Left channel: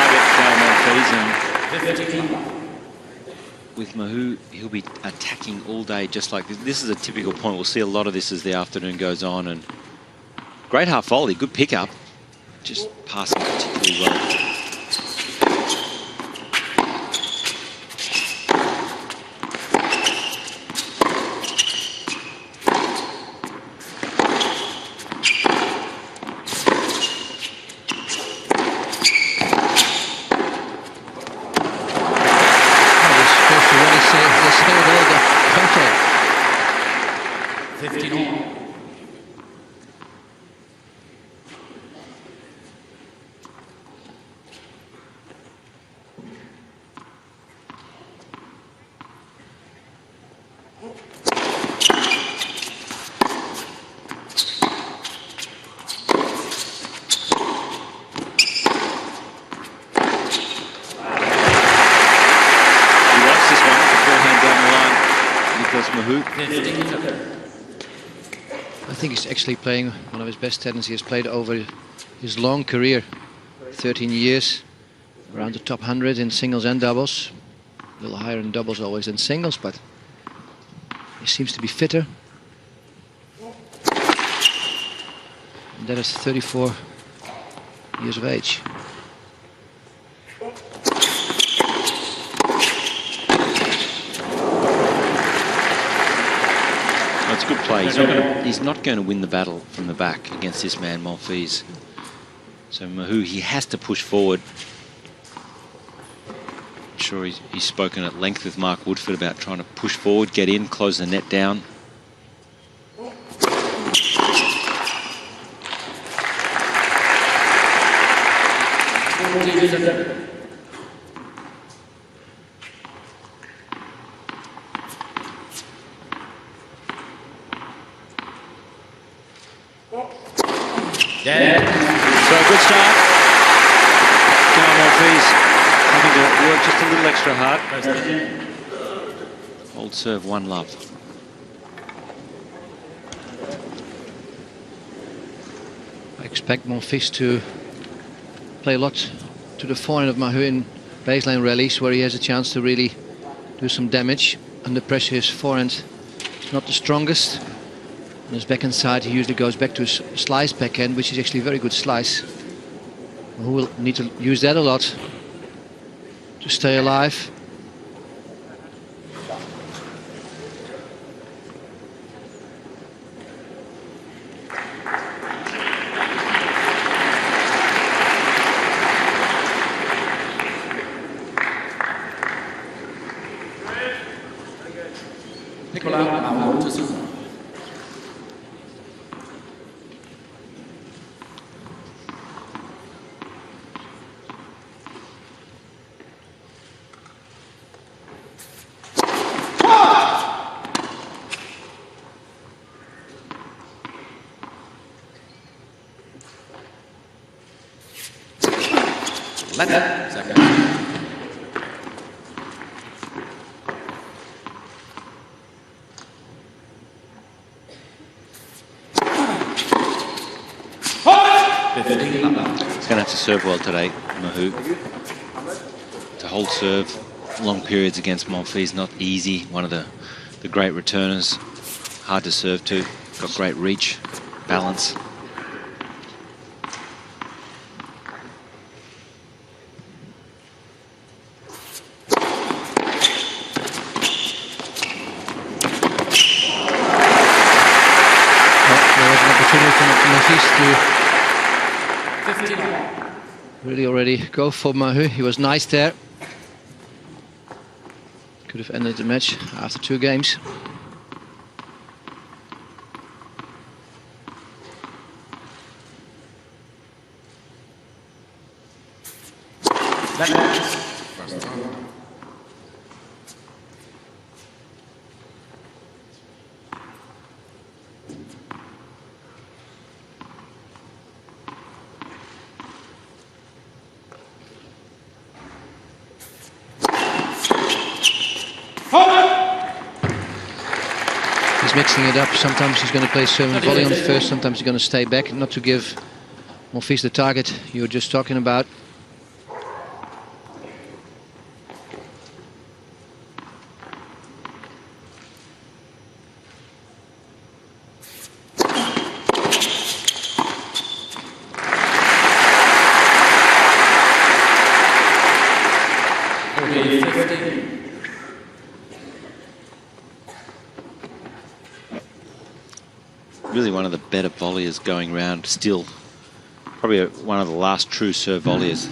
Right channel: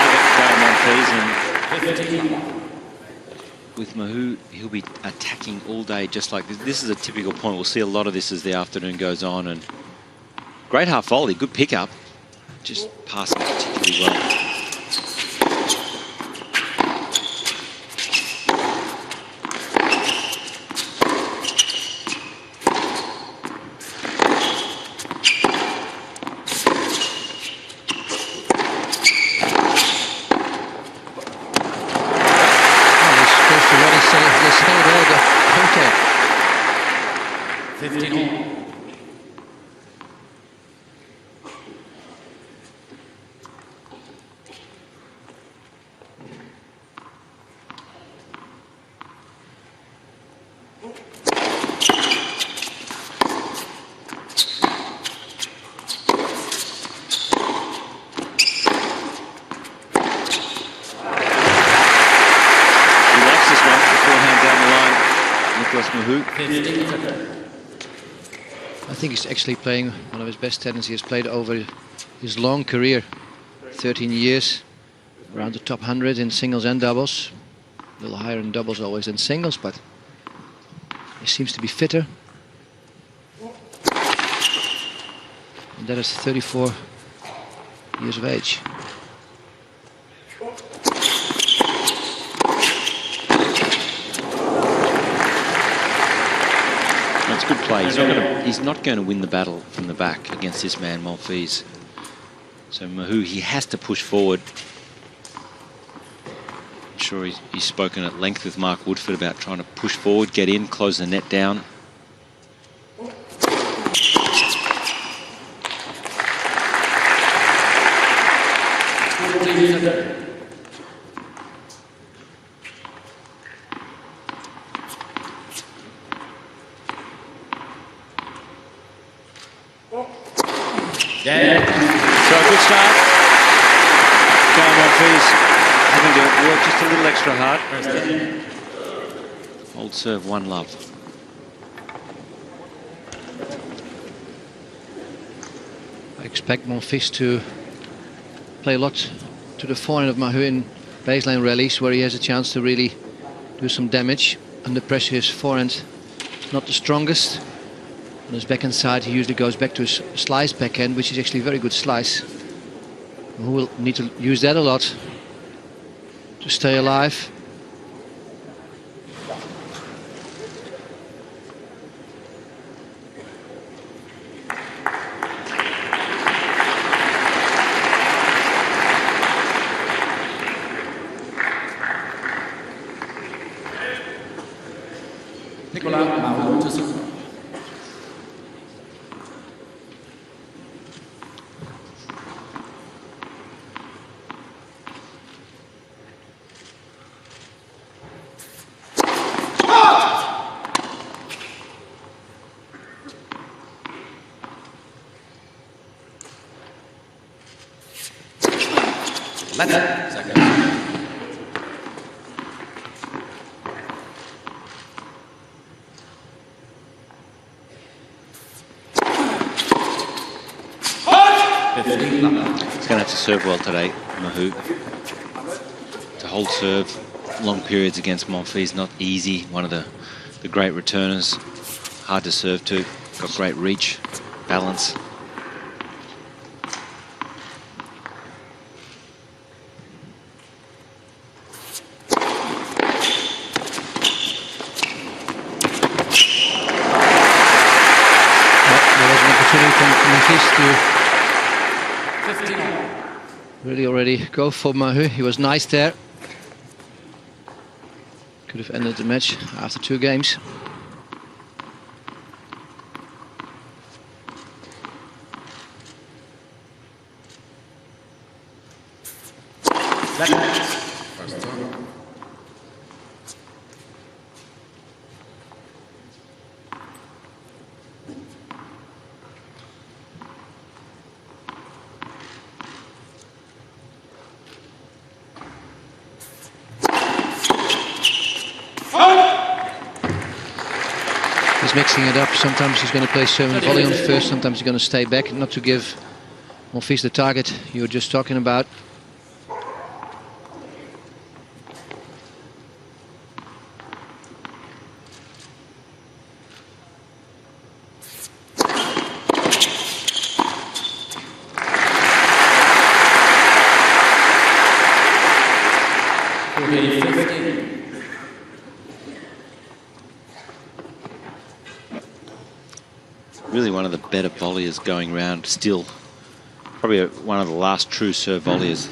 target, Gael Monfils, and with Mahut, he'll be attacking all day just like this. This is a typical point. We'll see a lot of this as the afternoon goes on. And great half volley, good pickup, just passing particularly well. To really say it all, don't they? 15 all. He likes this one, the forehand down the line, Nicolas Mahut. 15-7. I think he's actually playing one of his best tennis he has played over his long career. 13 years, around the top 100 in singles and doubles. A little higher in doubles always than singles, but he seems to be fitter. And that is 34 years of age. That's good play. He's not going to win the battle from the back against this man, Monfils. So Mahut, he has to push forward. I'm sure he's spoken at length with Mark Woodford about trying to push forward, get in, close the net down. So a good start. Gael Monfils having to work just a little extra hard. Old serve, one love. I expect Monfils to play a lot to the forehand of Mahut in baseline rallies, where he has a chance to really do some damage. Under pressure, his forehand is not the strongest. On his backhand side, he usually goes back to his slice backhand, which is actually a very good slice. Who will need to use that a lot to stay alive. Nicolas Mahut to serve. Second. He's going to have to serve well today, Mahut. To hold serve long periods against Monfils, not easy. One of the great returners, hard to serve to. Got great reach, balance. There was an opportunity for Monfils to 15 all. really already go for Mahut. He was nice there. Could have ended the match after 2 games. First turn. He's mixing it up. Sometimes he's going to play serve and volley on first. Sometimes he's going to stay back, not to give Monfils the target you were just talking about. 40-15. Really one of the better volleyers going round still. Probably one of the last true serve volleyers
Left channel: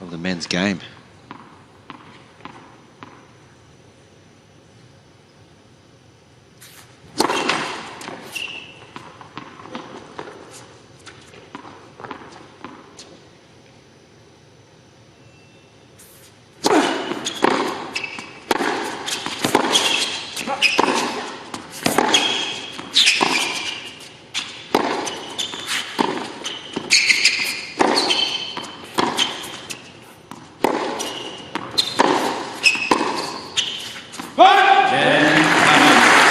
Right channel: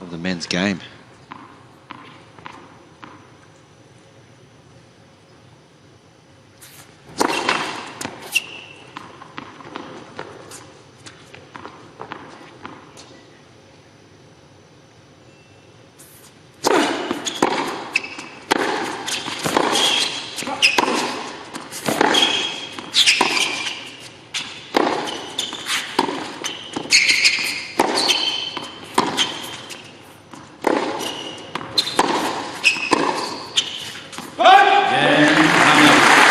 of the men's game.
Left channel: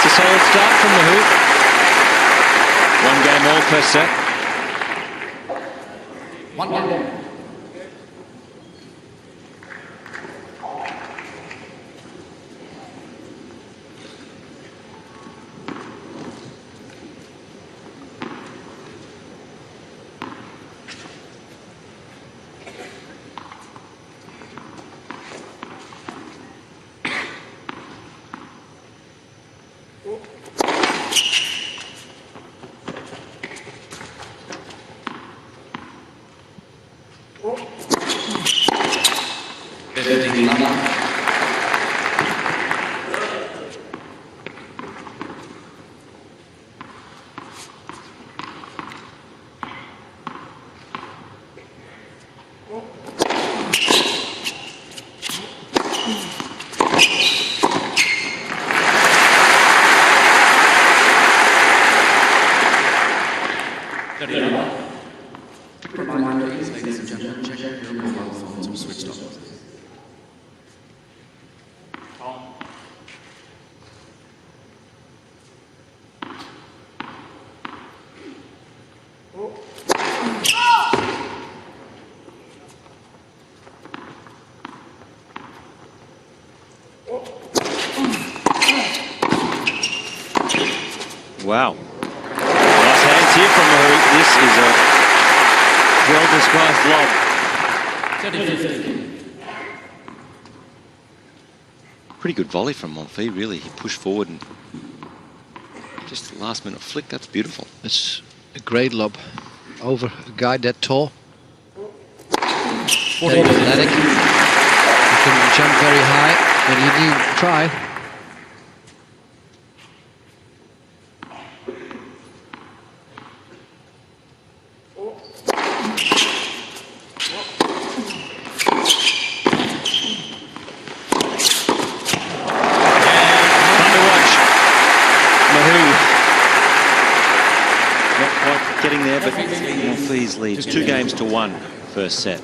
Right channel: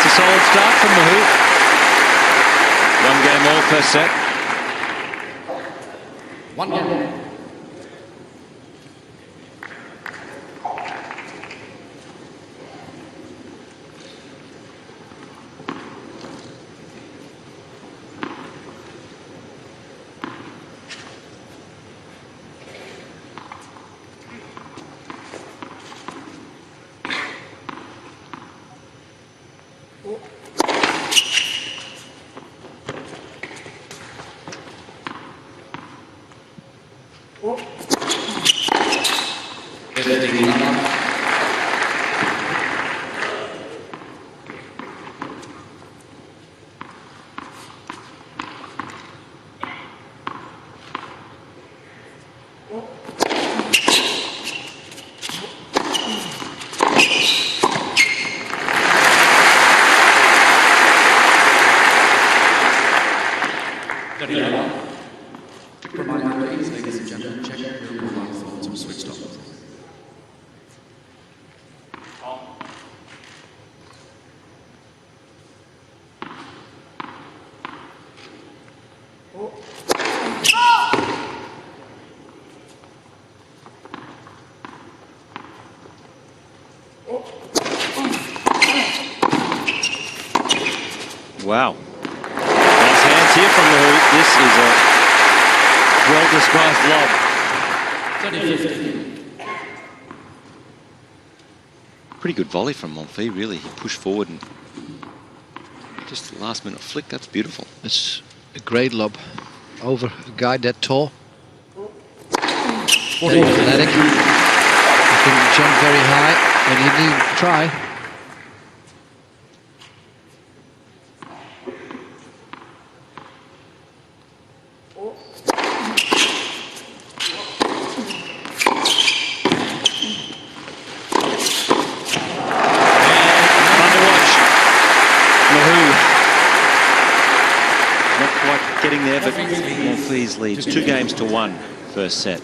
It's a solid start from Mahut. One game all first set. One game. Quick reminder, please, ladies and gentlemen, check if your mobile phones are switched off. Wow. Nice hands here from Mahut. This is a well-disguised lob. 30-15. Pretty good volley from Monfils, really. He pushed forward and just the last-minute flick. That's beautiful. It's a great lob over a guy that tall, that athletic. He can jump very high, but he didn't try. Mahut not quite getting there, but Monfils leads 2-1 first set.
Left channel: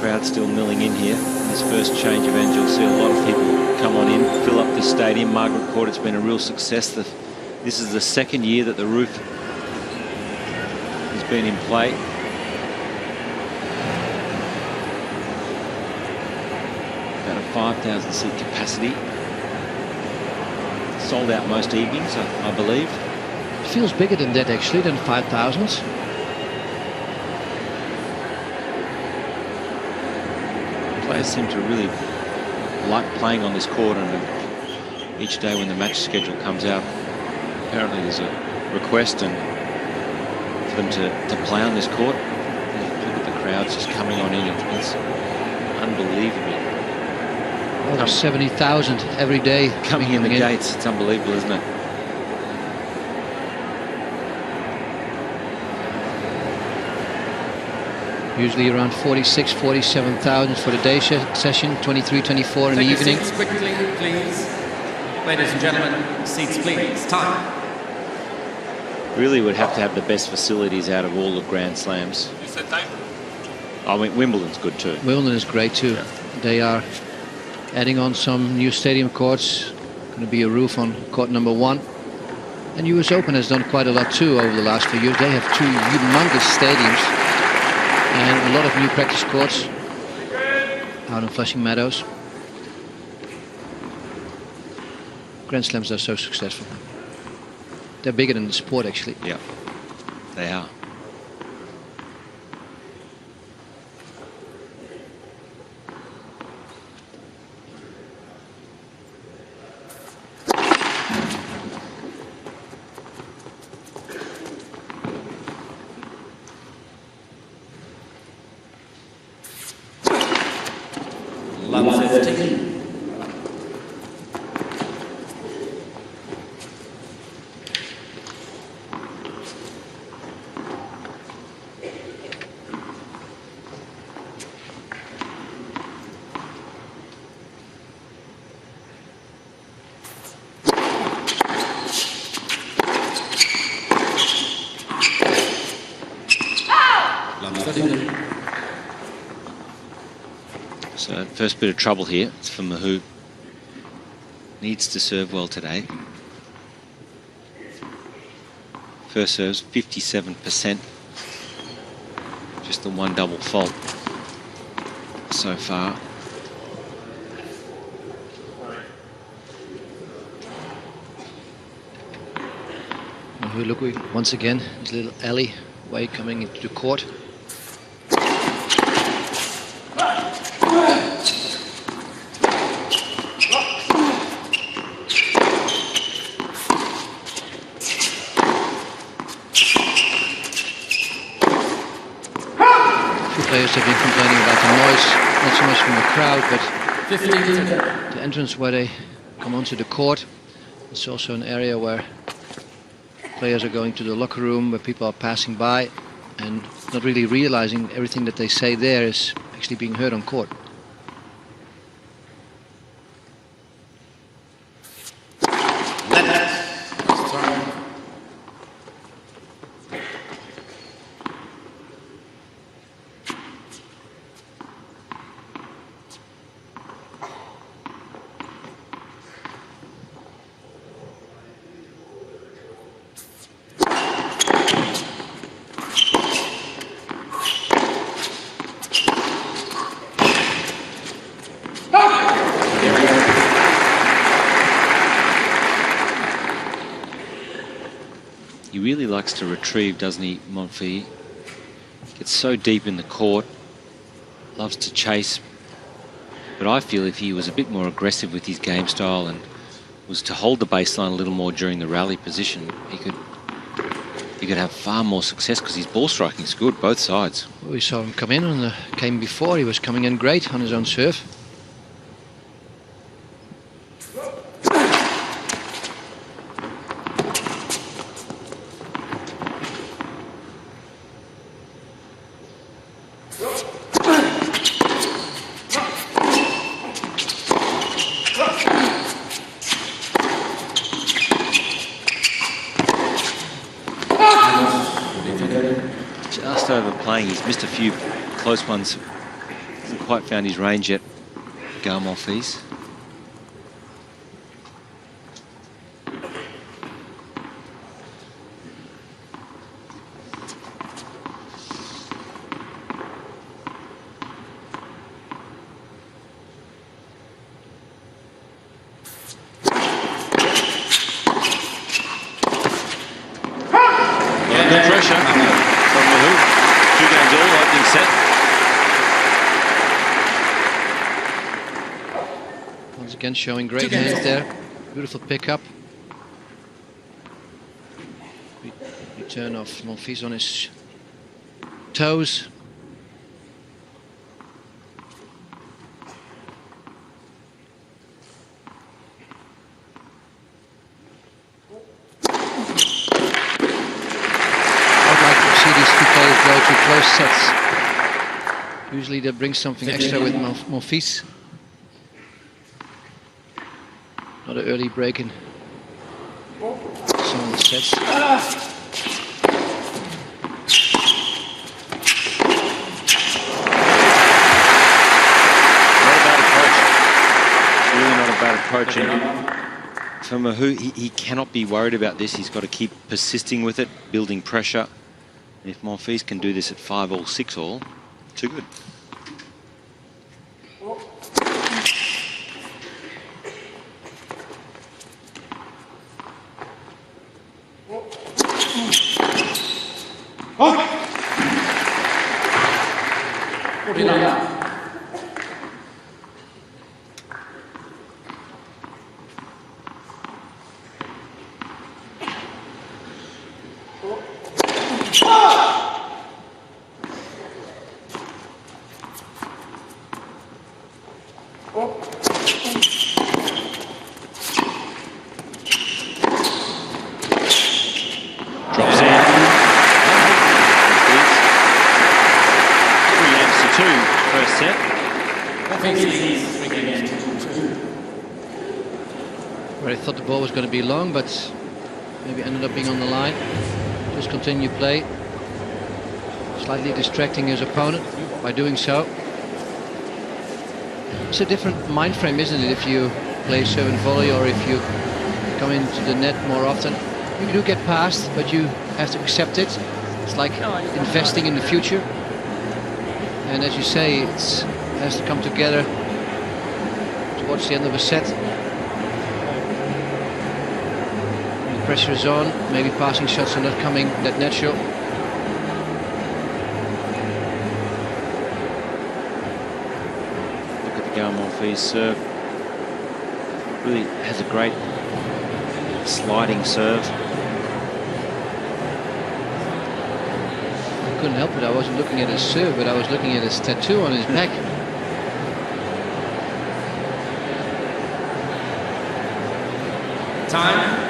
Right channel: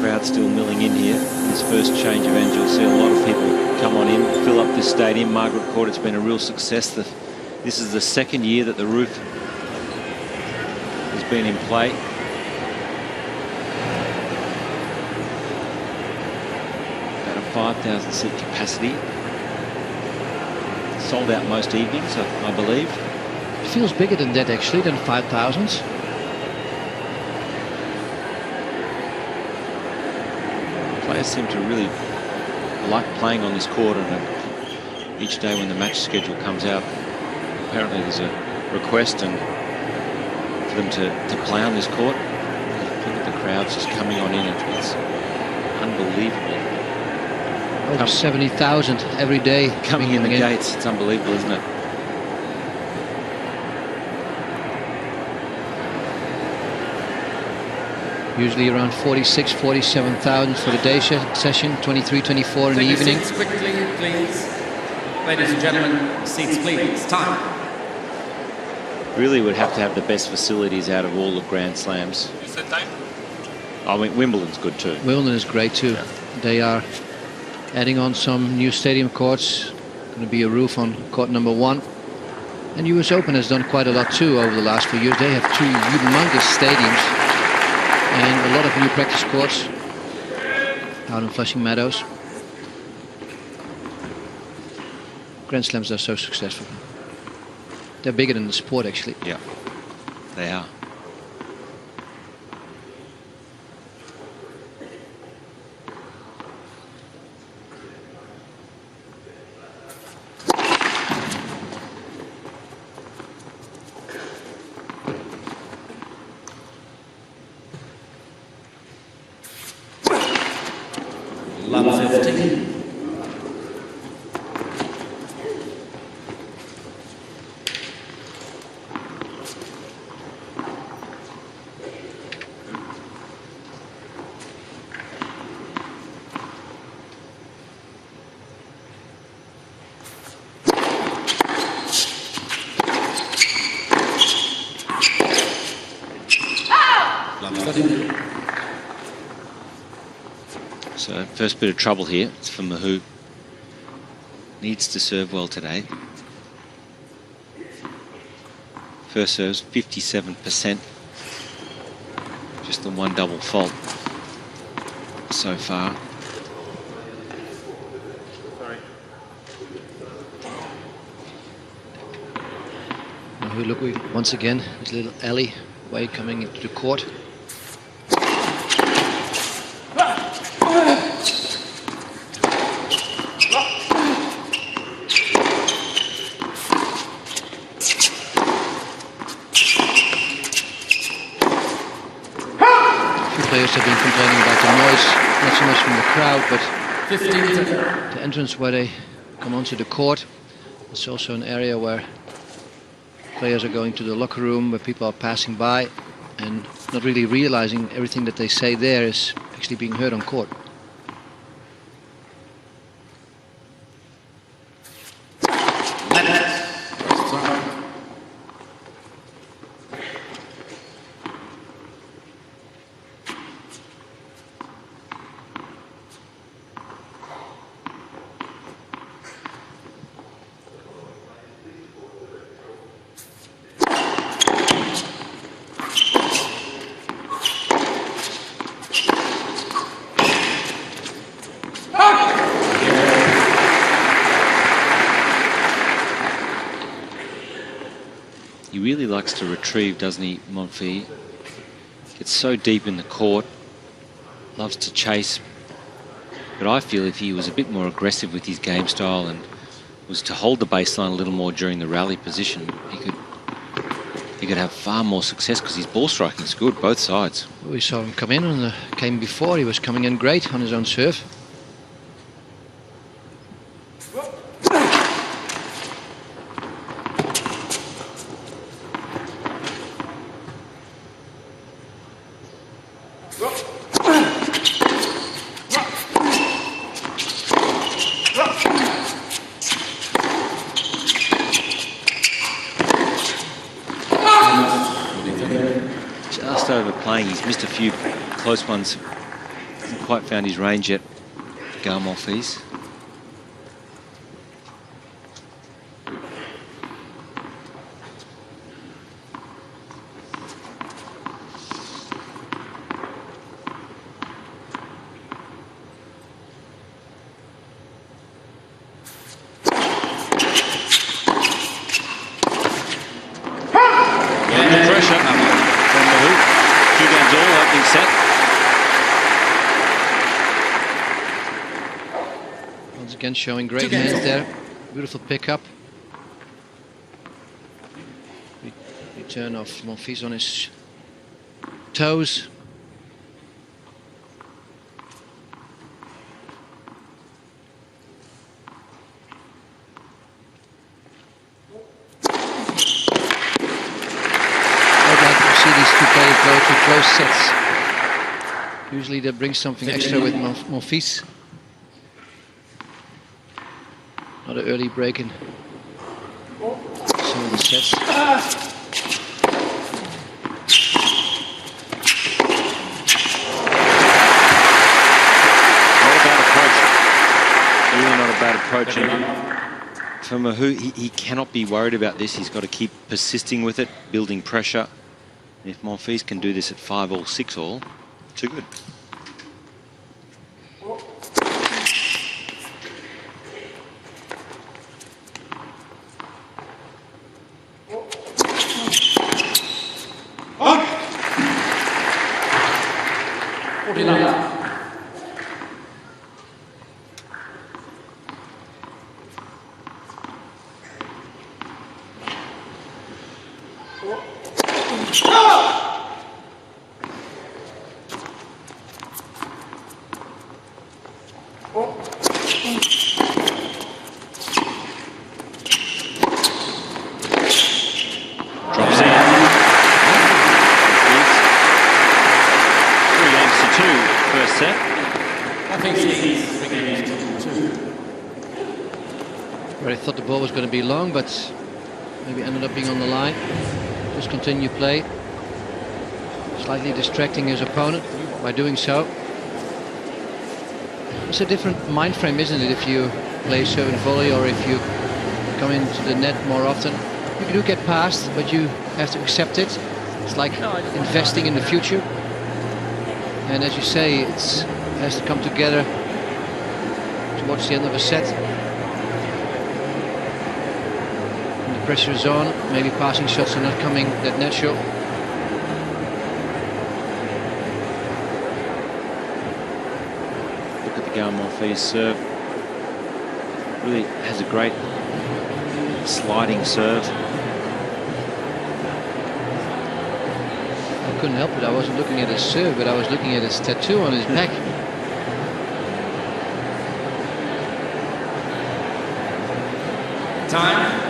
Crowd still milling in here. In this first change of ends, you'll see a lot of people come on in, fill up this stadium. Margaret Court, it's been a real success. This is the second year that the roof has been in play. About a 5,000 seat capacity. Sold out most evenings, I believe. It feels bigger than that actually, than 5,000. Players seem to really like playing on this court, and each day when the match schedule comes out, apparently there's a request and for them to play on this court. And look at the crowds just coming on in. It's unbelievable. Over 70,000 every day coming in the gates. It's unbelievable, isn't it? Usually around 46, 47,000 for the day session, 23, 24 in the evening. Seats quickly, please. Ladies and gentlemen, seats please. Time. Really would have to have the best facilities out of all the Grand Slams. You said time? I mean, Wimbledon's good too. Wimbledon is great too. Yeah. They are adding on some new stadium courts. Going to be a roof on court number 1. And US Open has done quite a lot too over the last few years. They have 2 humongous stadiums and a lot of new practice courts out in Flushing Meadows. Grand Slams are so successful. They're bigger than the sport actually. Yeah, they are. Love 15. Love 13. So first bit of trouble here. It's for Mahut. Needs to serve well today. First serves 57%. Just the one double fault so far. Mahut looking once again, his little alley way coming into the court. Players have been complaining about the noise, not so much from the crowd, but 15. the entrance where they come onto the court. It's also an area where players are going to the locker room, where people are passing by and not really realizing everything that they say there is actually being heard on court. First serve. He really likes to retrieve, doesn't he, Monfils? Gets so deep in the court, loves to chase. But I feel if he was a bit more aggressive with his game style and was to hold the baseline a little more during the rally position, he could have far more success because his ball striking is good, both sides. We saw him come in on the game before. He was coming in great on his own serve. Just overplaying. He's missed a few close ones. Hasn't quite found his range yet, Gael Monfils. Good pressure from Mahut. 2 games all, opening set. Once again showing great hands there. Beautiful pickup. Return of Monfils on his toes. I would like to see these two players go to close sets. Usually that brings something extra with Monfils. Not an early break in some of the sets. Not a bad approach. Really not a bad approach. And for Mahut, he cannot be worried about this. He's got to keep persisting with it, building pressure. And if Monfils can do this at 5-all, 6-all, too good. Drops in. Monfils. 3-2, first set. Monfils leads 3-2. Where I thought the ball was going to be long, but maybe ended up being on the line. Just continue play. Slightly distracting his opponent by doing so. It's a different mind frame, isn't it, if you play serve and volley or if you come into the net more often. You do get past, but you have to accept it. It's like investing in the future. And as you say, it has to come together towards the end of a set. When the pressure is on, maybe passing shots are not coming that natural. Look at the Gael Monfils serve. Really has a great sliding serve. I couldn't help it. I wasn't looking at his serve, but I was looking at his tattoo on his back. Time.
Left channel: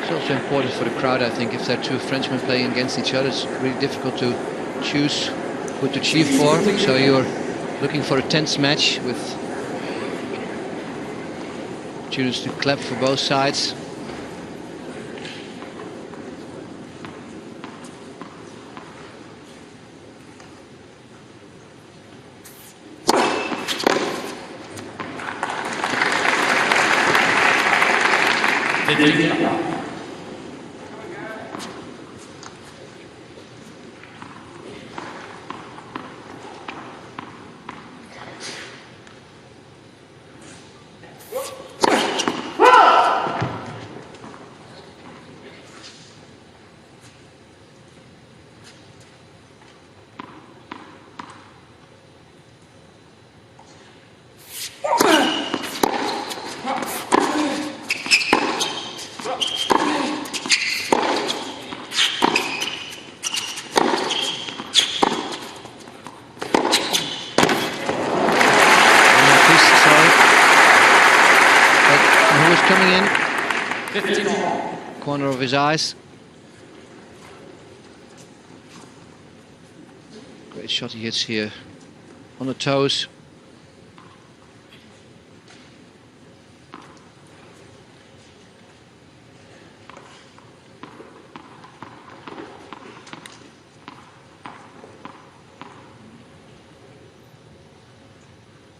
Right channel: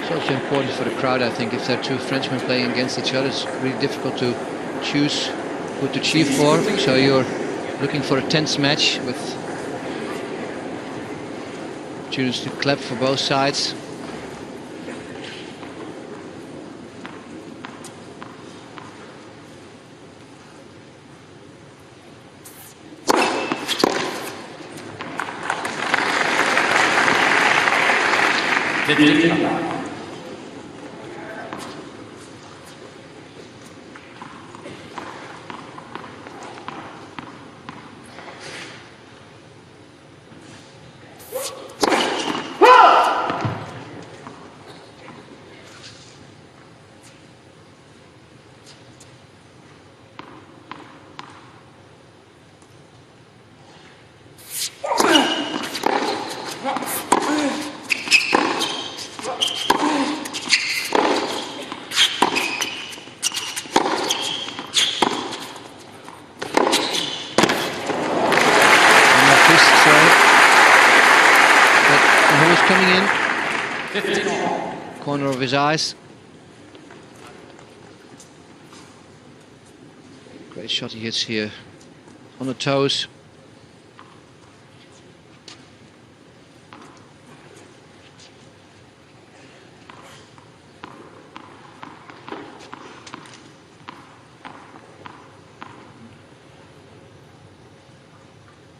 It's also important for the crowd, I think, if there are two Frenchmen playing against each other. It's really difficult to choose who to cheer for. So you're looking for a tense match with opportunities to clap for both sides. But who was coming in? 15 all. Corner of his eyes. Great shot he hits here on the toes.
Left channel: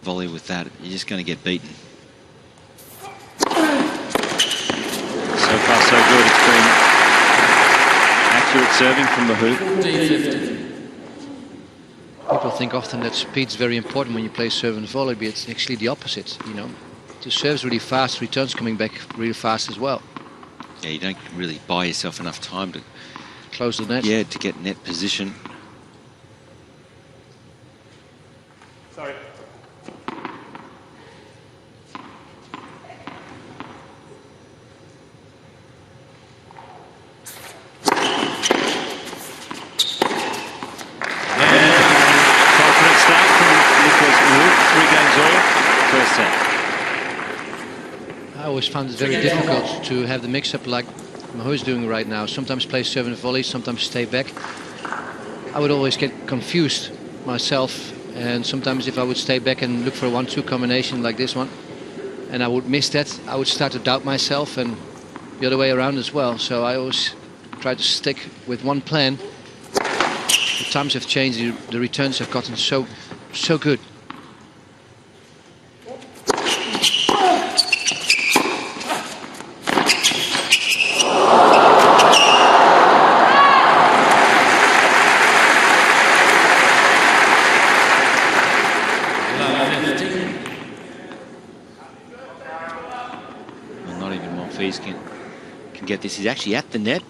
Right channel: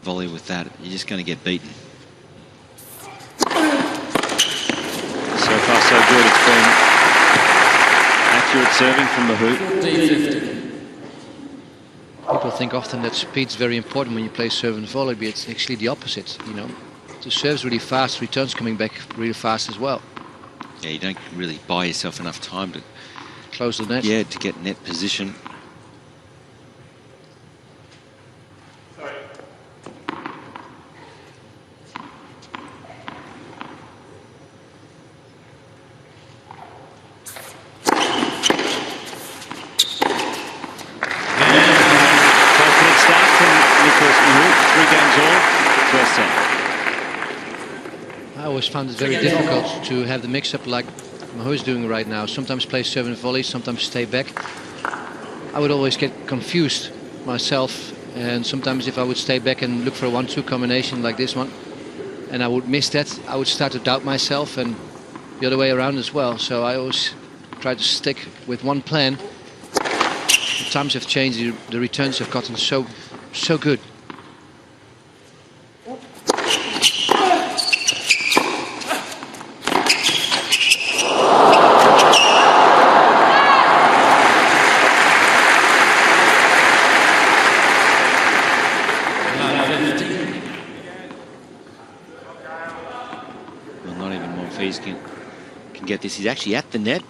Volley with that, you're just going to get beaten. So far so good. It's been accurate serving from Mahut. 40-50. People think often that speed's very important when you play serve and volley, but it's actually the opposite. You know, the serve's really fast, returns coming back really fast as well. Yeah, you don't really buy yourself enough time to close the net. Yeah, to get net position. Sorry. Confident start from Nicolas Mahut. 3 games all, first set. I always found it very difficult to have the mix-up like Mahut is doing right now. Sometimes play serve and volley, sometimes stay back. I would always get confused myself, and sometimes if I would stay back and look for a 1-2 combination like this one, and I would miss that, I would start to doubt myself, and the other way around as well. So I always try to stick with one plan. The times have changed, the returns have gotten so good. Love 15. Well, not even Monfils can get this. He's actually at the net.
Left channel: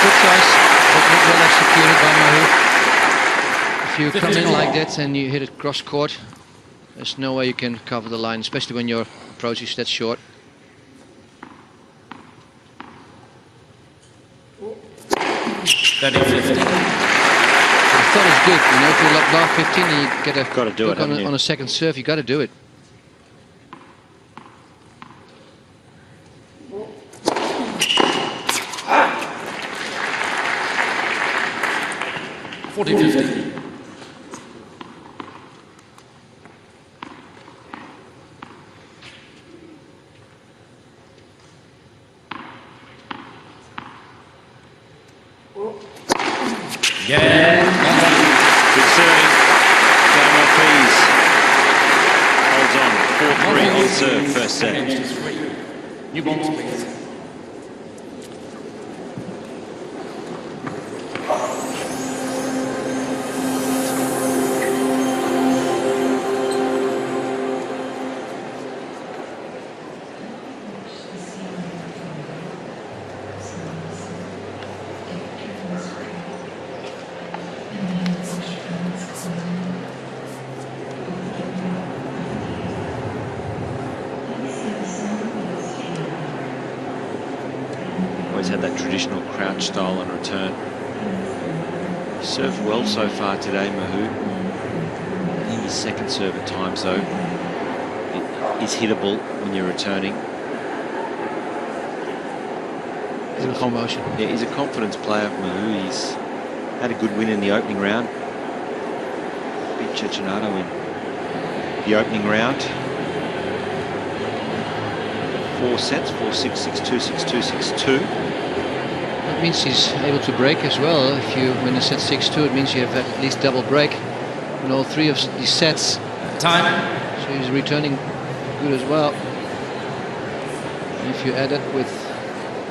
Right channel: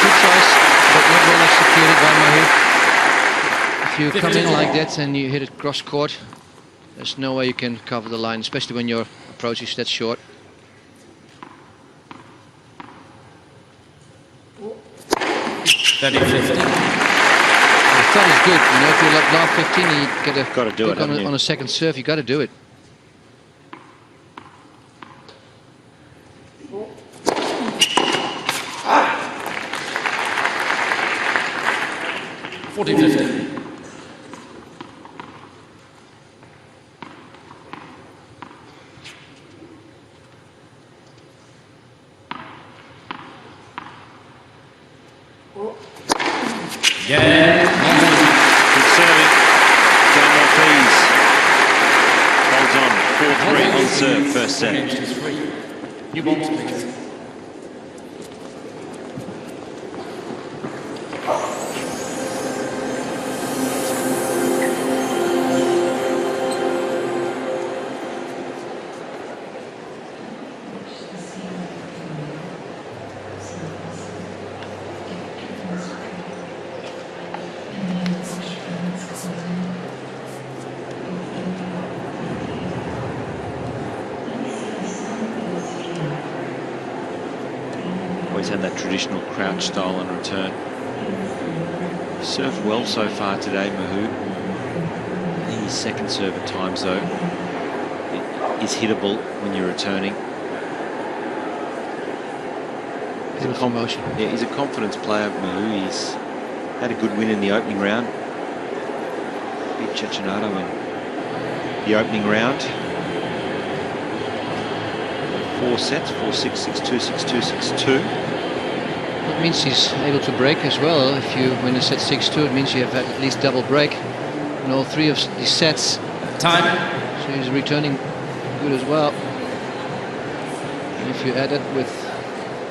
Good choice, but not well executed by Mahut. If you come in like that and you hit it cross court, there's no way you can cover the line, especially when your approach is that short. Ready, 15. The thought is good, you know, if you lob 15 and you get a Gotta do it, on a second serve, you got to do it. (40-50). Gael Monfils. Good serving. Gael Monfils holds on. 4-3 on serve, first set. Against his 3. New balls, please. Always had that traditional crouch style on return. Served well so far today, Mahut. I think his second serve at times, though, is hittable when you're returning. Beautiful motion. Yeah, he's a confidence player, Mahut. He's had a good win in the opening round. Beat Cecchinato in the opening round. 4 sets, 4-6, 6-2, 6-2, 6-2. That means he's able to break as well. If you win a set 6-2, it means you have had at least double break in all 3 of these sets. Time. So he's returning good as well. And if you add it with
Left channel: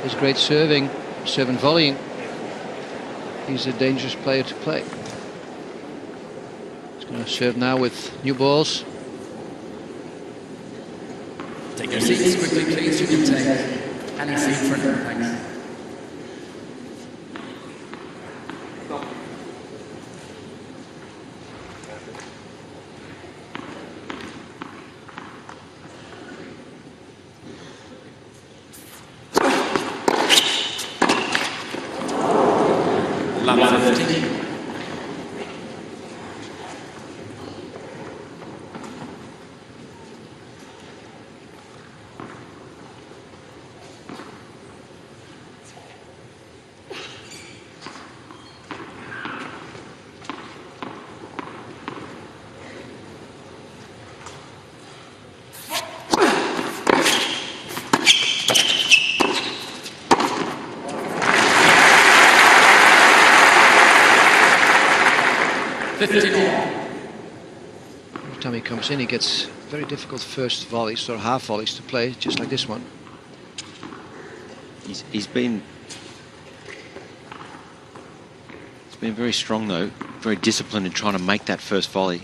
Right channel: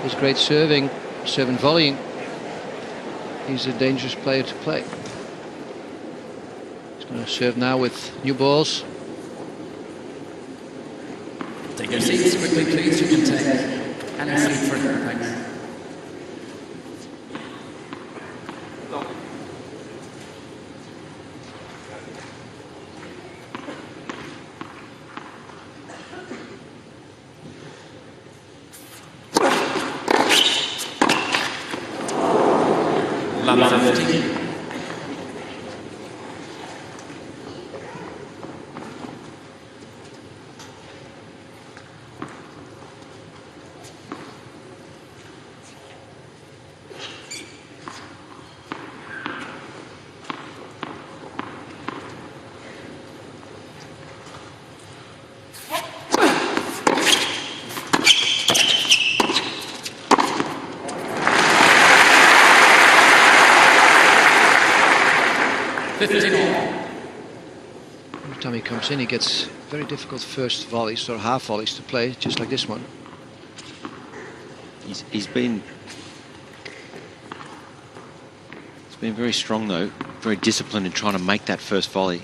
his great serving, serve and volleying, he's a dangerous player to play. He's going to serve now with new balls. Take your seats quickly, please. You can take any seat for now. Thanks. Lab 15. Every time he comes in, he gets very difficult first volleys or half volleys to play, just like this one. He's been very strong, though, very disciplined in trying to make that first volley.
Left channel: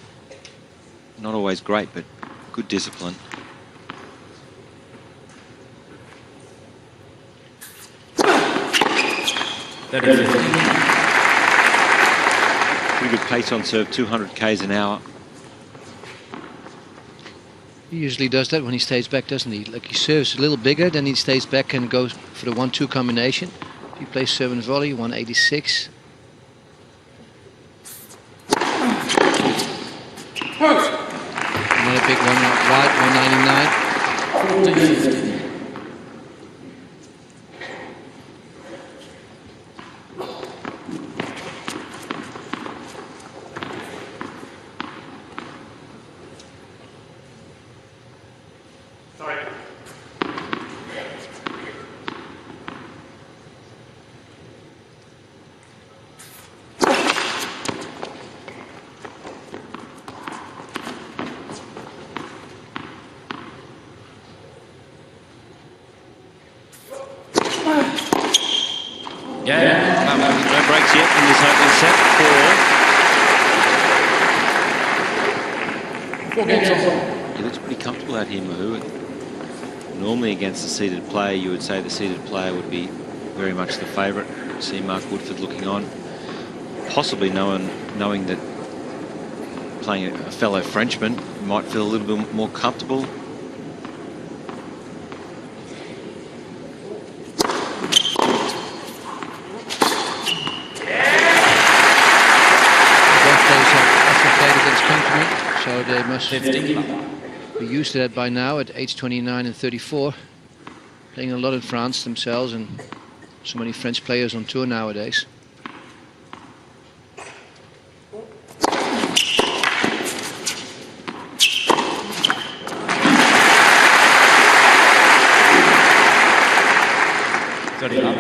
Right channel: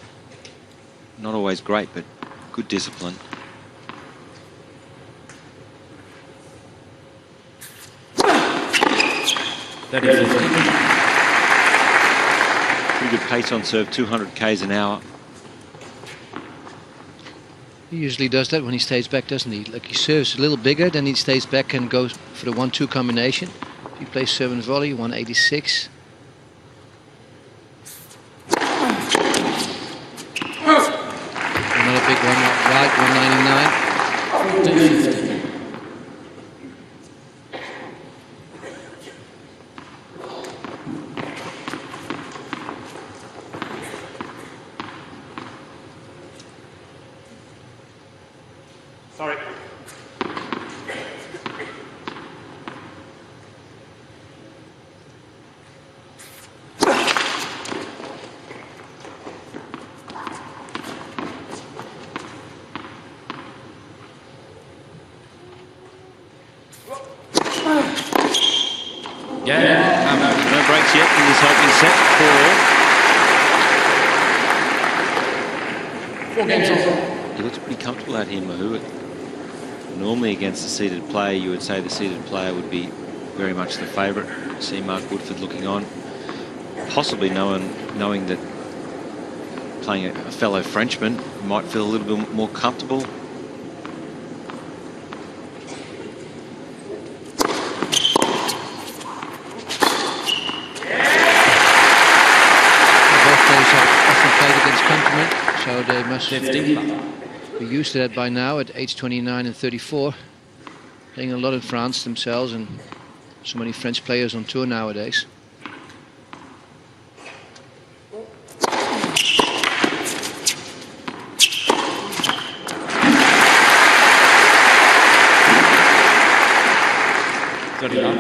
Not always great, but good discipline. Pretty good pace on serve, 200 k's an hour. He usually does that when he stays back, doesn't he? Like, he serves a little bigger, then he stays back and goes for the 1-2 combination. If he plays serve and volley, 186. Another big one right, 199. 14-50. Sorry. Yeah, no. No breaks yet in this opening set, 4-all. 4 games on. He looks pretty comfortable out here, Mahut. Normally against a seated player, you would say the seated player would be very much the favourite. See Mark Woodford looking on, possibly knowing that playing a fellow Frenchman might feel a little bit more comfortable. Both players have often played against countrymen, so they must 15. be used to that by now at age 29 and 34. Playing a lot in France themselves, and so many French players on tour nowadays. Dirty love.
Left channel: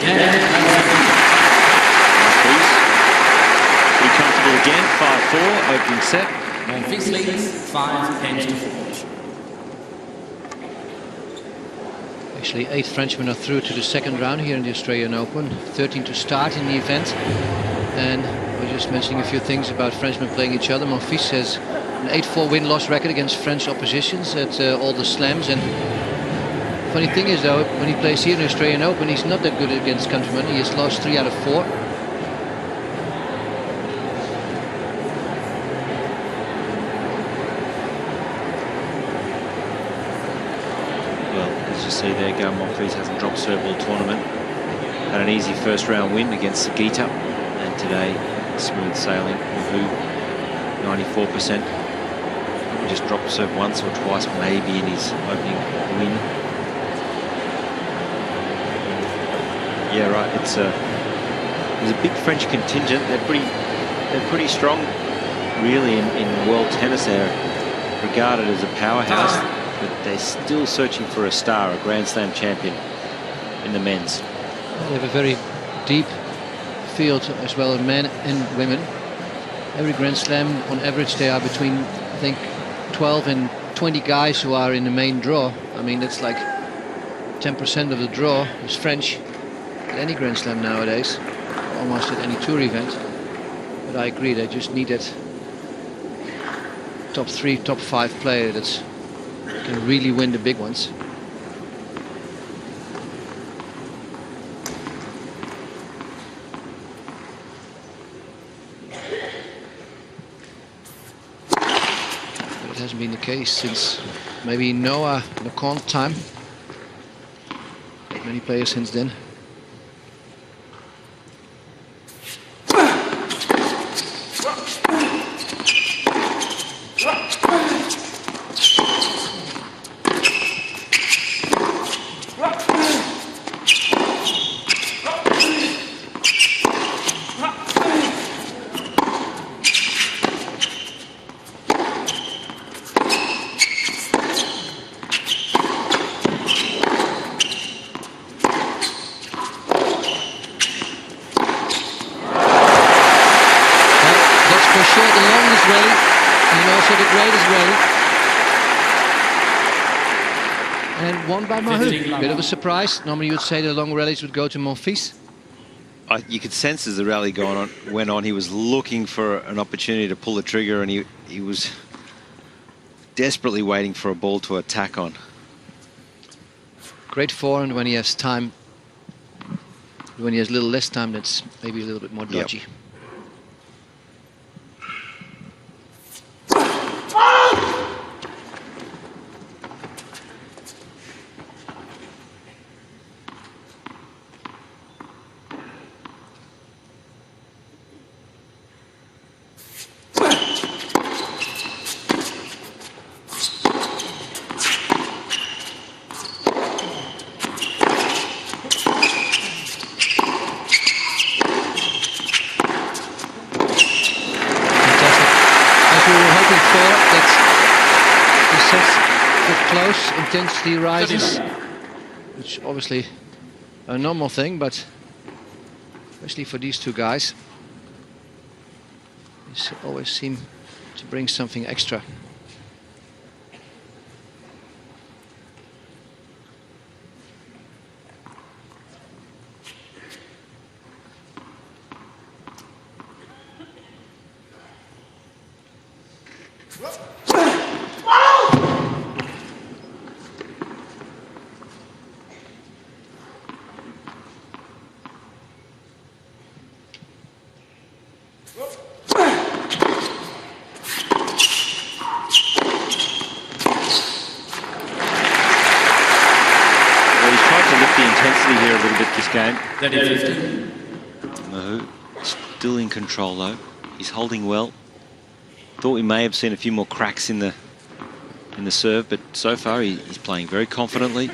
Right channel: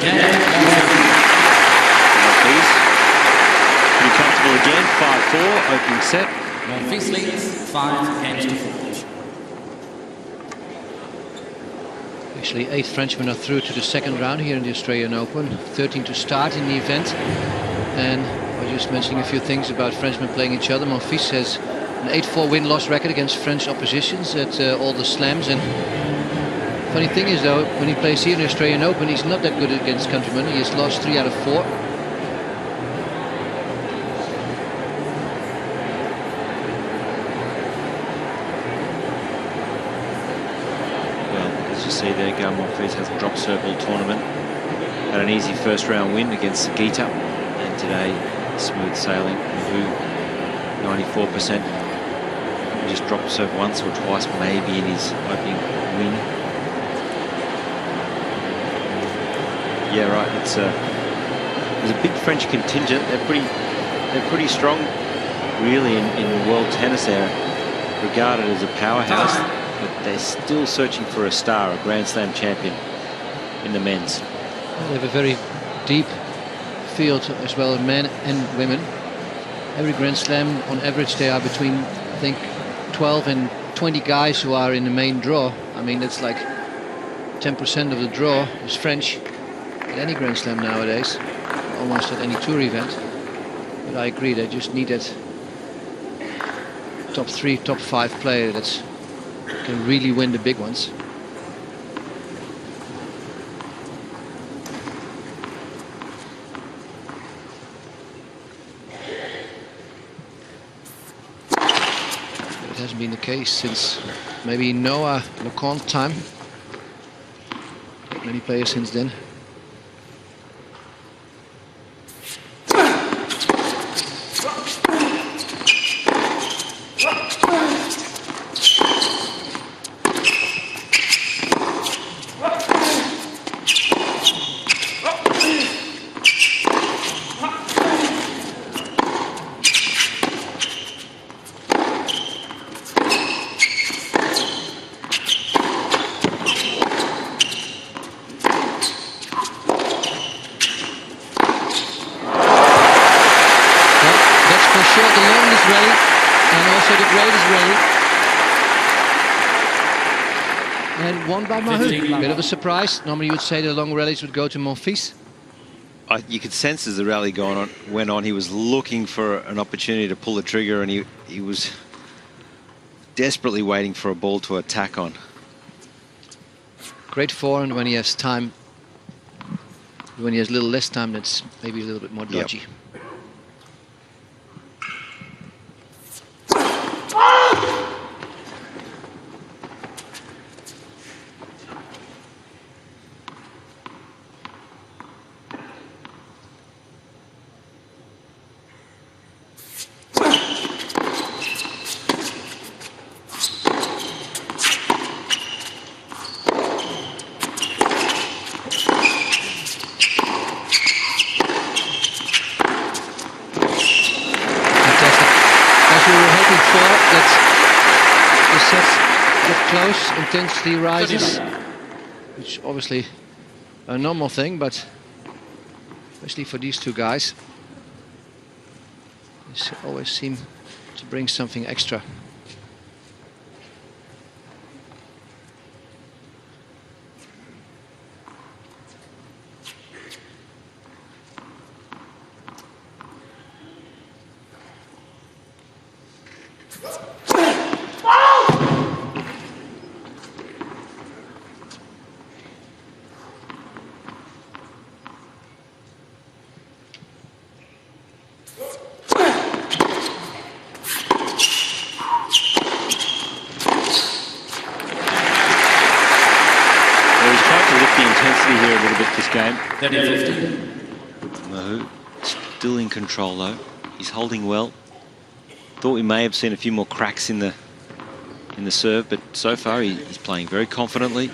Gael Monfils. Pretty comfortable again, 5-4, opening set. Monfils leads 5 games to 4. Actually, 8 Frenchmen are through to the second round here in the Australian Open. 13 to start in the event. And I was just mentioning a few things about Frenchmen playing each other. Monfils has an 8-4 win-loss record against French oppositions at all the slams. And funny thing is, though, when he plays here in the Australian Open, he's not that good against countrymen. He has lost 3 out of 4. Well, as you see there, Gael Monfils hasn't dropped serve all tournament. Had an easy first round win against Sagita, and today smooth sailing. Mahut 94%. Probably just dropped serve once or twice, maybe in his opening win. Yeah, right. There's a big French contingent. They're pretty strong, really, in world tennis. They're regarded as a powerhouse, but they're still searching for a star, a Grand Slam champion in the men's. They have a very deep field as well, men and women. Every Grand Slam, on average, they are between, I think, 12 and 20 guys who are in the main draw. I mean, that's like 10% of the draw is French at any Grand Slam nowadays, or almost at any tour event. But I agree, they just need that top 3, top 5 player that can really win the big ones. But it hasn't been the case since maybe Noah Leconte time. Like many players since then. For sure the longest rally and also the greatest rally. And won by Mahut. Bit of a surprise. Normally you would say the long rallies would go to Monfils. You could sense as the rally went on, he was looking for an opportunity to pull the trigger, and he was desperately waiting for a ball to attack on. Great forehand when he has time. When he has a little less time, that's maybe a little bit more dodgy. As we were hoping for, that the sets get close, intensity rises, which obviously a normal thing, but especially for these two guys, they always seem to bring something extra. Well, he's tried to lift the intensity here a little bit this game. 30-50. Mahut still in control though. He's holding well. Thought we may have seen a few more cracks in the serve, but so far he's playing very confidently.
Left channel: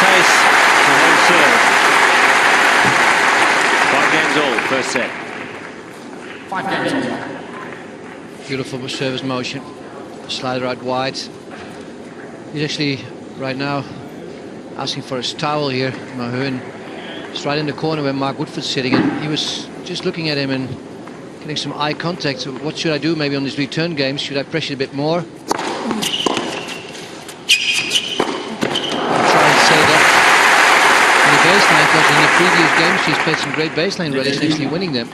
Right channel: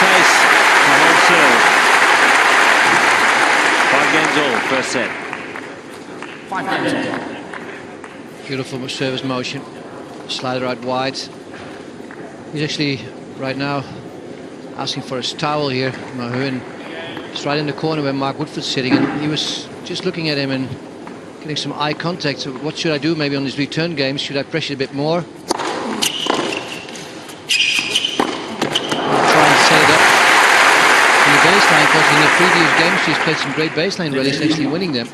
Ace to hold serve. 5 games all, first set. 5 games all. Beautiful service motion. Slider out wide. He's actually right now asking for his towel here, Mahut, and he's right in the corner where Mark Woodford's sitting, and he was just looking at him and getting some eye contact. So what should I do maybe on these return games? Should I pressure a bit more? Try and set it up in the baseline, because in the previous games she's played some great baseline rallies and actually winning them.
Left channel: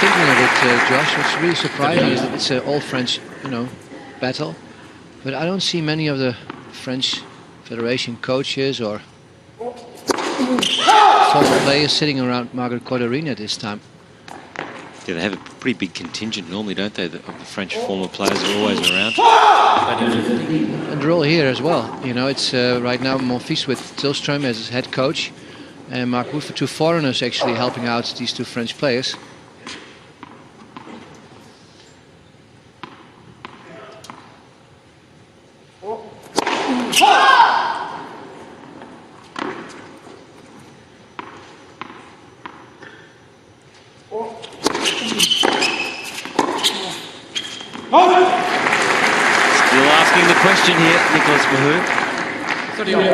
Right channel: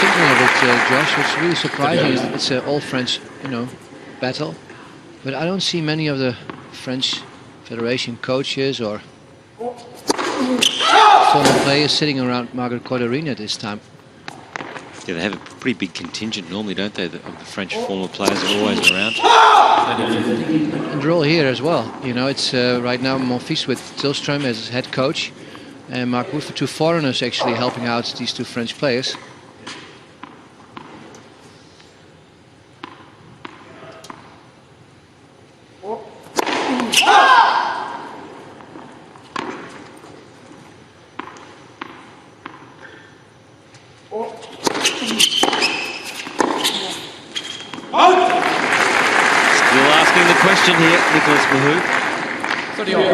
Thinking of it, Josh, what's really surprising is that it's an all-French, battle. But I don't see many of the French Federation coaches or former players sitting around Margaret Court Arena this time. Yeah, they have a pretty big contingent normally, don't they, of the French former players are always around. And they're all here as well. It's right now Monfils with Tillström as his head coach, and Mark Woodford, 2 foreigners actually helping out these 2 French players. Still asking the question here, Nicolas Mahut. 30 all.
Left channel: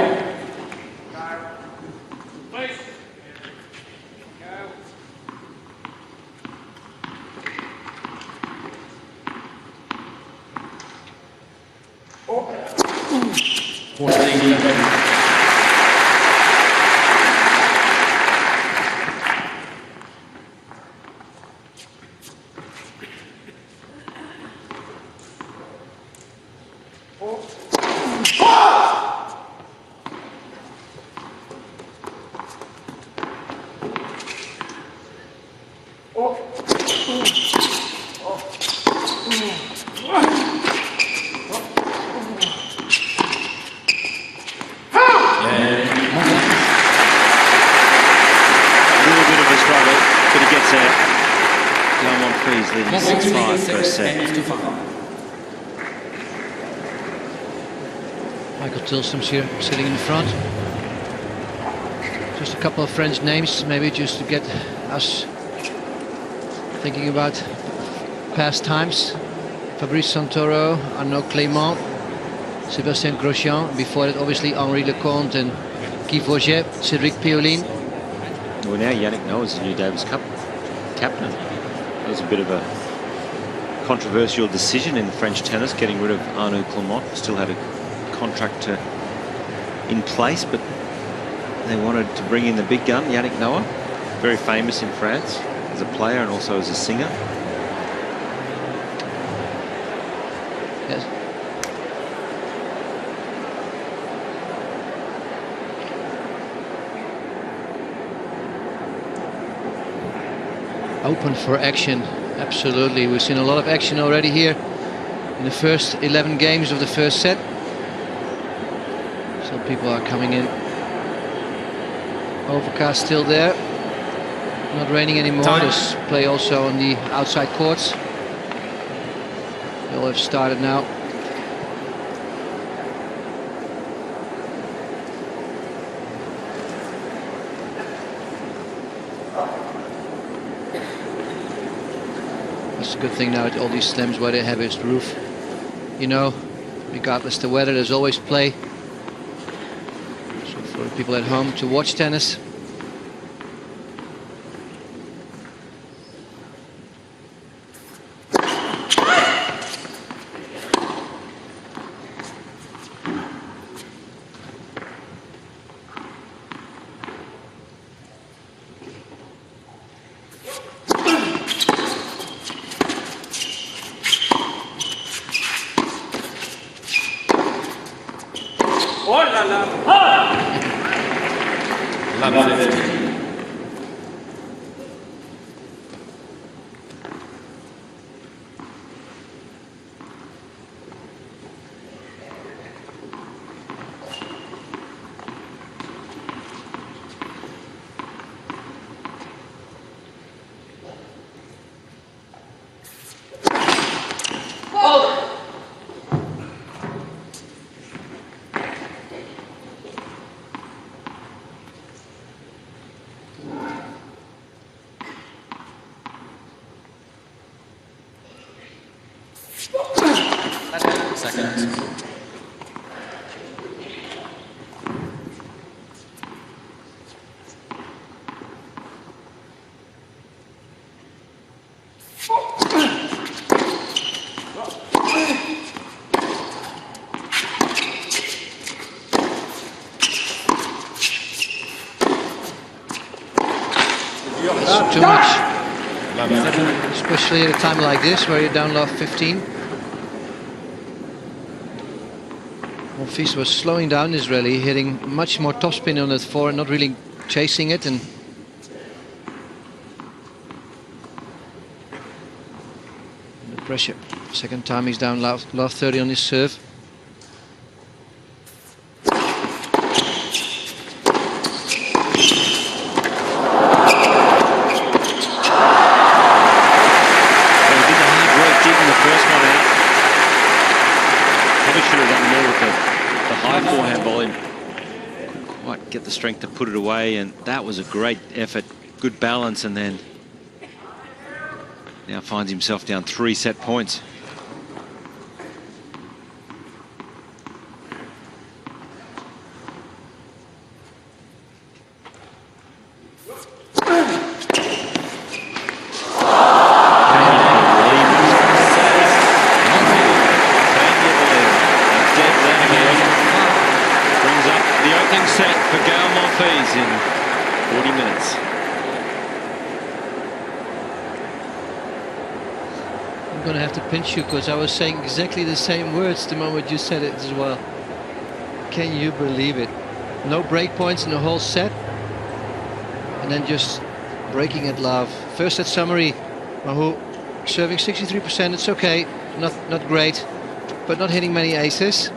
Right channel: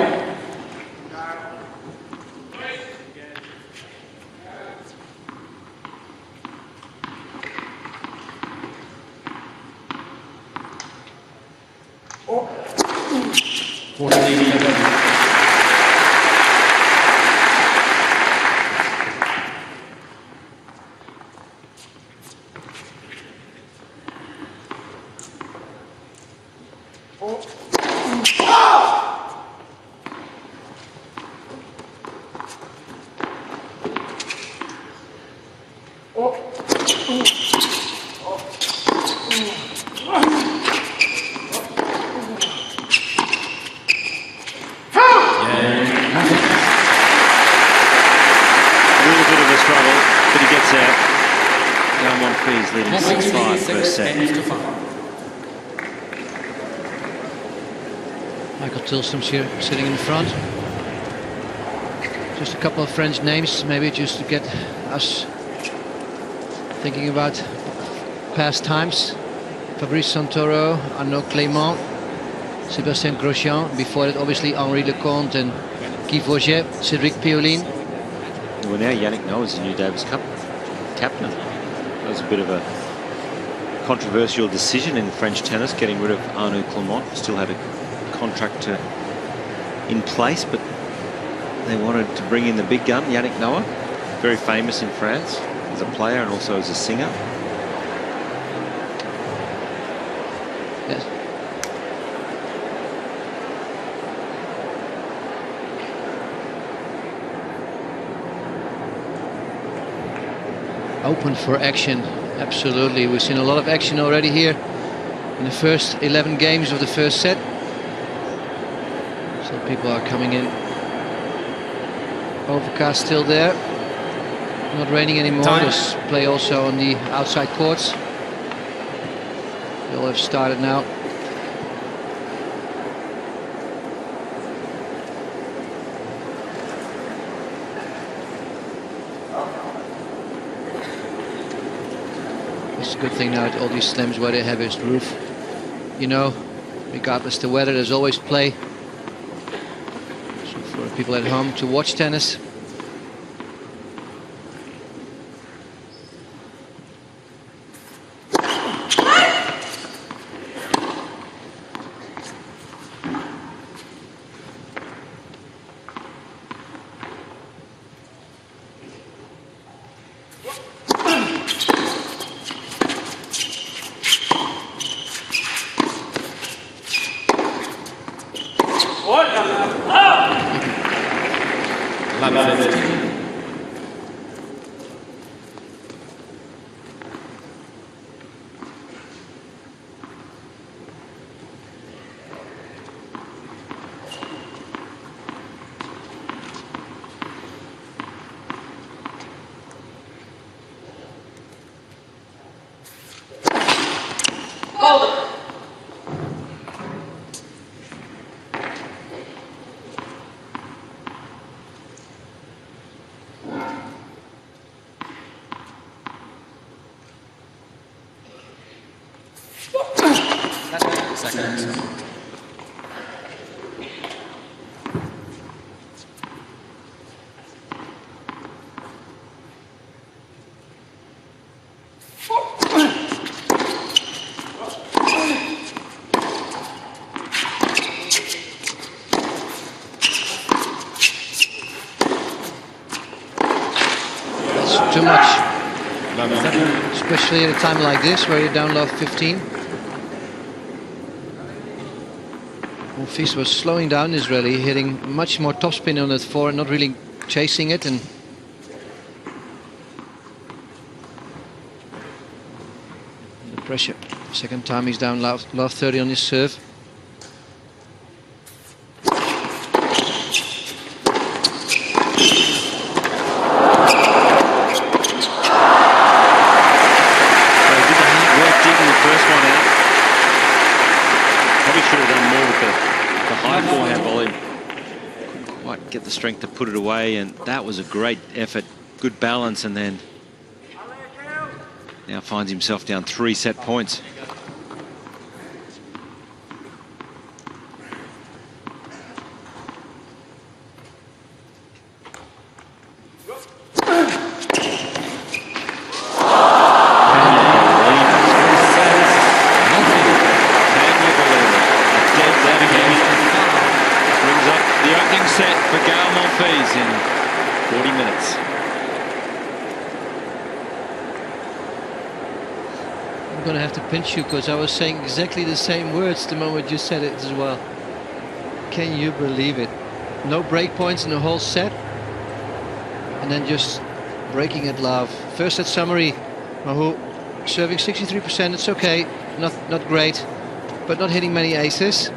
of a struggle, but he gets there. Gael Monfils leading Monfils 6-5 leads first set. games to 5. Michael Tilsom's here sitting in front. Just a couple of French names, maybe just to get us thinking about past times. Fabrice Santoro, Arnaud Clément, Sébastien Grosjean. Before that, obviously, Henri Lecomte and Guy Forget, Cédric Pioline. Well, now Yannick Noah's the new Davis Cup captain. That was a bit of a controversial decision in French tennis, getting rid of Arnaud Clément. Still had a contract in place, but they wanted to bring in the big gun, Yannick Noah. Very famous in France as a player and also as a singer. Yes. Open for action, absolutely. We've seen a lot of action already here in the first 11 games of the first set. So people are coming in. Overcast still there. Not raining anymore. Time. There's play also on the outside courts. They all have started now. That's a good thing now at all these slams where they have this roof. You know, regardless the weather, there's always play. So for the people at home to watch tennis. Love 15. Seconds. That's too much. Love 7. Especially at a time like this where you're down love 15. Monfils was slowing down this rally, hitting much more topspin on that forehand, not really chasing it, and the pressure. Second time he's down love 30 on his serve. Well, he did the hard work digging the first one out. Probably should have done more with the high forehand volume. Couldn't quite get the strength to put it away, and that was a great effort. Good balance, and then now finds himself down 3 set points. Can you believe it? First set. Monfils. Can you believe it? A dead left Games court to 5. brings up the opening set for Gael Monfils in 40 minutes. I'm going to have to pinch you because I was saying exactly the same words the moment you said it as well. Can you believe it? No break points in the whole set, and then just breaking at love. First set summary, Mahut serving 63%. It's okay, not great, but not hitting many aces.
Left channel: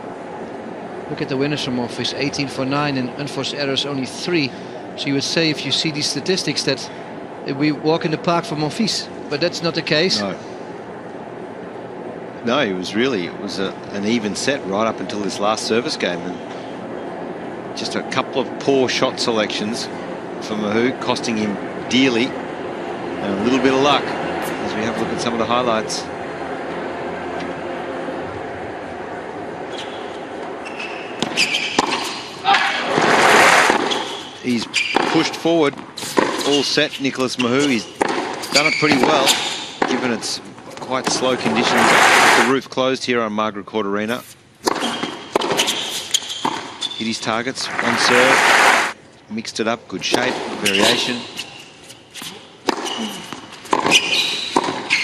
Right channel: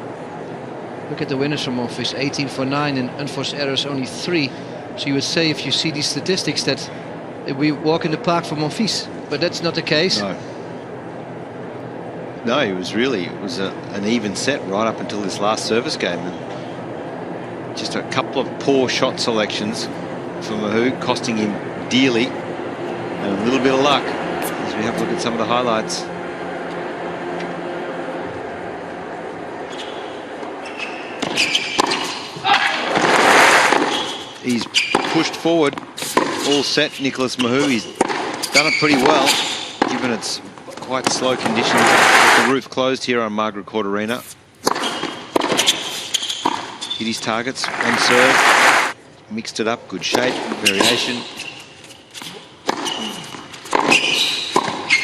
Look at the winners from Monfils, 18 for 9 and unforced errors only 3. So you would say, if you see these statistics, that we walk in the park for Monfils, but that's not the case. No. No, it was an even set right up until this last service game, and just a couple of poor shot selections for Mahut, costing him dearly, and a little bit of luck as we have a look at some of the highlights. He's pushed forward, all set, Nicolas Mahut. He's done it pretty well, given it's quite slow conditions with the roof closed here on Margaret Court Arena. Hit his targets on serve, mixed it up, good shape, variation.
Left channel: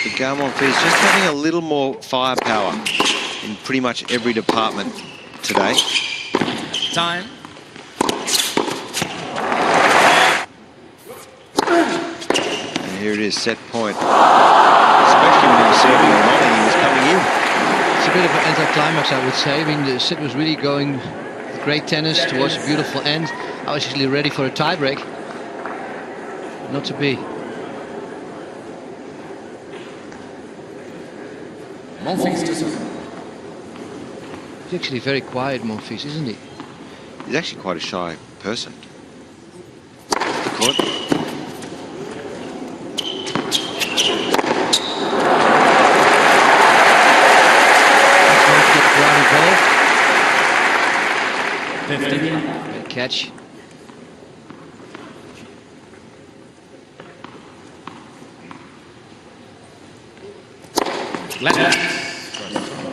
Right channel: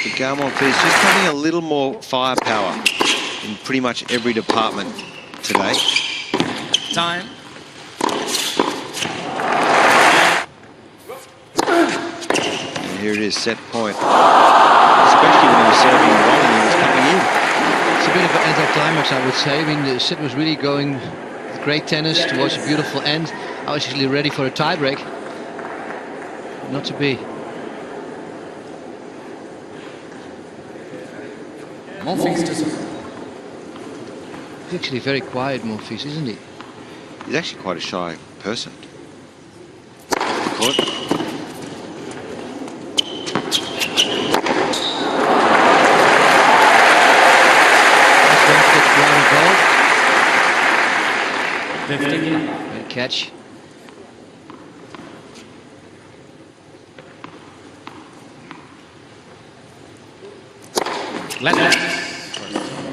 But Gael Monfils just having a little more firepower in pretty much every department today. Time. And here it is, set point. Especially when he was serving and bowling, he was coming in. It's a bit of an anticlimax, I would say. I mean, the set was really going with great tennis towards a beautiful end. I was actually ready for a tiebreak, but not to be. Monfils to serve. He's actually very quiet, Monfils, isn't he? He's actually quite a shy person. Off the court. One to get the crowd involved. 15 love. Great catch. Left. First serve.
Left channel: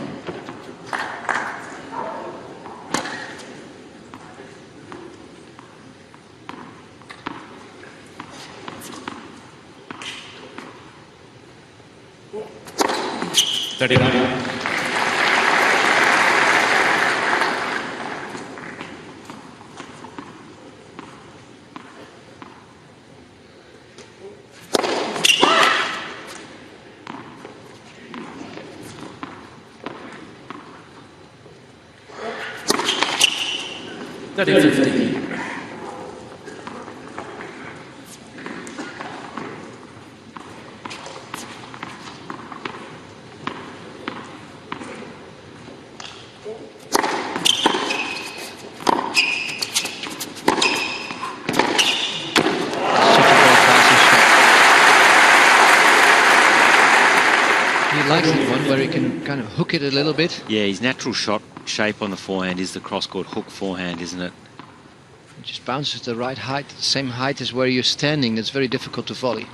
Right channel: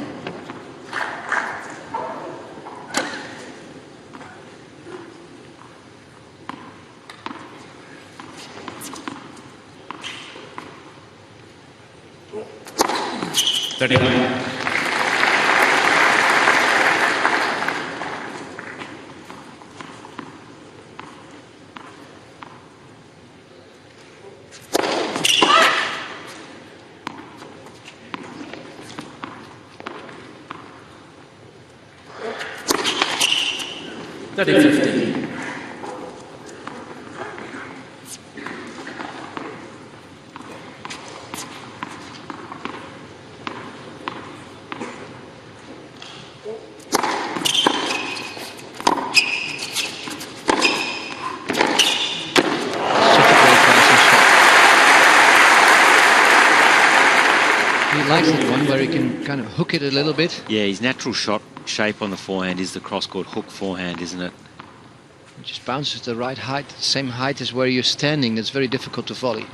$30. 30-15. Such a great passing shot. He likes that one where he can kind of hook it a little bit. Yeah, his natural shot shape on the forehand is the cross-court hook forehand, isn't it? It just bounces the right height, same height as where you're standing. That's very difficult to volley.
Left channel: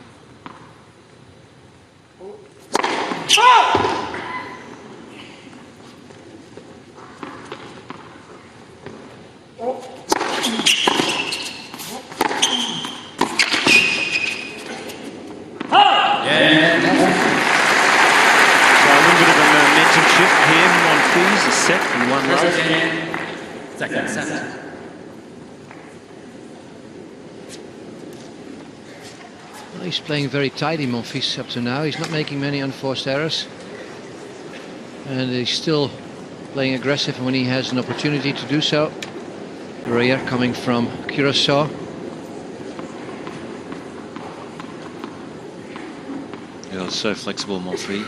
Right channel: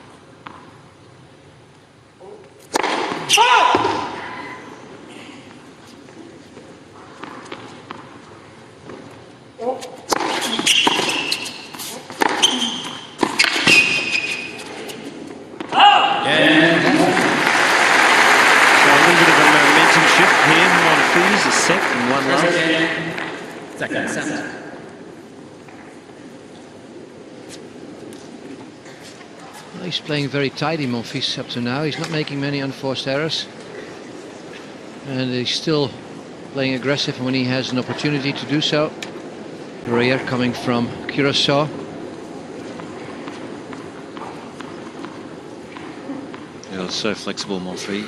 So a little bit of a momentum shift here. Monfils, a set and one love. First game, second set. Well, he's playing very tidy, Monfils, up to now. He's not making many unforced errors. And he's still playing aggressive when he has an opportunity to do so. Royer coming from Curacao. Yeah, so flexible, Monfils.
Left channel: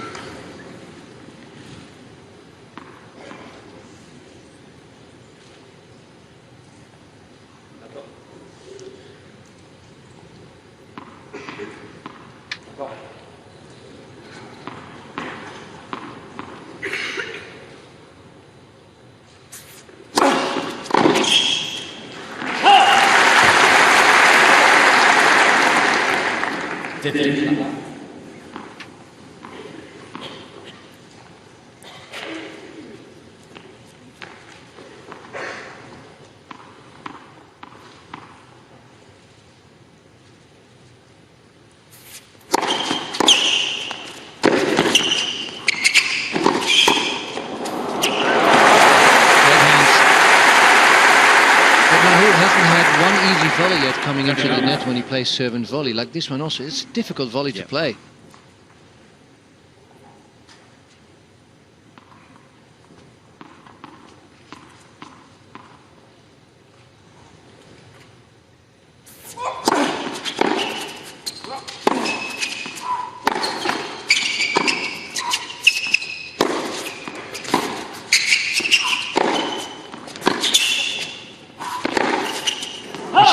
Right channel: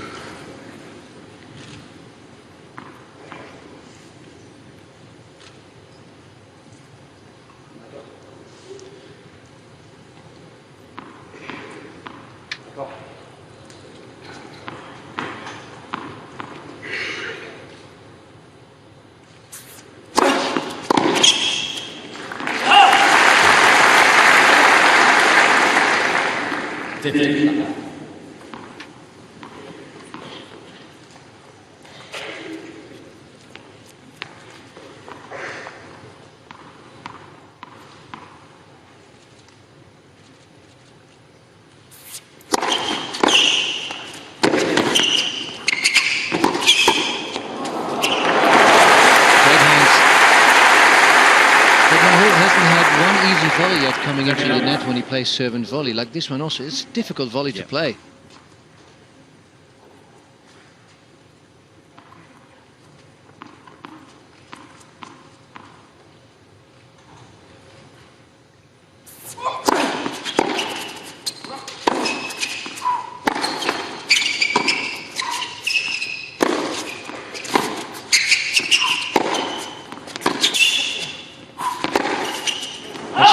But Mahut hasn't had one easy volley yet coming into the net when he plays serve and volley. Like this one also, it's a difficult volley to play.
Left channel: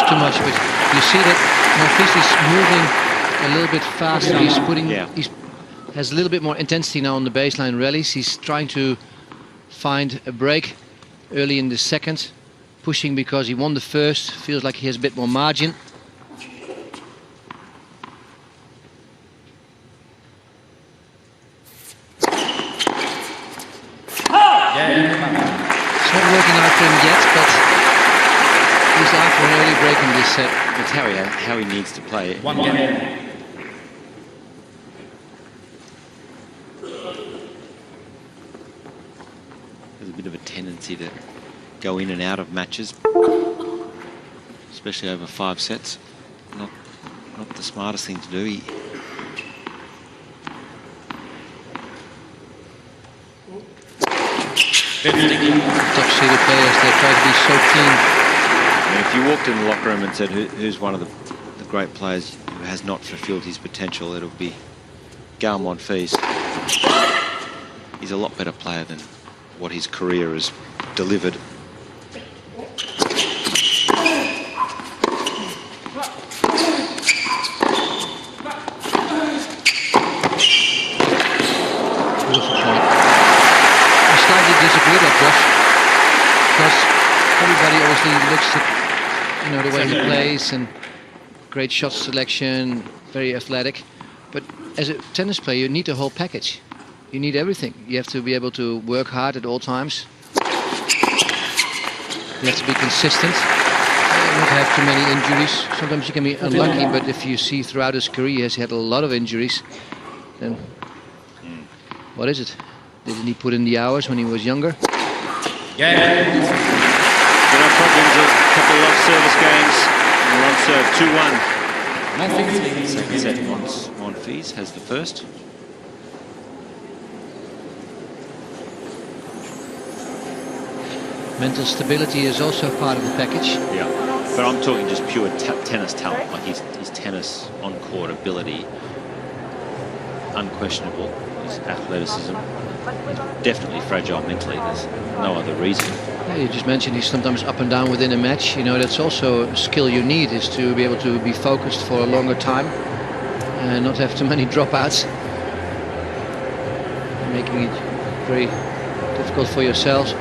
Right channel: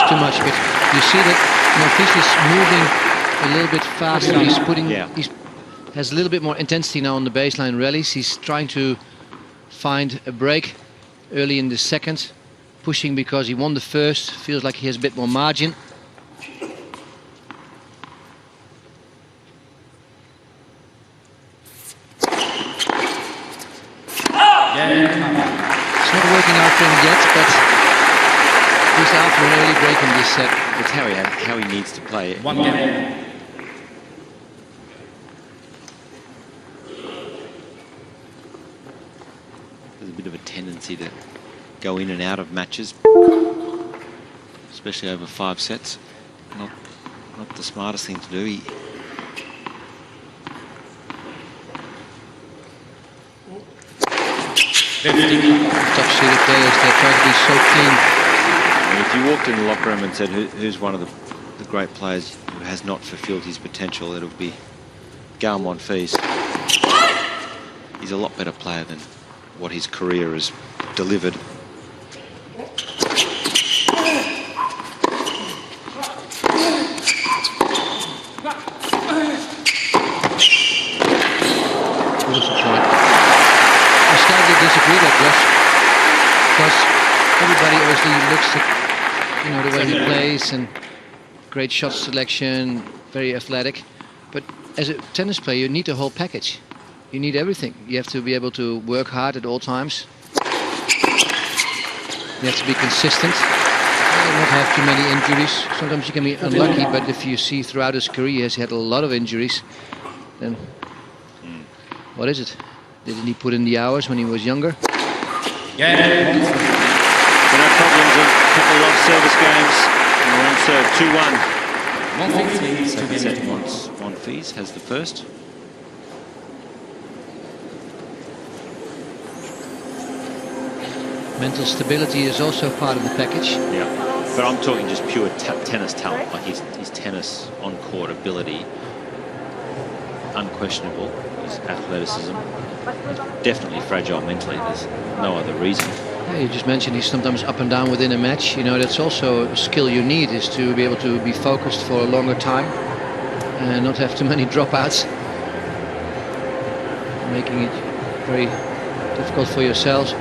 too much, but you see that Monfils is moving a little bit faster. He's putting, has a little bit more intensity now on the baseline rallies. He's trying to find a break early in the second, pushing because he won the first. Feels like he has a bit more margin. It's not working out for him yet, but he's after an early break in this set. It's how he needs to play it. 1 game. There's a bit of a tendency to go in and out of matches, especially over 5 sets. Not the smartest thing to do. Top-seeded players, they try to be so clean. I mean, if you walked in the locker room and said who's one of the great players who has not fulfilled his potential, it'll be Gael Monfils. He's a lot better player than what his career has delivered. Beautiful point. I slightly disagree that, Josh, because everybody obviously looks at, you know, the way he plays and great shot selection, very athletic. But as a tennis player, you need the whole package. You need everything. You have to be able to work hard at all times. You have to be consistent, not have too many injuries. Sometimes you can be unlucky, but if you see throughout his career he has had a lot of injuries, then what is it? Didn't he put in the hours when he was younger? Gael Monfils. But no problems, a couple of service games. And we're on serve 2-1. Monfils leads Second set, Monfils has the first. Mental stability is also part of the package. Yeah, but I'm talking just pure tennis talent, like his tennis on-court ability. Unquestionable. His athleticism. Definitely fragile mentally. There's no other reason. Yeah, you just mentioned he's sometimes up and down within a match. You know, that's also a skill you need, is to be able to be focused for a longer time and not have too many dropouts, making it very difficult for yourselves.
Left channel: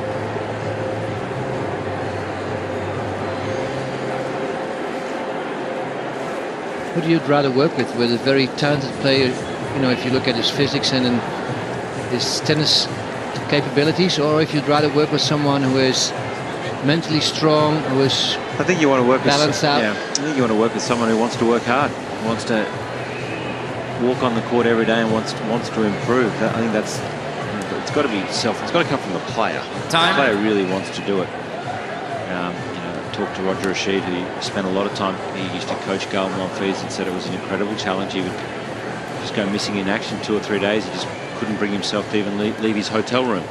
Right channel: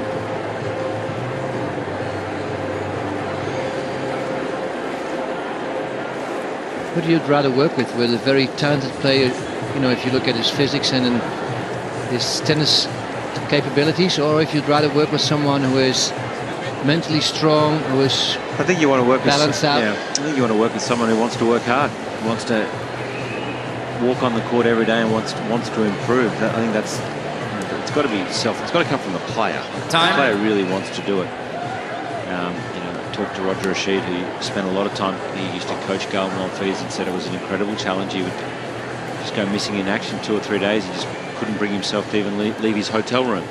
Who do you rather work with a very talented player, you know, if you look at his physics and his tennis capabilities, or if you'd rather work with someone who is mentally strong, who is I think you want to work balanced out? Yeah, I think you want to work with someone who wants to work hard, who wants to walk on the court every day and wants to improve. I think that's, it's got to be it's got to come from the player. The player really wants to do it. You know, I talked to Roger Rashid, who spent a lot of time. He used to coach Gael Monfils and said it was an incredible challenge. He would just go missing in action 2 or 3 days. He just couldn't bring himself to even leave his hotel room.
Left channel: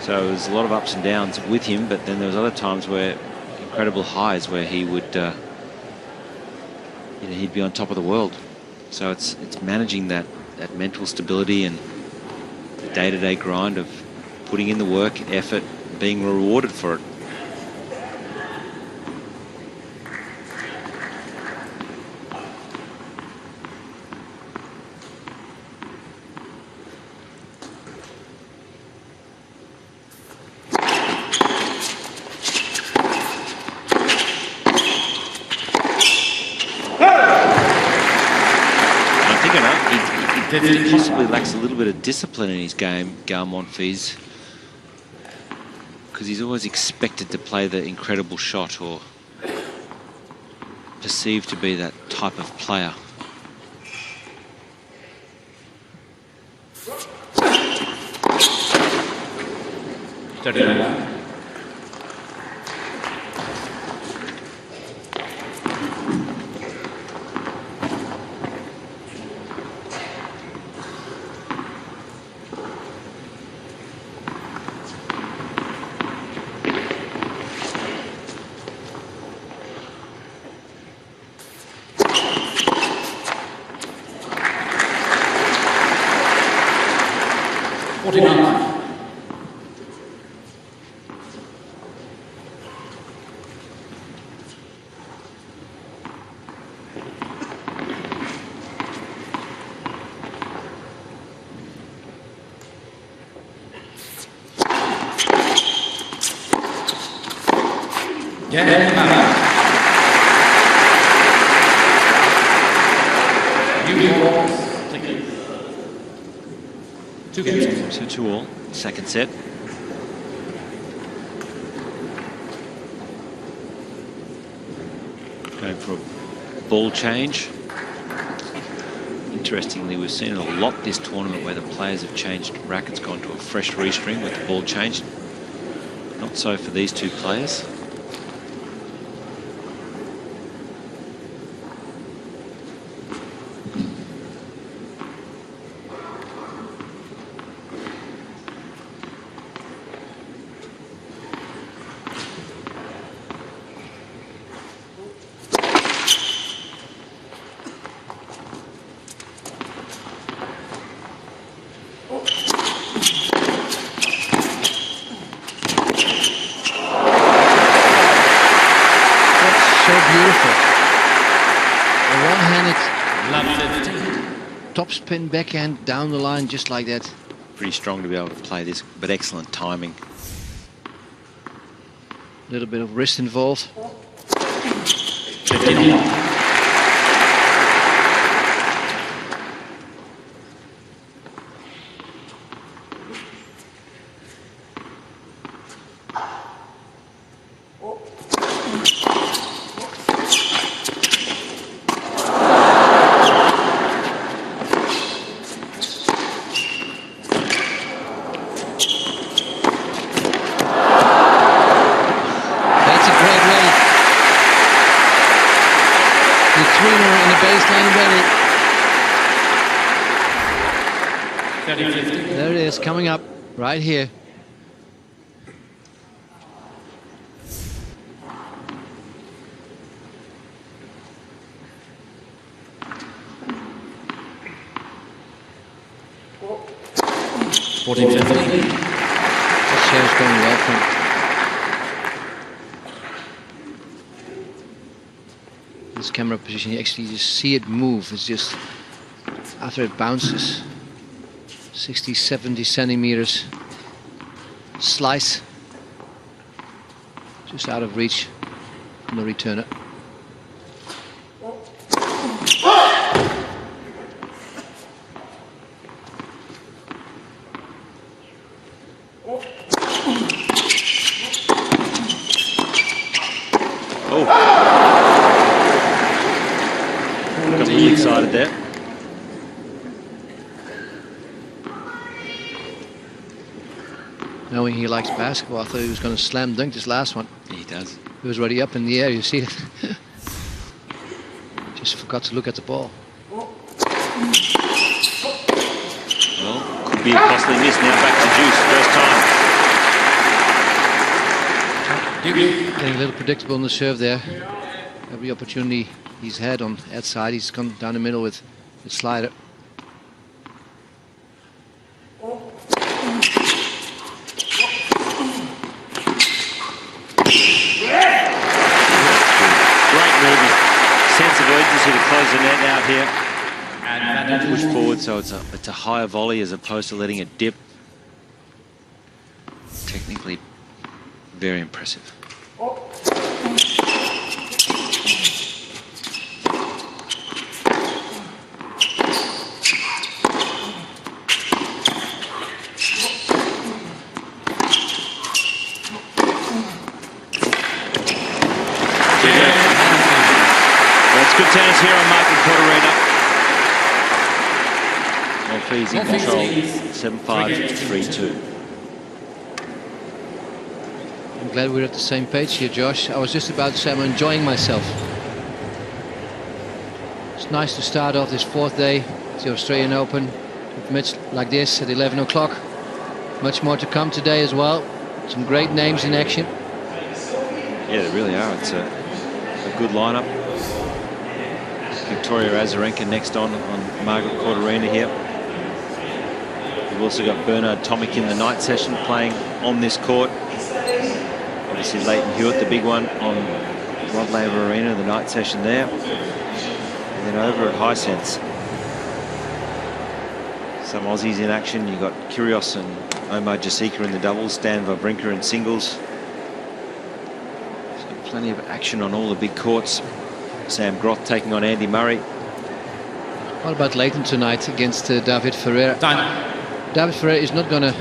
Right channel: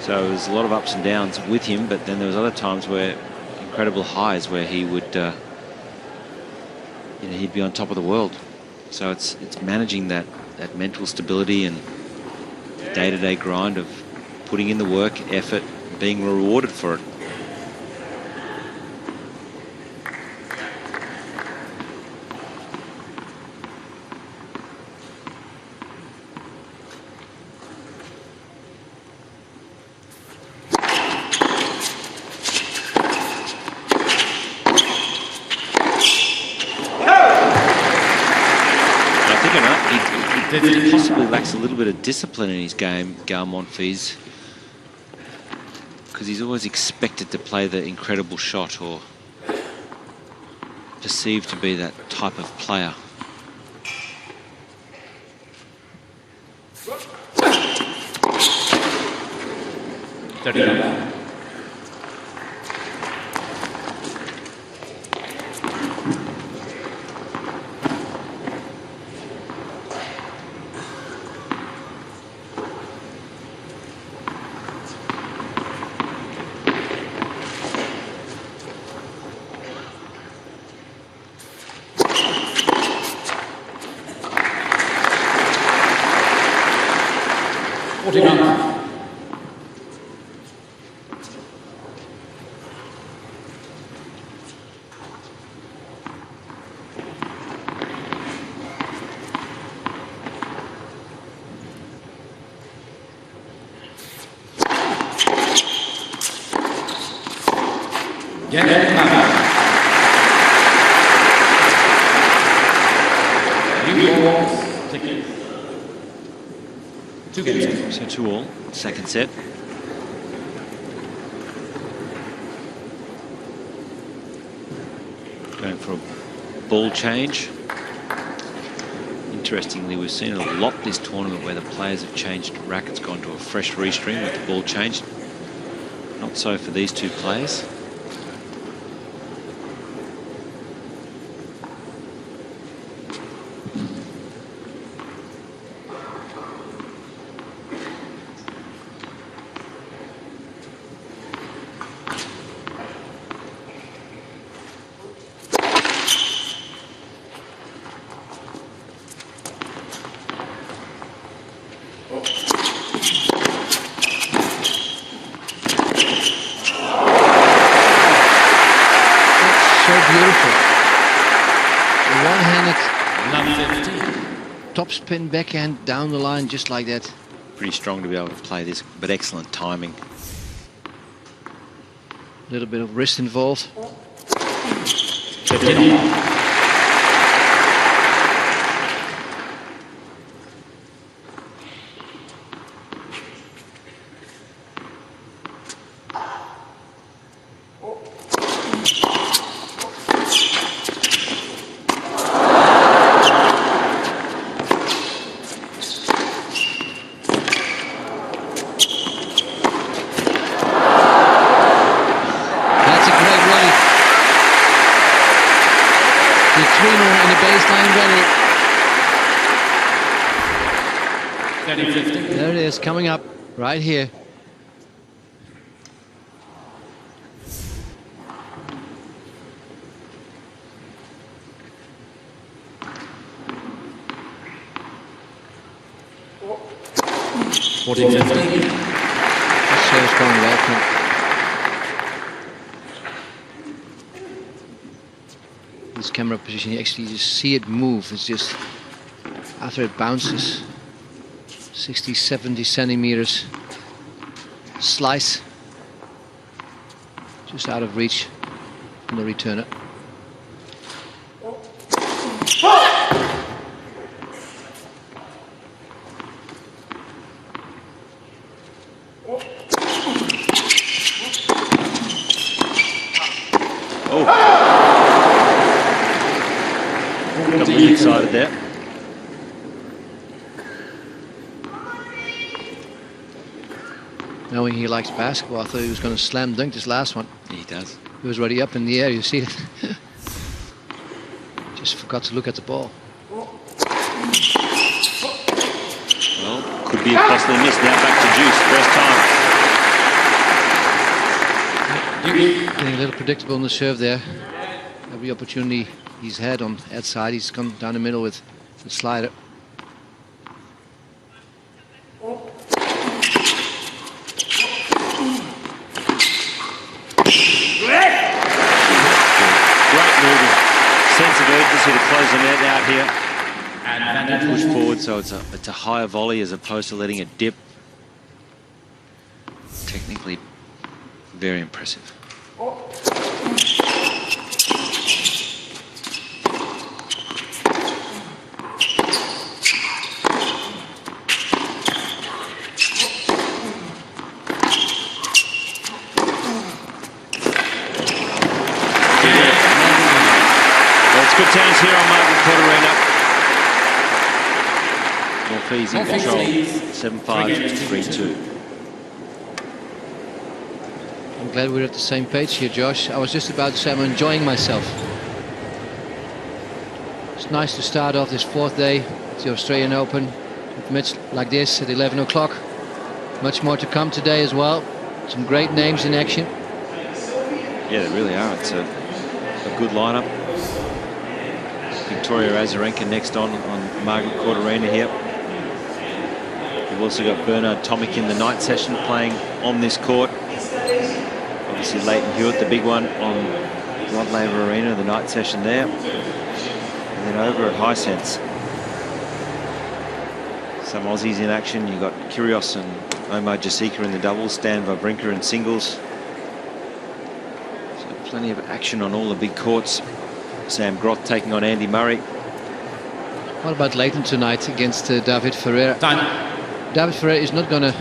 So there's a lot of ups and downs with him, but then there was other times where incredible highs where he would, you know, he'd be on top of the world. So it's managing that mental stability and the day-to-day grind of putting in the work, effort, being rewarded for it. He possibly lacks a little bit of discipline in his game, Gael Monfils, because he's always expected to play the incredible shot or perceived to be that type of player. Gael Monfils. New balls, please. 2 games on. So 2-all, second set. Going for a ball change. Interestingly, we've seen it a lot this tournament where the players have changed rackets, gone to a fresh restring with the ball changed. Not so for these two players. So beautiful. A one-handed Love 15. topspin backhand down the line just like that. Pretty strong to be able to play this, but excellent timing. A little bit of wrist involved. 15 on. That's a great rally. The tweener in the baseline rally. 30-15. There it is, coming up right here. $14-15. This serve's going well for him. This camera position, you actually just see it move. It's just after it bounces 60-70 centimeters slice just out of reach from the returner. Oh, got a little excited there. Knowing he likes basketball, I thought he was going to slam dunk this last one. He does. He was already up in the air, you see it. Just forgot to look at the ball. Well, could be a costly miss. Now back to Juice, first time. Getting a little predictable on the serve there. Every opportunity he's had on that side, he's gone down the middle with the slider. Great moving. Sense of urgency to close the net out here. Advantage. Push forward, so it's a higher volley as opposed to letting it dip. Technically, very impressive. Well, it's good tennis here on Margaret Court Arena. Monfils in control, 7-5, 3-2. I'm glad we're at the same page here, Josh. I was just about to say I'm enjoying myself. It's nice to start off this fourth day of the Australian Open with a match like this at 11 o'clock. Much more to come today as well. Some great names in action. Yeah, they really are. It's a good lineup. Victoria Azarenka next on Margaret Court Arena here. We've also got Bernard Tomic in the night session playing on this court. Obviously Leighton Hewitt, the big one, on Rod Laver Arena, the night session there. And then over at Hisense, some Aussies in action. You've got Kyrgios and Omar Jasika in the doubles, Stan Wawrinka in singles. So Plenty of action on all the big courts. Sam Groth taking on Andy Murray. What about Leighton tonight against David Ferrer? Time. David Ferrer is not going to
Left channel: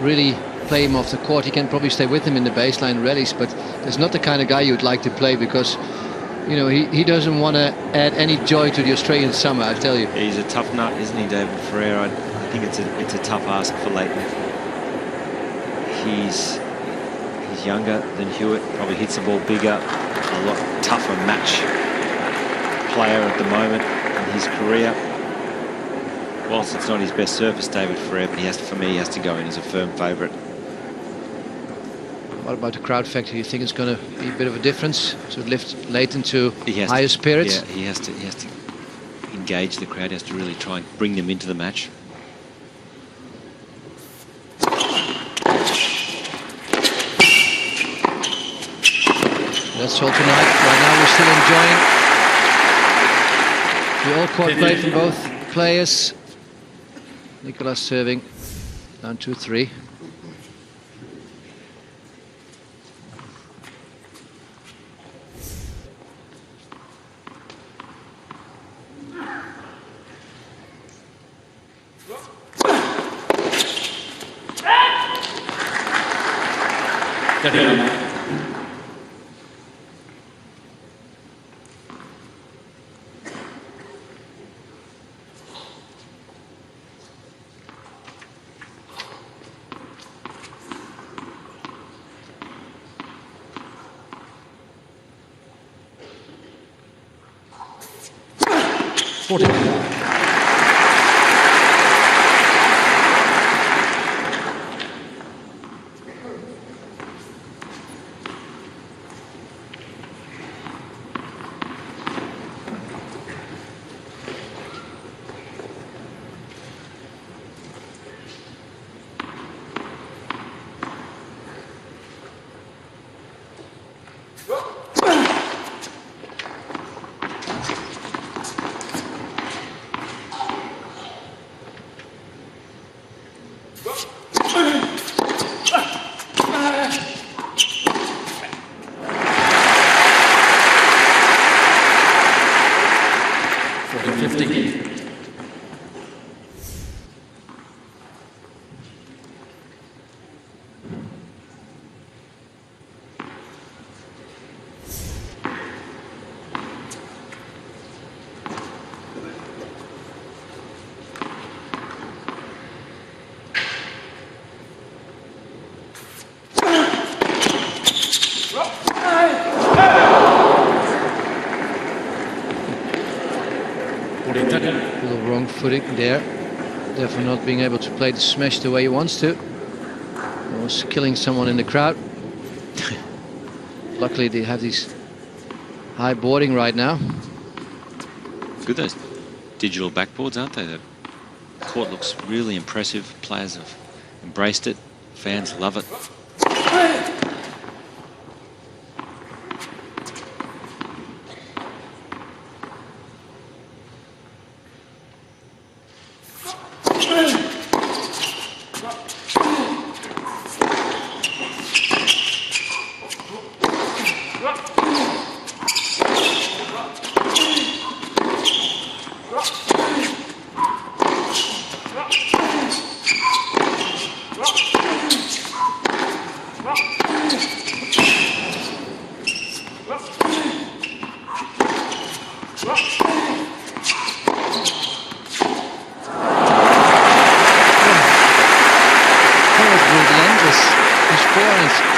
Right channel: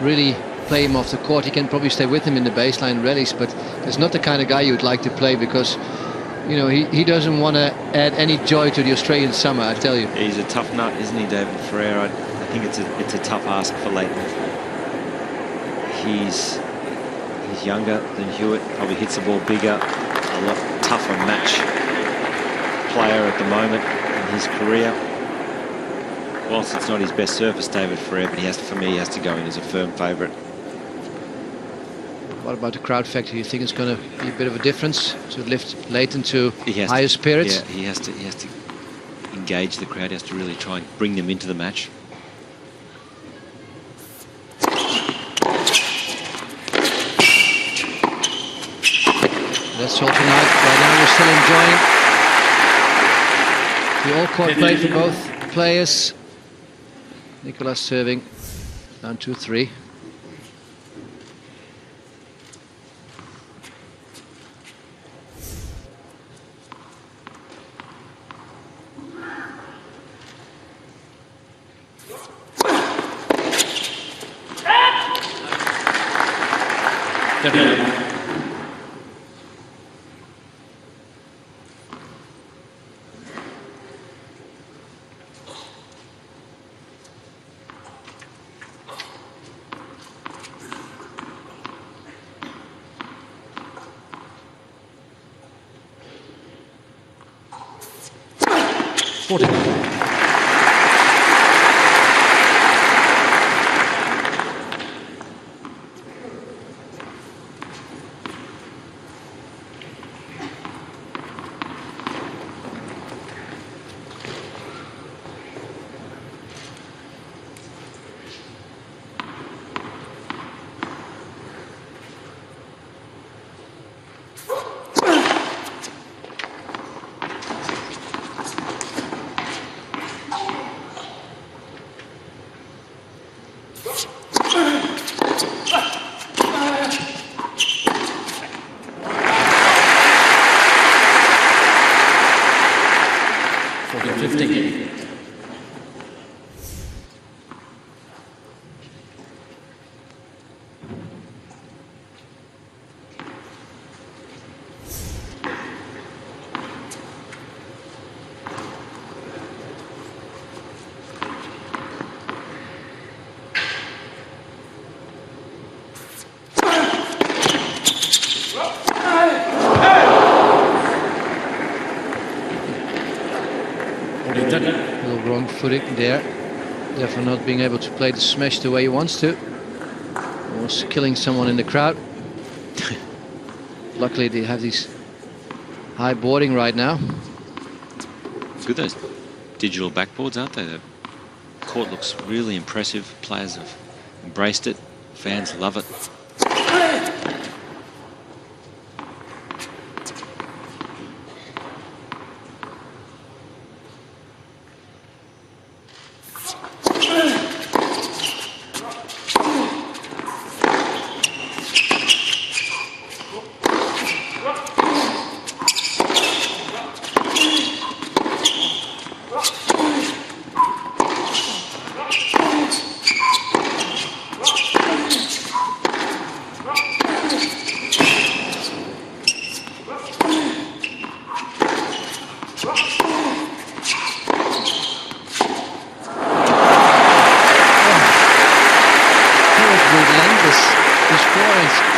really play him off the court. He can probably stay with him in the baseline rallies, but that's not the kind of guy you would like to play, because you know he doesn't want to add any joy to the Australian summer, I tell you. He's a tough nut, isn't he, David Ferrer? I think it's a tough ask for Leighton. He's younger than Hewitt, probably hits the ball bigger, a lot tougher match player at the moment in his career. Whilst it's not his best surface, David Ferrer, but for me, he has to go in as a firm favourite. What about the crowd factor? You think it's going to be a bit of a difference to lift Leighton to higher spirits? Yeah, he has to engage the crowd. He has to really try and bring them into the match. That's all tonight. Right now we're still enjoying the all-court play from both players. Nicolas serving down 2-3. A little wrong footing there, therefore not being able to play the smash the way he wants to. Almost killing someone in the crowd. Luckily they have these high boarding right now. Good, those digital backboards, aren't they? The court looks really impressive. Players have embraced it. Fans love it.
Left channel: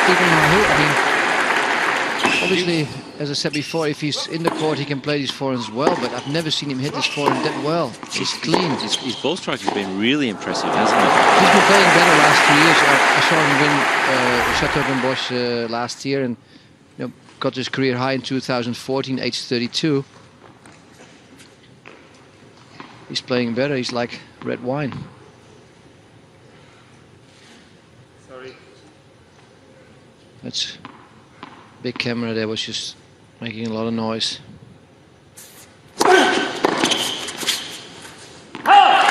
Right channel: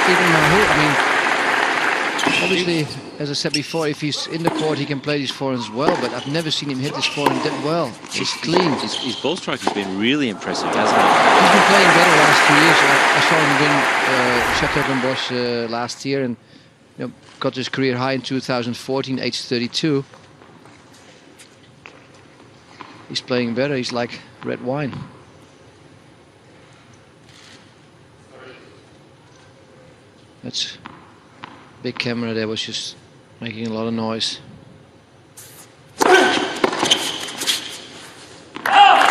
Even Mahut, I mean, obviously, as I said before, if he's in the court, he can play these forehands well, but I've never seen him hit this forehand that well. He's clean. His ball strike has been really impressive, hasn't it? He's been playing better last 2 years. I saw him win Chateauguay last year, and got his career high in 2014, age 32. He's playing better. He's like red wine. That's big camera there was just making a lot of noise.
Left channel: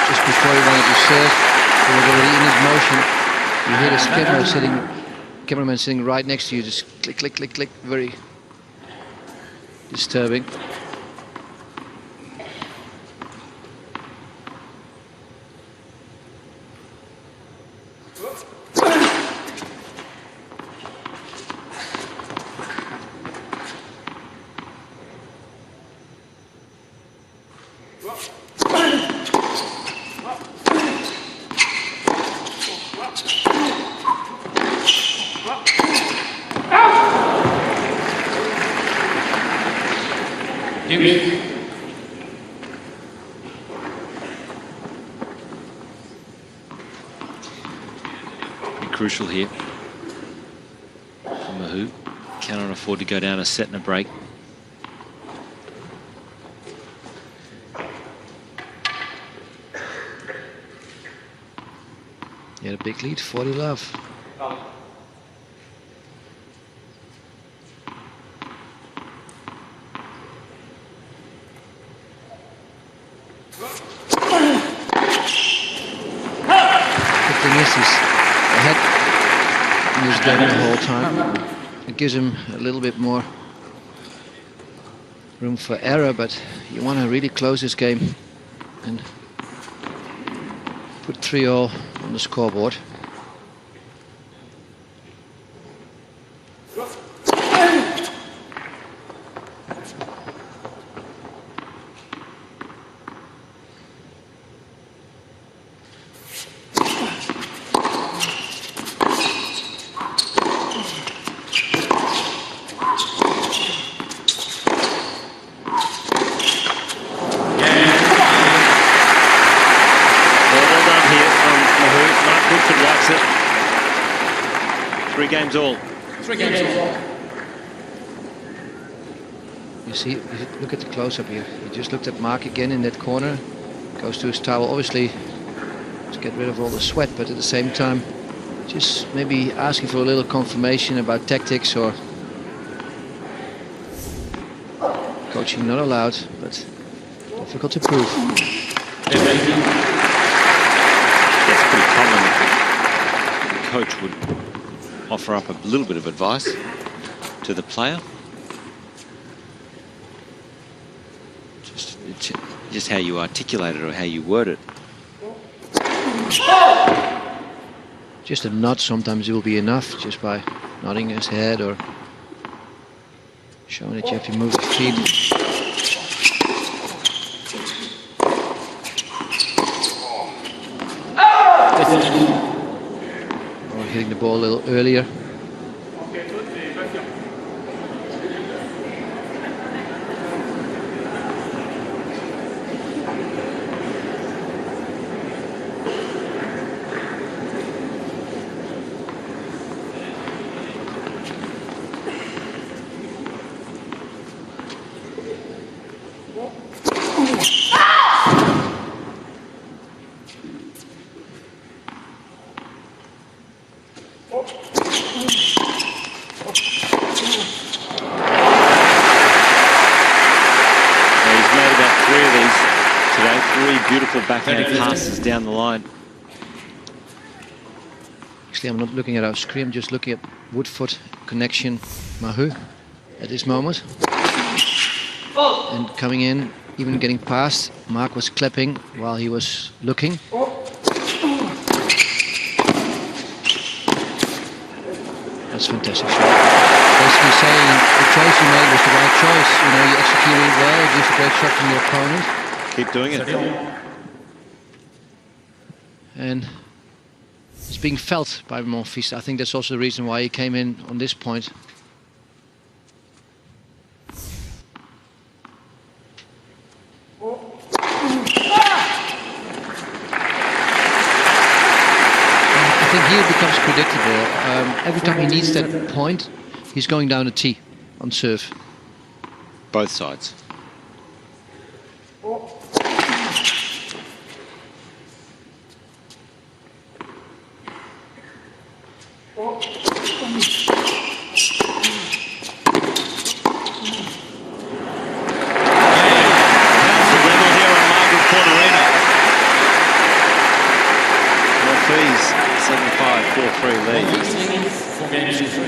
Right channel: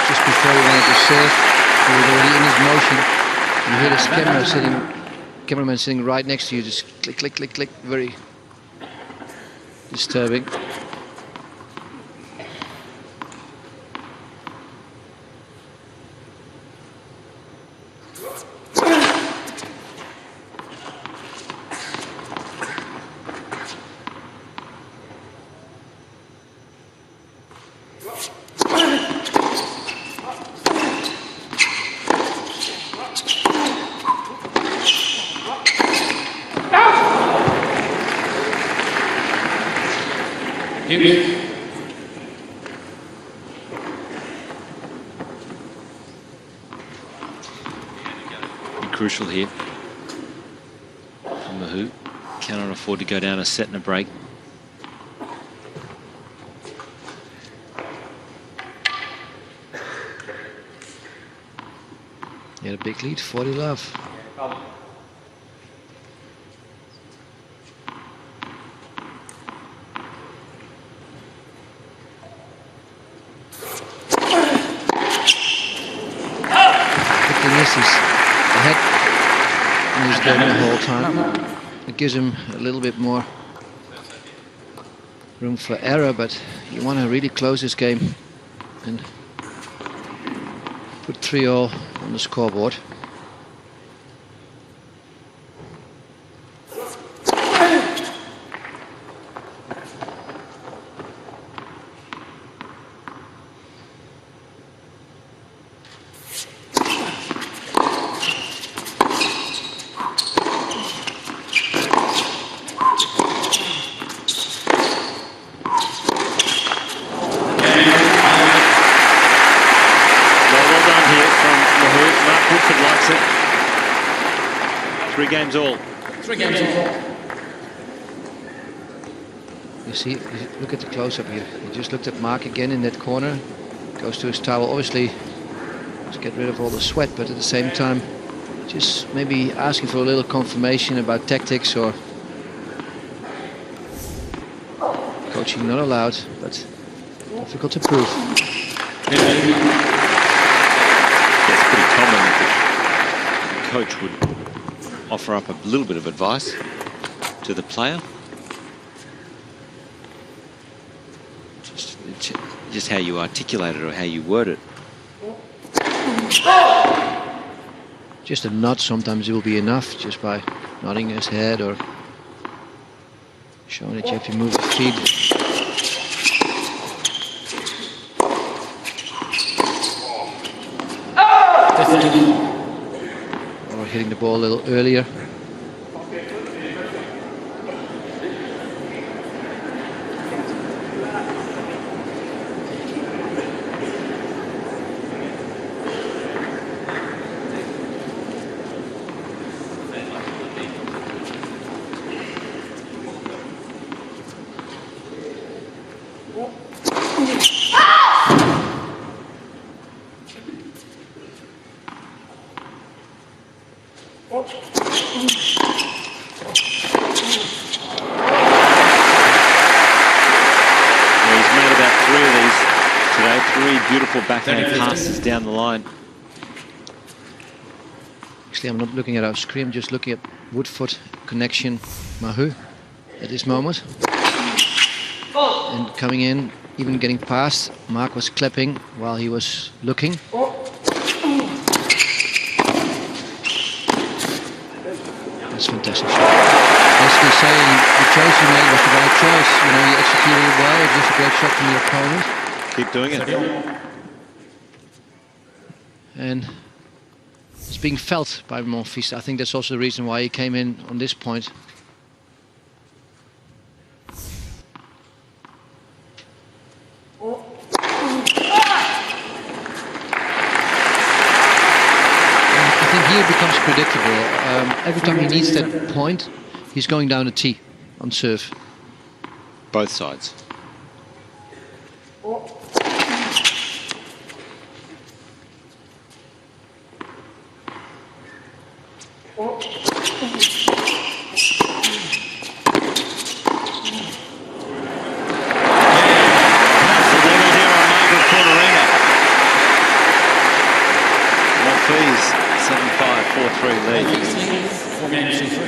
Just before he wanted to serve, he was already in his motion. You hear this cameraman sitting right next to you, just click, click, click, click, very disturbing. Deuce. Be crucial here for Mahut. Cannot afford to go down a set and a break. He had a big lead, 40 love. Good thing is he's ahead in this game the whole time. It gives him a little bit more room for error, but you want to really close this game and put 3-all on the scoreboard. Well done here from Mahut. Mark Woodford likes it. 3 games all. 3 games all. You see, look at the close-up here. He just looked at Mark again in that corner. Goes to his towel, obviously to get rid of all the sweat, but at the same time, just maybe asking for a little confirmation about tactics or coaching not allowed, but difficult to prove. Yeah, it's pretty common that the coach would offer up a little bit of advice to the player. Just how you articulate it or how you word it. Just a nod sometimes will be enough, just by nodding his head or showing that you have to move the feet. Or hitting the ball a little earlier. Made about 3 of these today. 3 beautiful backhand passes down the line. Actually, I'm not looking at our screen, I'm just looking at Woodford connection Mahut at this moment. And coming in, even getting past, Mark was clapping while he was looking. That's fantastic shot. Basically saying the choice you made was the right choice. You know, you executed it well, just a great shot from your opponent. Keep doing it. And it's being felt by Monfils. I think that's also the reason why he came in on this point. I think here it becomes predictable. Every time he needs that point, he's going down a tee on serve. Both sides. How's the level here on Margaret Court Arena? Monfils 7-5, 4-3 lead. Monfils leads 4 games to 3.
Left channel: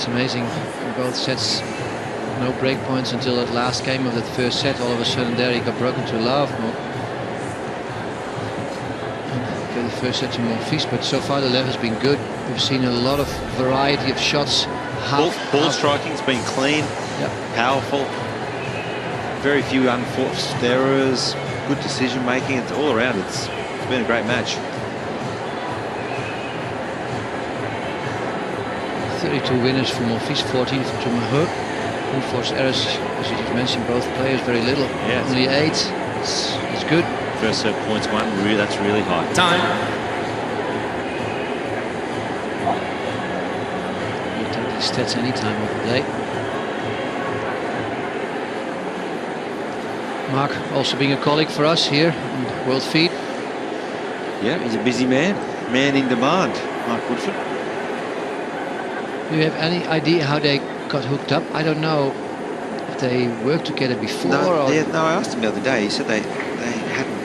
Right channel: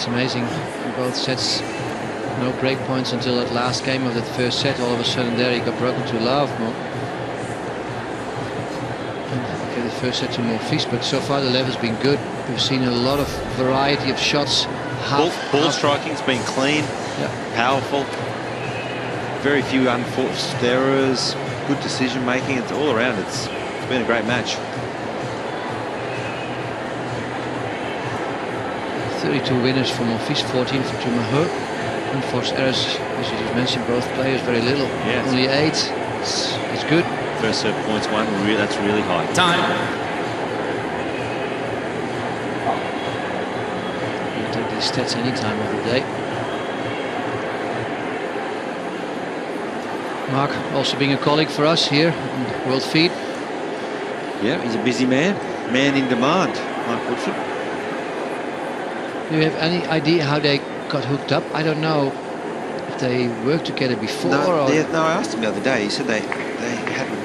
It's amazing in both sets. No break points until that last game of that first set. All of a sudden there he got broken to love. Get the first set to Monfils, but so far the level has been good. We've seen a lot of variety of shots. Ball striking's been clean, powerful. Very few unforced errors. Good decision making. It's all around. It's been a great match. 32 winners for Monfils, 14 to Mahut. Unforced errors, as you just mentioned, both players very little. Yes. Only 8. It's good. First serve points won. That's really high. Time. You'll take these stats any time of the day. Mark also being a colleague for us here on World Feed. Yeah, he's a busy man. Man in demand, Mark Woodford. Do you have any idea how they got hooked up? I don't know if they worked together before. No, I asked him the other day. He said they hadn't.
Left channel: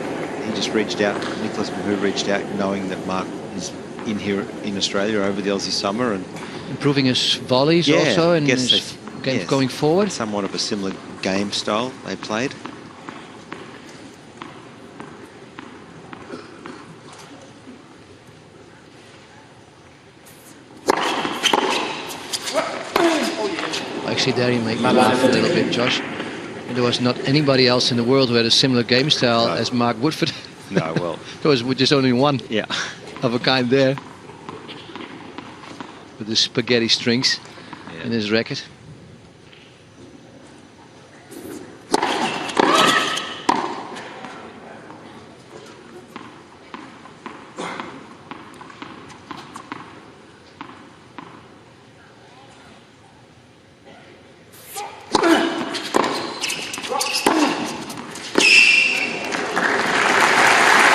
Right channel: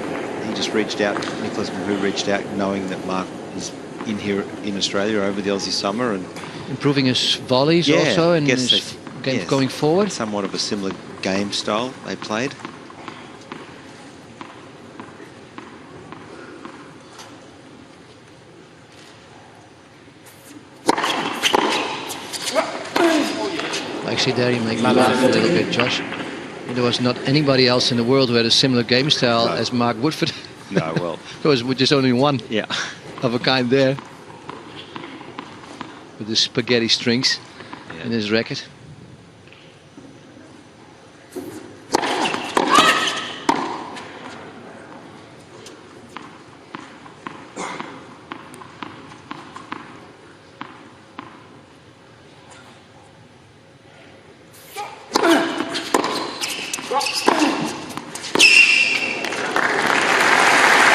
He just reached out. Nicolas Mahut reached out, knowing that Mark is in here in Australia over the Aussie summer and improving his volleys also and his games going forward. Somewhat of a similar game style they played. Actually, there you make me laugh a little bit, Josh. There was not anybody else in the world who had a similar game style as Mark Woodford. No, well, there was just only one of a kind there, with the spaghetti strings in his racket.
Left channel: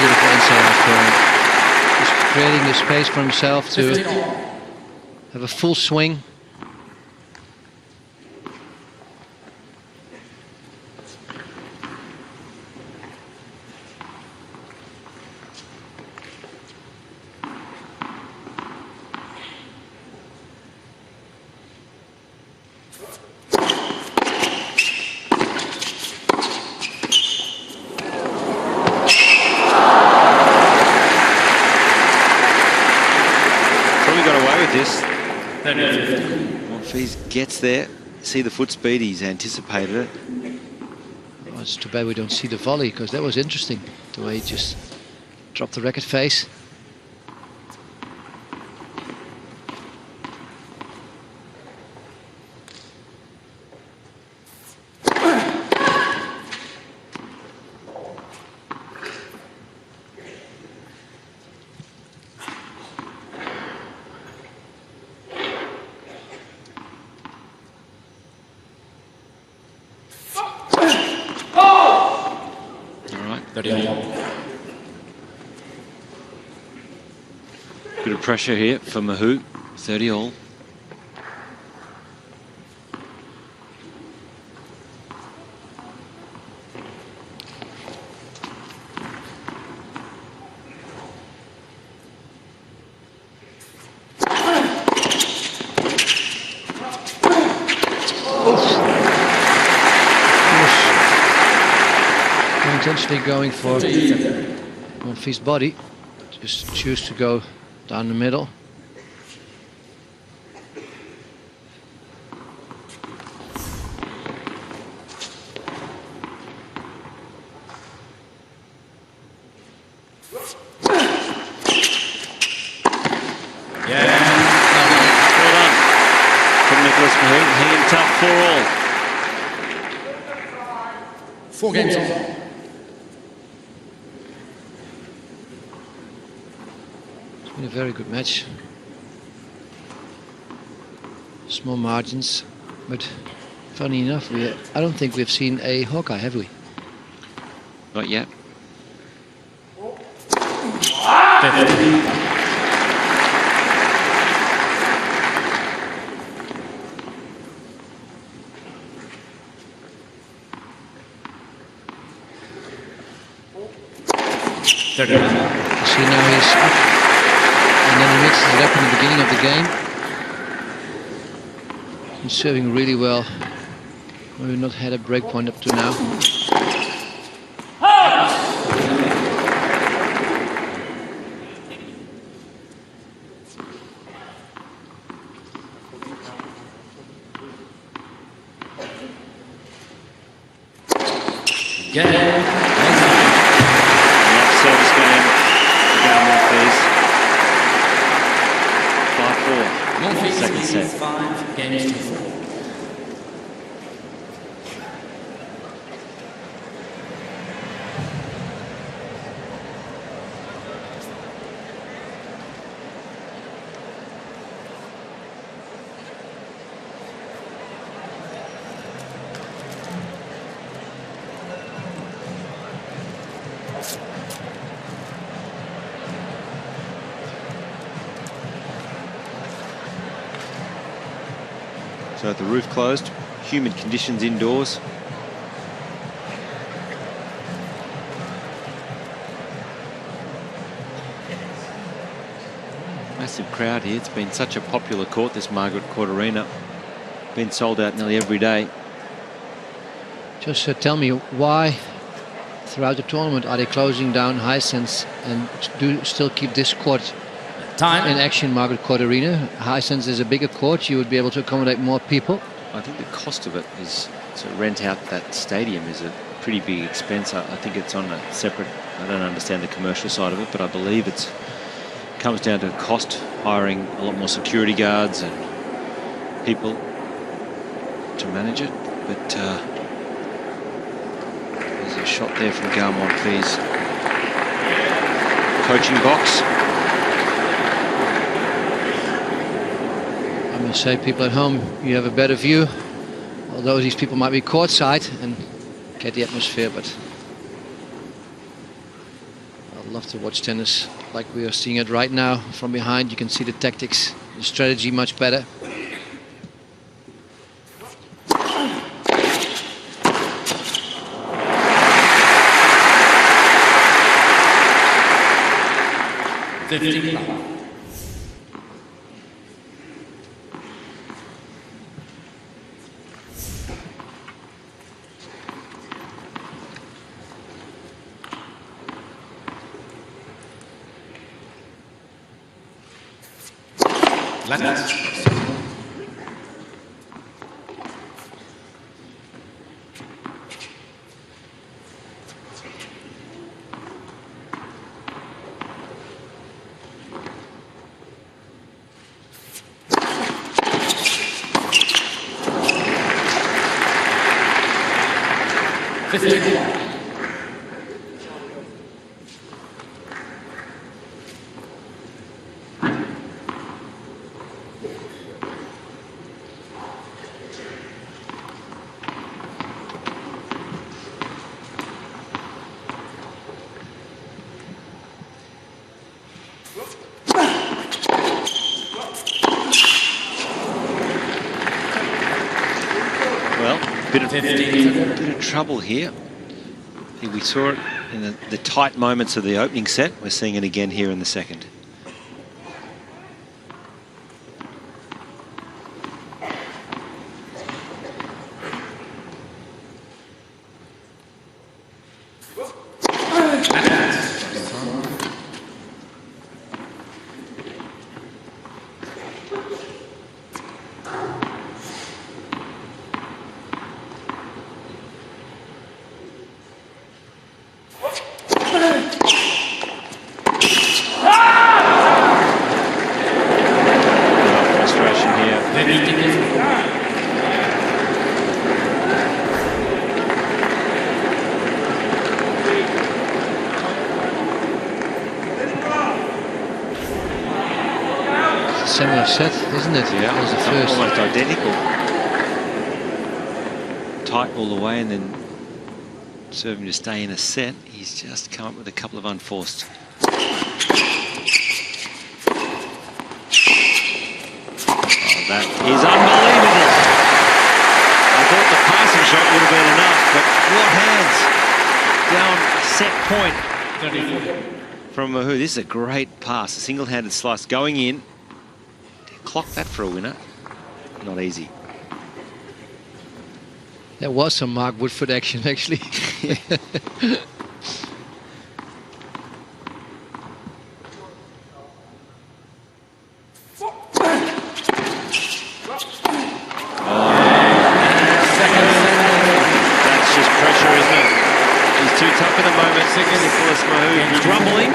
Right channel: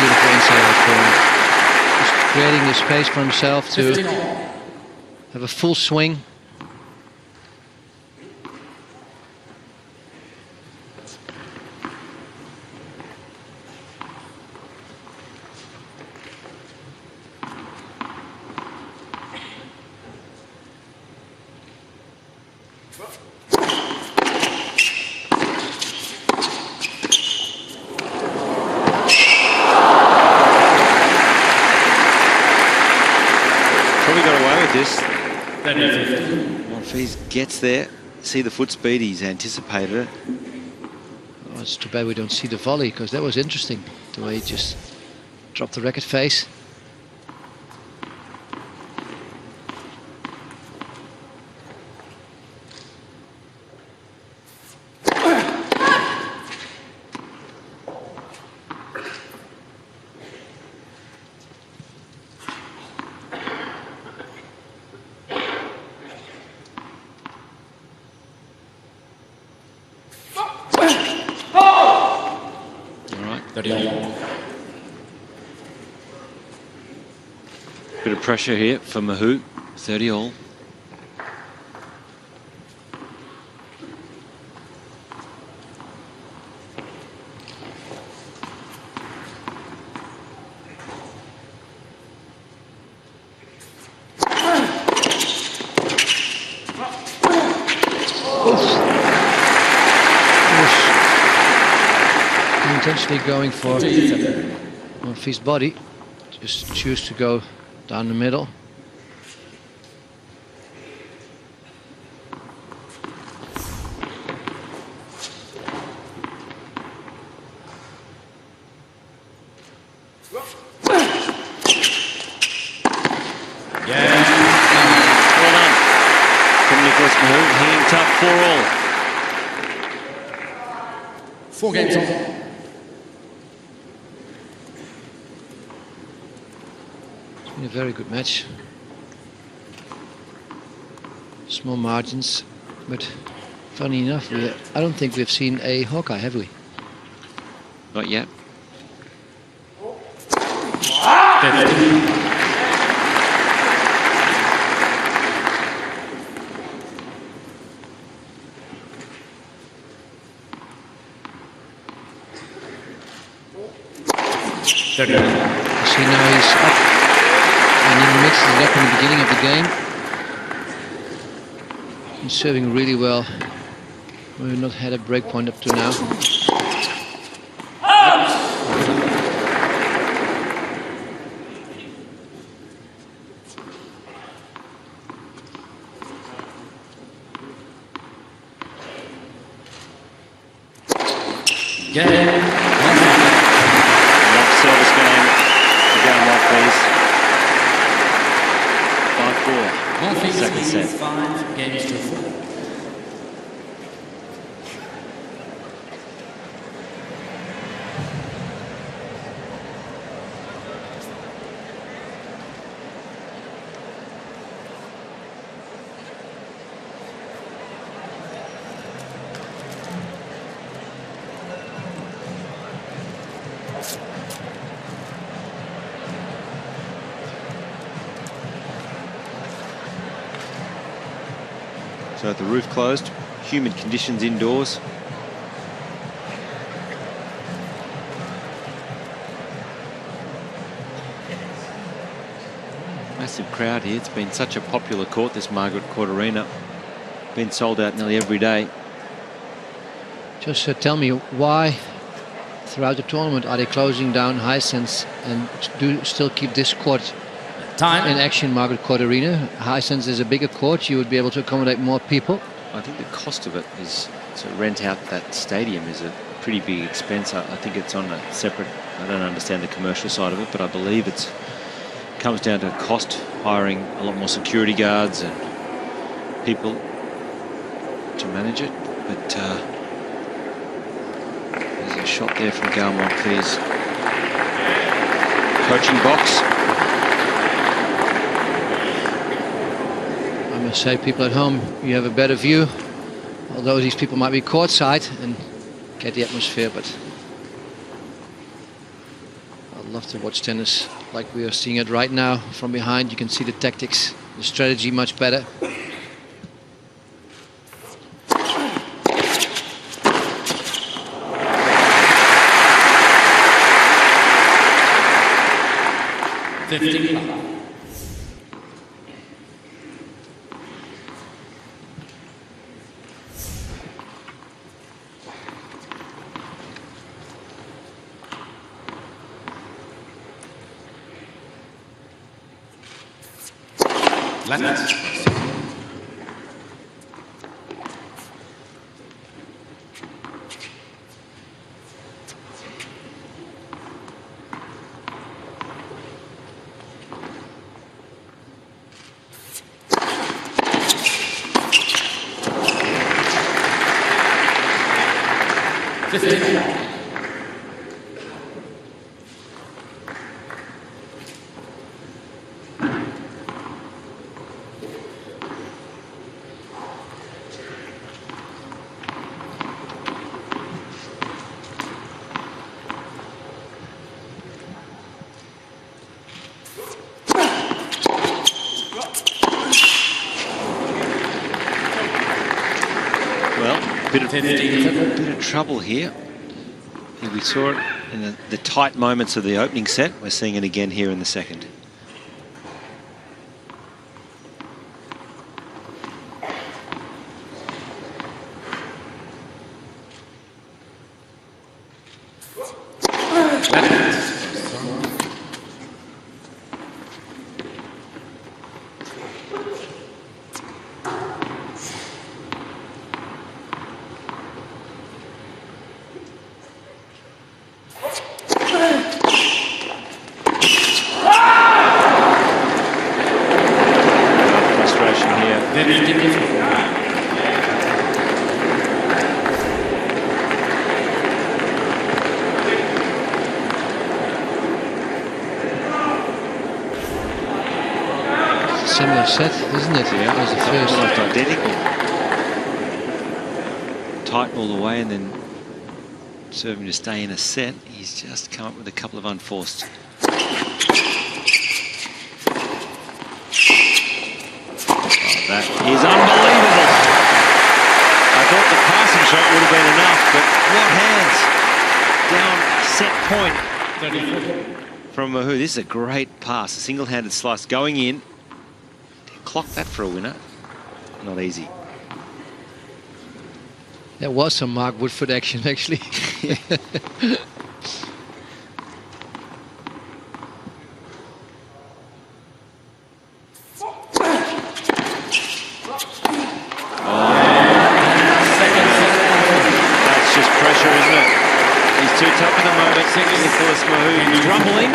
Beautiful inside out forehand. Just creating the space for himself to have a full swing. Probably got away with this. 30-50. Monfils gets there. See the foot speed, he's anticipated it. Oh, it's too bad we don't see the volley, because that was interesting, the way he just dropped the racket face. Bit of pressure here for Mahut, 30 all. Intentionally going for Monfils' body, just choose to go down the middle. Well done from Nicolas Mahut, hanging tough for all. 4 games on. It's been a very good match. Small margins, but funny enough, I don't think we've seen a Hawkeye, have we? Not yet. 50. You see now he's up, and then he mixes it up in the beginning of the game. been serving really well. We've not had a break point up to now. Gael Monfils. Love service game for Gael Monfils. 5-4. Monfils Second leads set. 5 games to 4. So the roof closed, humid conditions indoors. Massive crowd here. It's been such a popular court, this Margaret Court Arena. Been sold out nearly every day. Just tell me, why throughout the tournament are they closing down Hisense and do still keep this court Time. in action, Margaret Court Arena? Hisense is a bigger court, you would be able to accommodate more people. I think the cost of it is to rent out that stadium is a pretty big expense. I think it's on a separate, I don't understand the commercial side of it, but I believe it comes down to cost, hiring a lot more security guards and people to manage it. But there's a shot there from Gael Monfils' coaching box. I must say, people at home, you have a better view, although these people might be courtside and get the atmosphere, but I'd love to watch tennis like we are seeing it right now. From behind, you can see the tactics, the strategy much better. $15. Let's first one. $15. Well, bit of trouble here. We saw it in the tight moments of the opening set. We're seeing it again here in the second. First one. Frustration here. Similar set, isn't it? Yeah, as the it's first. almost identical. Tight all the way and then serving to stay in a set. He's just come up with a couple of unforced. That is unbelievable. I thought the passing shot would have been enough, but what hands. Down set point 30-40. from Mahut. This is a great pass, a single-handed slice going in. To clock that for a winner, not easy. There was some Mark Woodford action, actually. That's just pressure, isn't it? He's too tough at the moment. Nicolas Mahut crumbling.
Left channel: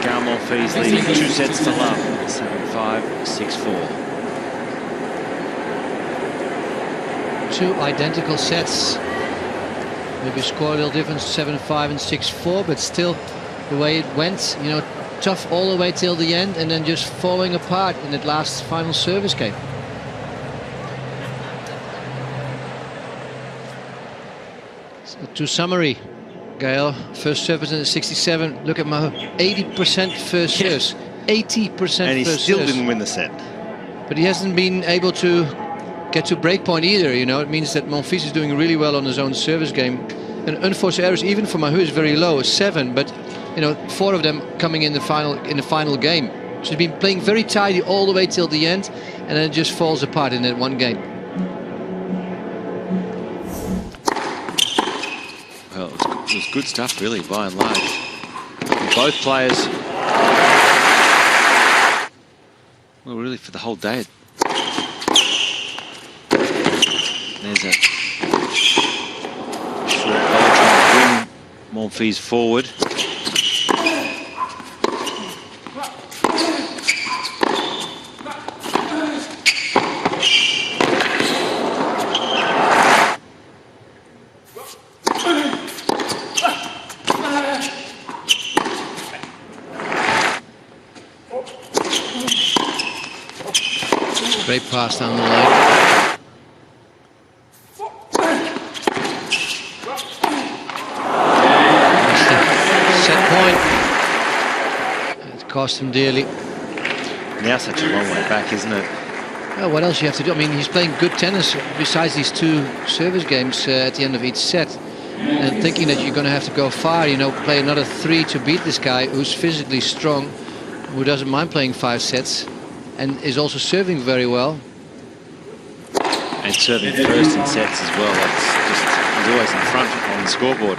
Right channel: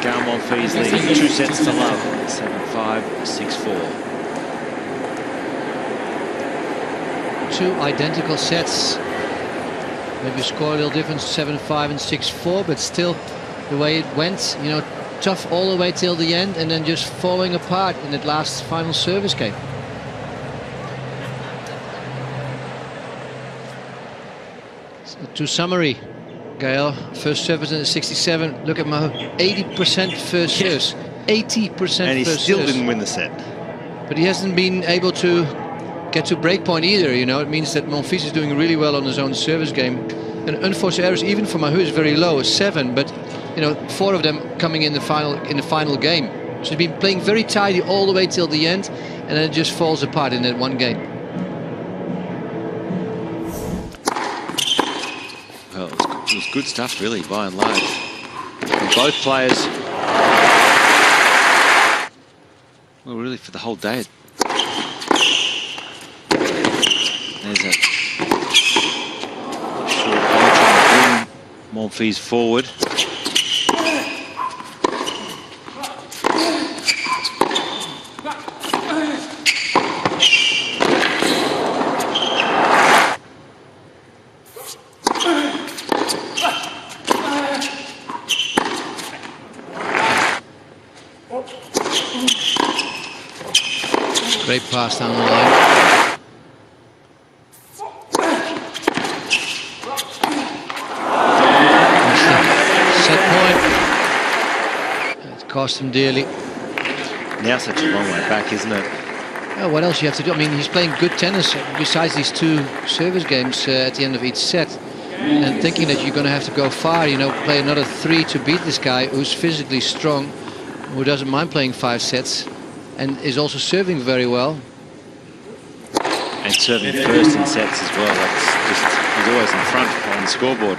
Gael Monfils leading 2 sets to love. 7-5, 6-4. 2 identical sets. Maybe score a little difference, 7-5 and 6-4, but still the way it went, you know, tough all the way till the end and then just falling apart in that last final service game. To summary, Gael, first service in the 67. Look at Mahut, 80% first serves, 80% first And he serves. still didn't win the set. But he hasn't been able to get to break point either. You know, it means that Monfils is doing really well on his own service game. And unforced errors, even for Mahut, is very low, 7. But you know, 4 of them coming in the final game. So he's been playing very tidy all the way till the end, and then it just falls apart in that one game. Well, it was good stuff, really, by and large. And both players, well, really, for the whole day. There's a short volley trying to bring Monfils forward. Great pass down the line. That's the set point. It cost him dearly. Now such a long way back, isn't it? Well, what else you have to do? I mean, he's playing good tennis besides these 2 service games at the end of each set. And thinking that you're going to have to go far, you know, play another 3 to beat this guy who's physically strong, who doesn't mind playing 5 sets. And is also serving very well. And serving first in sets as well. That's just, he's always in front on the scoreboard.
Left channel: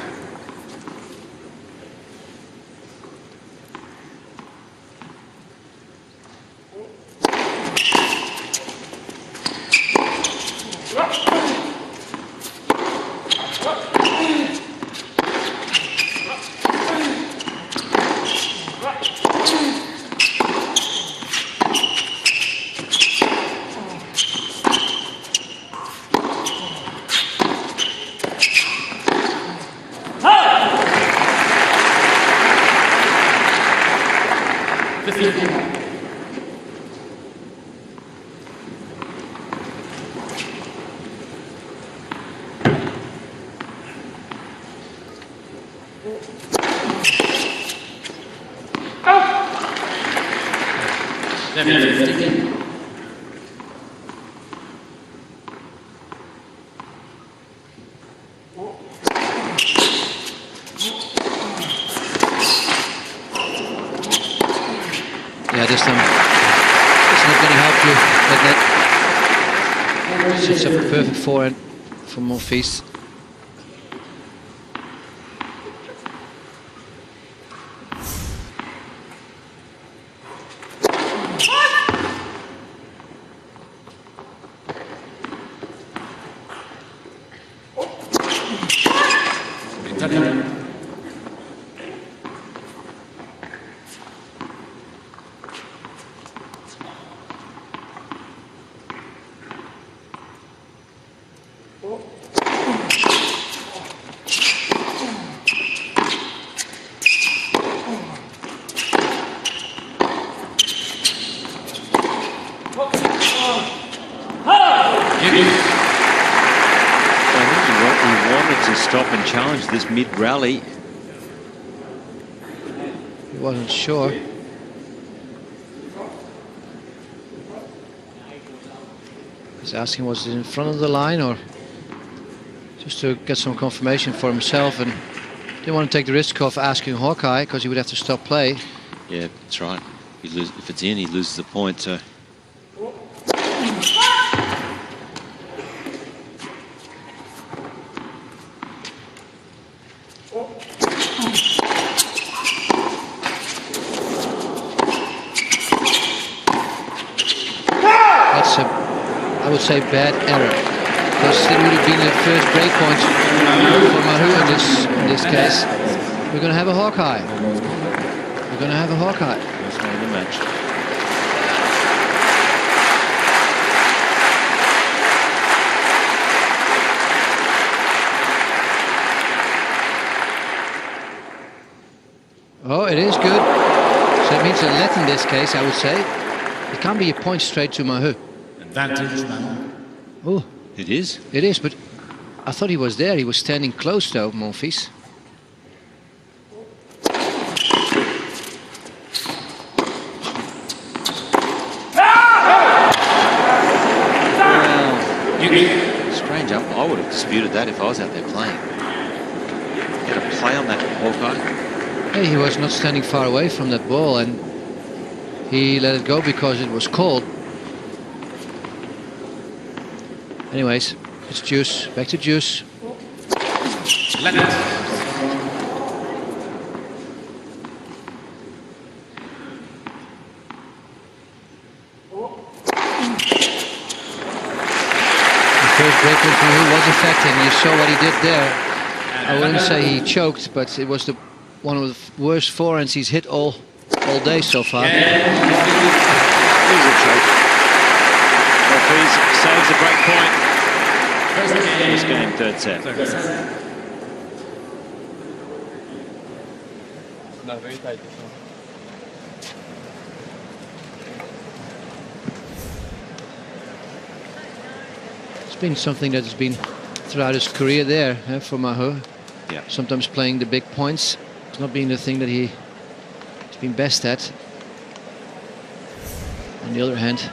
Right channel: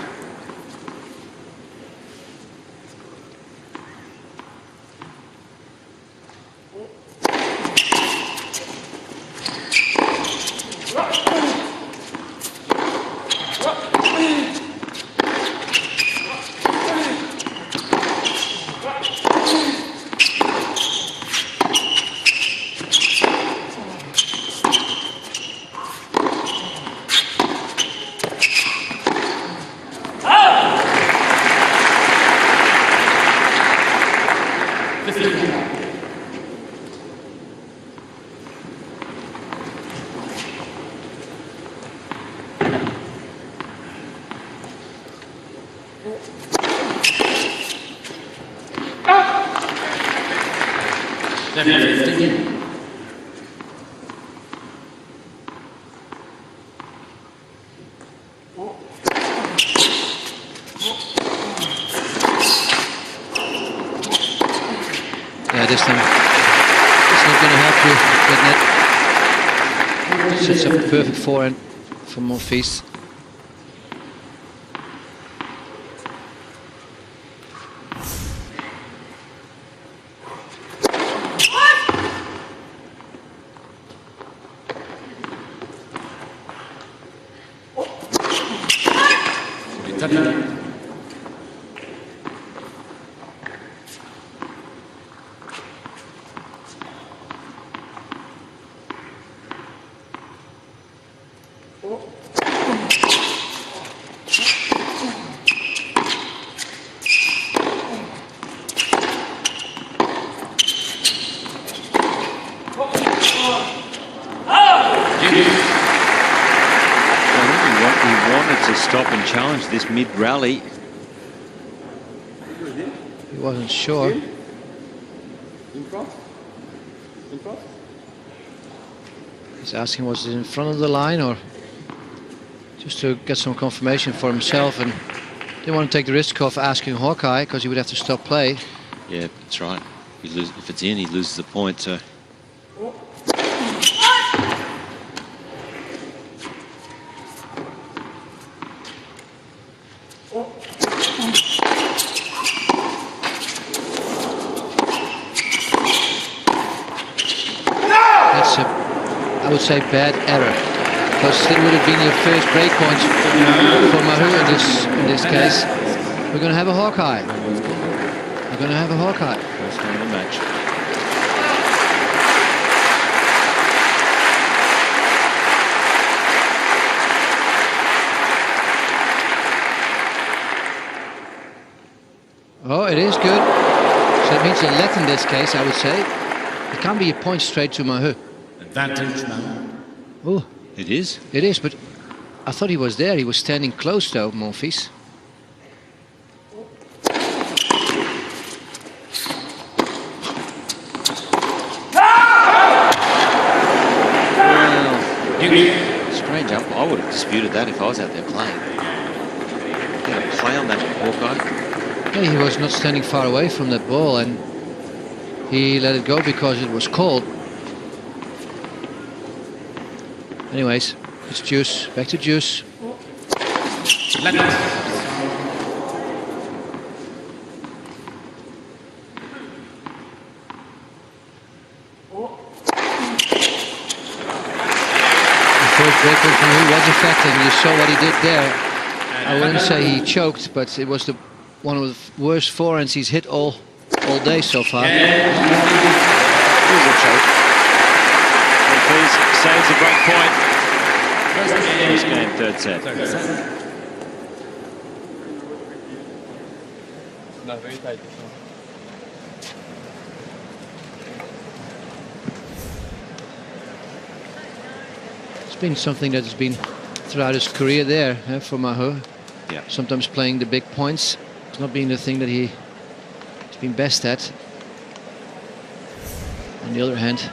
Yeah, this time it's not going to help you. That net sets up a perfect forehand for Monfils. So I think he wanted to stop and challenge this mid-rally. He wasn't sure. He's asking, was it in front of the line or just to get some confirmation for himself, and didn't want to take the risk of asking Hawkeye because he would have to stop play. Yeah, that's right. If it's in, he loses the point. So. I would say bad error, because it would have been the first break point for Mahut in this case. We're going to have a Hawkeye. We're going to have a Hawkeye. First game of the match. Oh, it is good. So it means a let in this case, I would say. It can't be a point straight to Mahut. Advantage now. Oh, It is. it is, but I thought he was there. He was standing close though, Monfils. Well, strange. I would have disputed that if I was out there playing. He had a play on that Hawkeye. Yeah, he was not standing far away from that ball, and he let it go because it was called. Anyways, it's Juice. Back to Juice. Let it. The first break point from Mahut was effective, and you saw what he did there. I wouldn't say he choked, but it was one of the worst forehands he's hit all day so far. Gael Monfils. It was a choke. Monfils saves the break point. First game, third set. Third set. It's been something that has been throughout his career there for Mahut. Yeah. Sometimes playing the big points. It's not being the thing that he's been best at. On the other hand,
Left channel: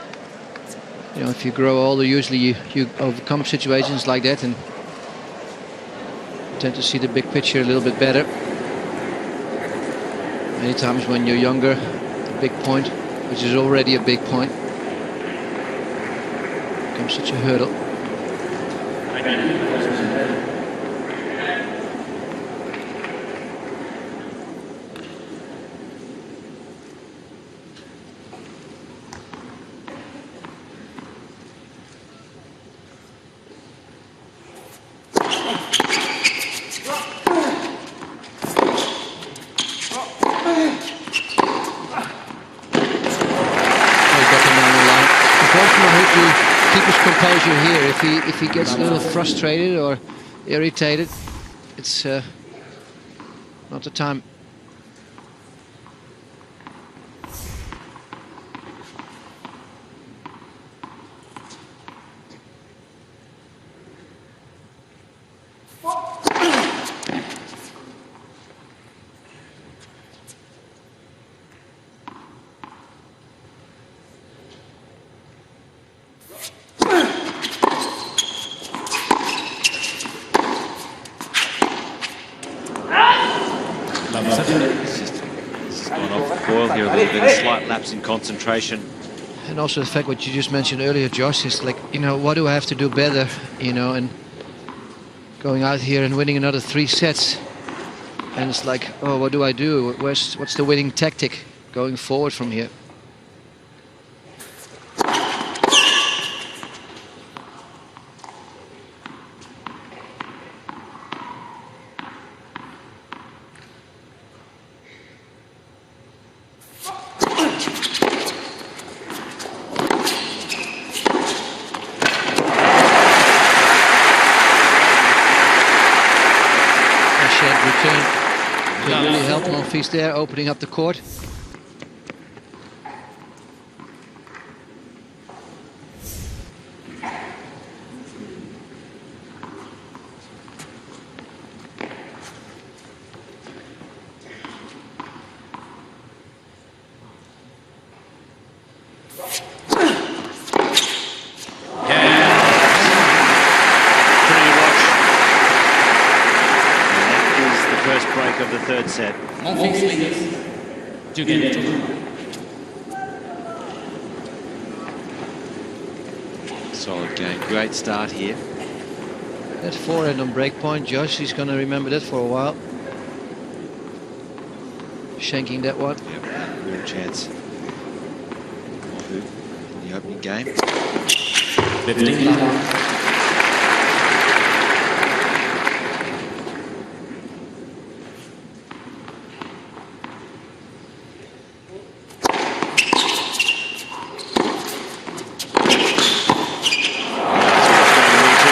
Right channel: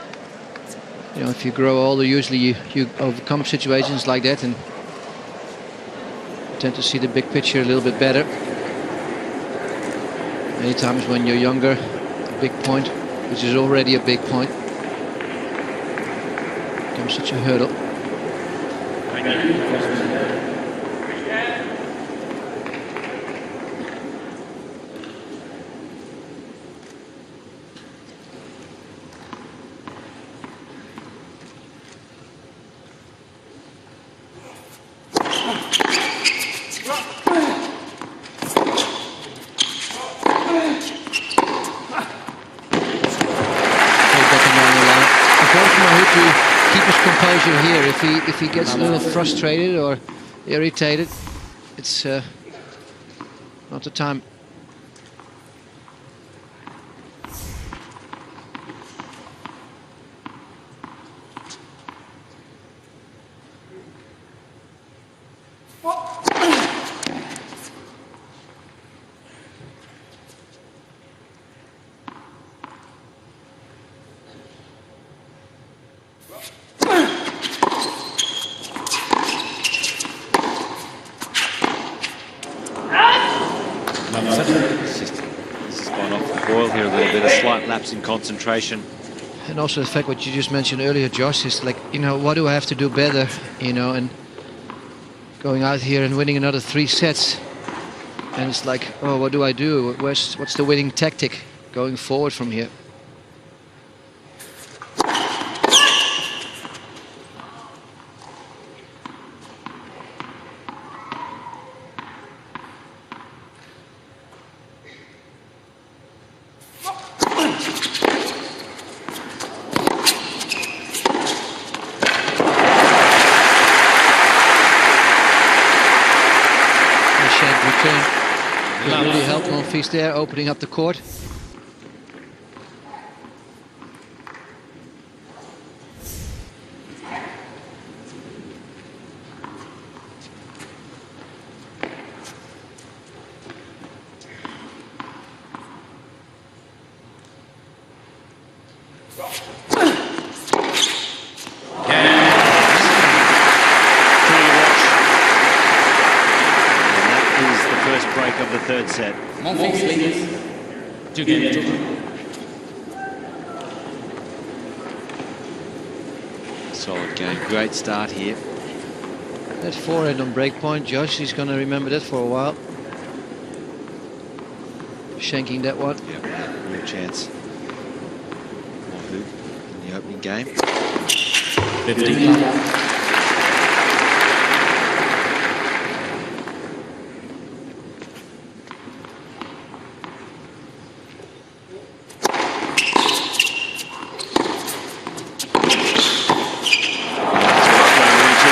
you know, if you grow older, usually you overcome situations like that and tend to see the big picture a little bit better. Many times when you're younger, a big point, which is already a big point, becomes such a hurdle. Down the line. Important for Mahut to keep his composure here. If he gets a little frustrated or irritated, it's not the time. This has gone off the boil here a little bit, a slight lapse in concentration. And also the fact what you just mentioned earlier, Josh, is like, you know, what do I have to do better, you know, and going out here and winning another 3 sets. And it's like, oh, what do I do? What's the winning tactic going forward from here? Shank return that really helped Monfils there, opening up the court. Pretty to watch. And that is the first break of the third set. Monfils leads 2-1. Solid game. Great start here. That forehand on break point, Josh, he's going to remember that for a while. Shanking that one. Yep, had a real chance. Mahut in the opening game. 15 love.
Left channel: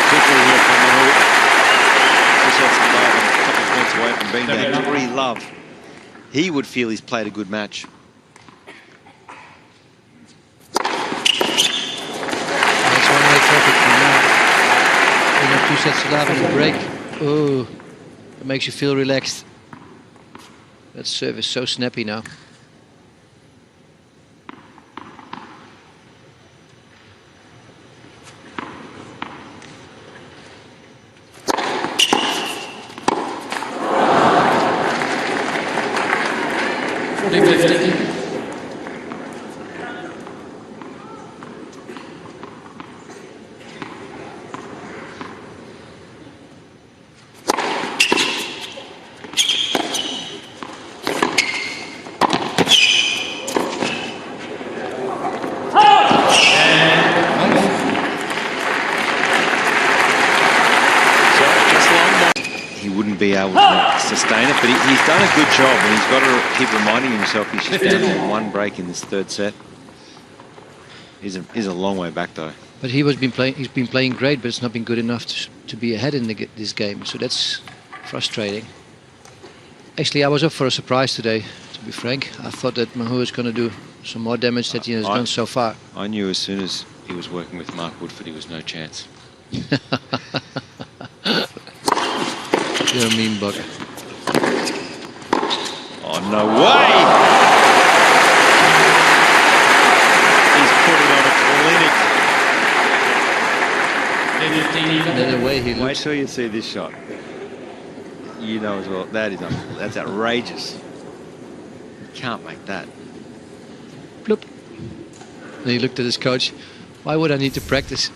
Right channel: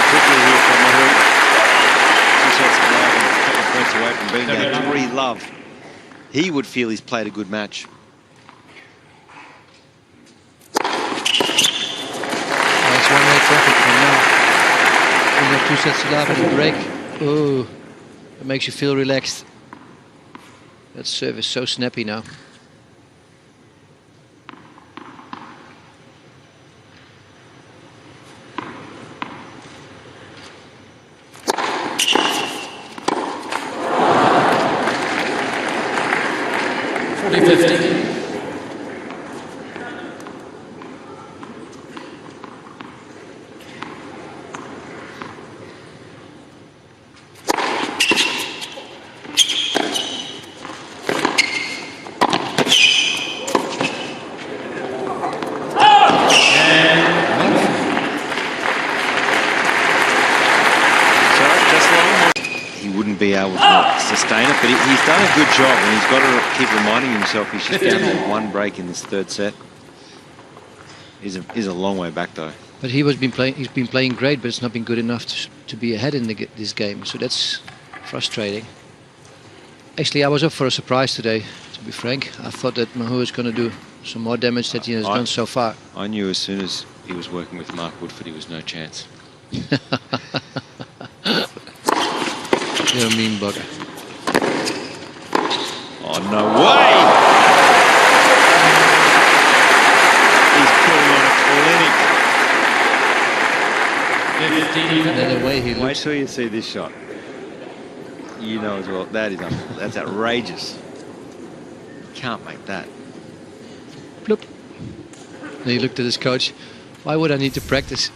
Quickly here from Mahut. 2 sets to love and a couple of points away from being down 3 love. He would feel he's played a good match. It's one-way traffic from now. We have 2 sets to love and a break. Oh, it makes you feel relaxed. That serve is so snappy now. $40-50. So just long. He wouldn't be able to sustain it, but he's done a good job, and he's got to keep reminding himself he's just down there 1 break in this 3rd set. He's a long way back though. But he's been playing great, but it's not been good enough to be ahead in this game. So that's frustrating. Actually, I was up for a surprise today, to be frank. I thought that Mahut was going to do some more damage that he has done so far. I knew as soon as he was working with Mark Woodford, he was no chance. You're a mean bugger. Oh, no way! He's putting on a clinic. And then the way he Wait looks. till you see this shot. You know as well, that is unbelievable. That's outrageous. You can't make that. Bloop. And he looked at his coach. Why would I need to practice?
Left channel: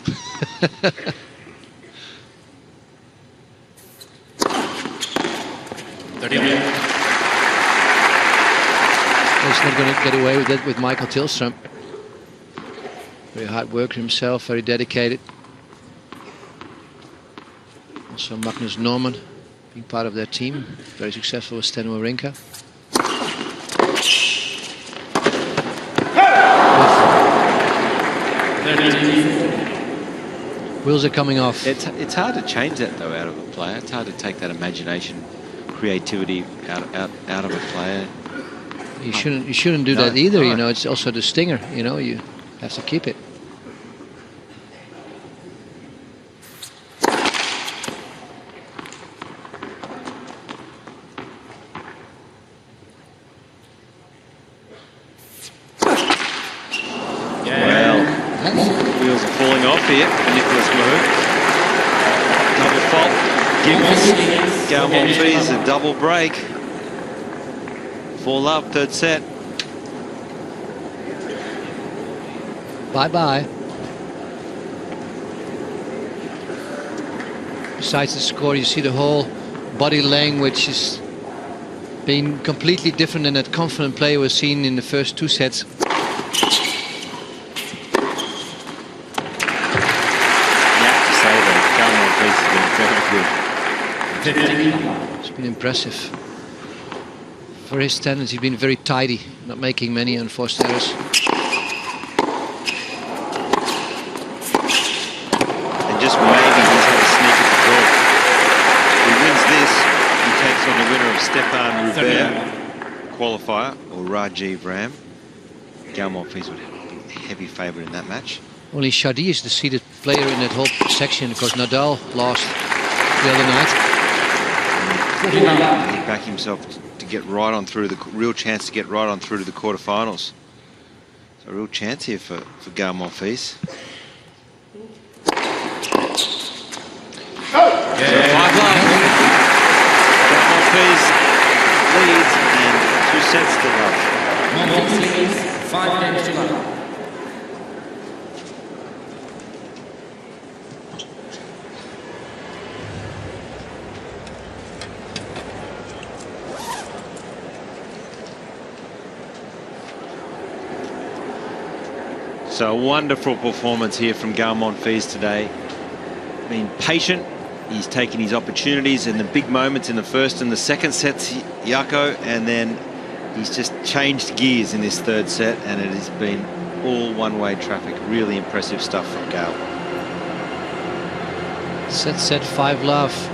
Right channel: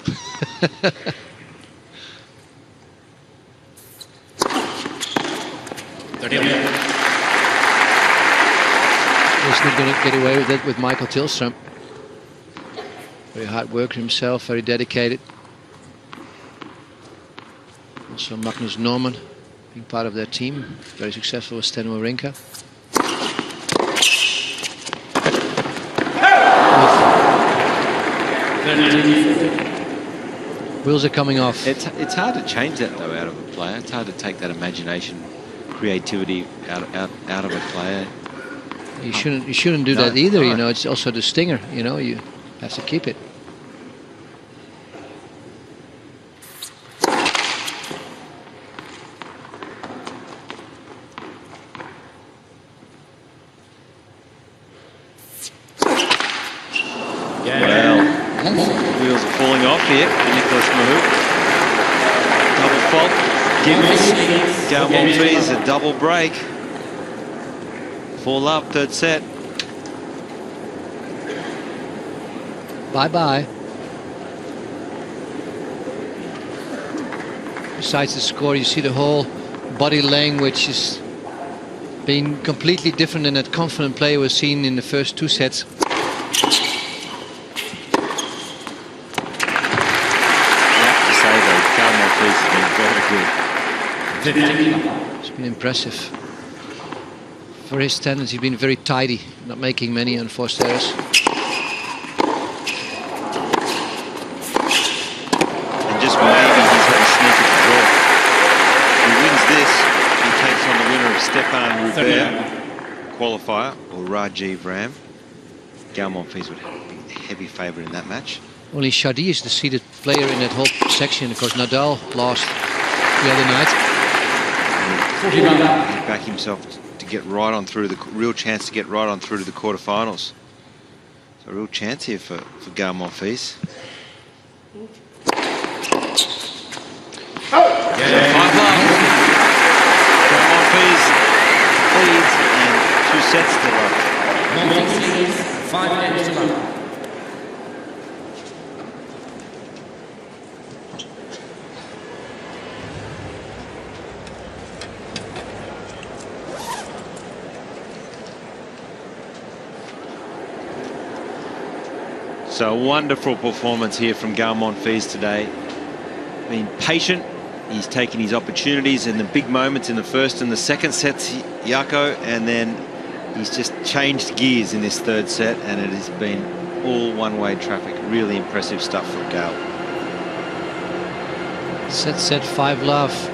He's not going to get away with that with Michael Tillström. Very hard worker himself, very dedicated. Also Magnus Norman, being part of their team, very successful with Stan Wawrinka. Wheels are coming off. It's hard to change that though out of a player. It's hard to take that imagination, creativity out of a player. You shouldn't do that either. You know, it's also the stinger. You know, you have to keep it. Well, wheels are falling off here for Nicolas Mahut. Double fault. Gives Gael Monfils a double break. 4 love, 3rd set. Bye-bye. Besides the score, you see the whole body language is being completely different than that confident play was seen in the first 2 sets. You have to say though, Gael Monfils has been very good. It's been impressive. For his standards, he's been very tidy, not making many unforced errors. And just maybe he's had a sneak at the draw. If he wins this, he takes on the winner of Stefan Rubert qualifier or Rajiv Ram. Gael Monfils would be a heavy favourite in that match. Only Shadi is the seeded player in that whole section because Nadal lost the other night. He'd back himself to get right on through the real chance to get right on through to the quarterfinals. So a real chance here for Gael Monfils. So 5 love. Gael Monfils leads and 2 sets to love. Monfils leads 5 games to love. So a wonderful performance here from Gael Monfils today. Being patient, he's taken his opportunities in the big moments in the first and the second sets, Jaco, and then he's just changed gears in this third set, and it has been all one-way traffic. Really impressive stuff from Gael. Set 5-love.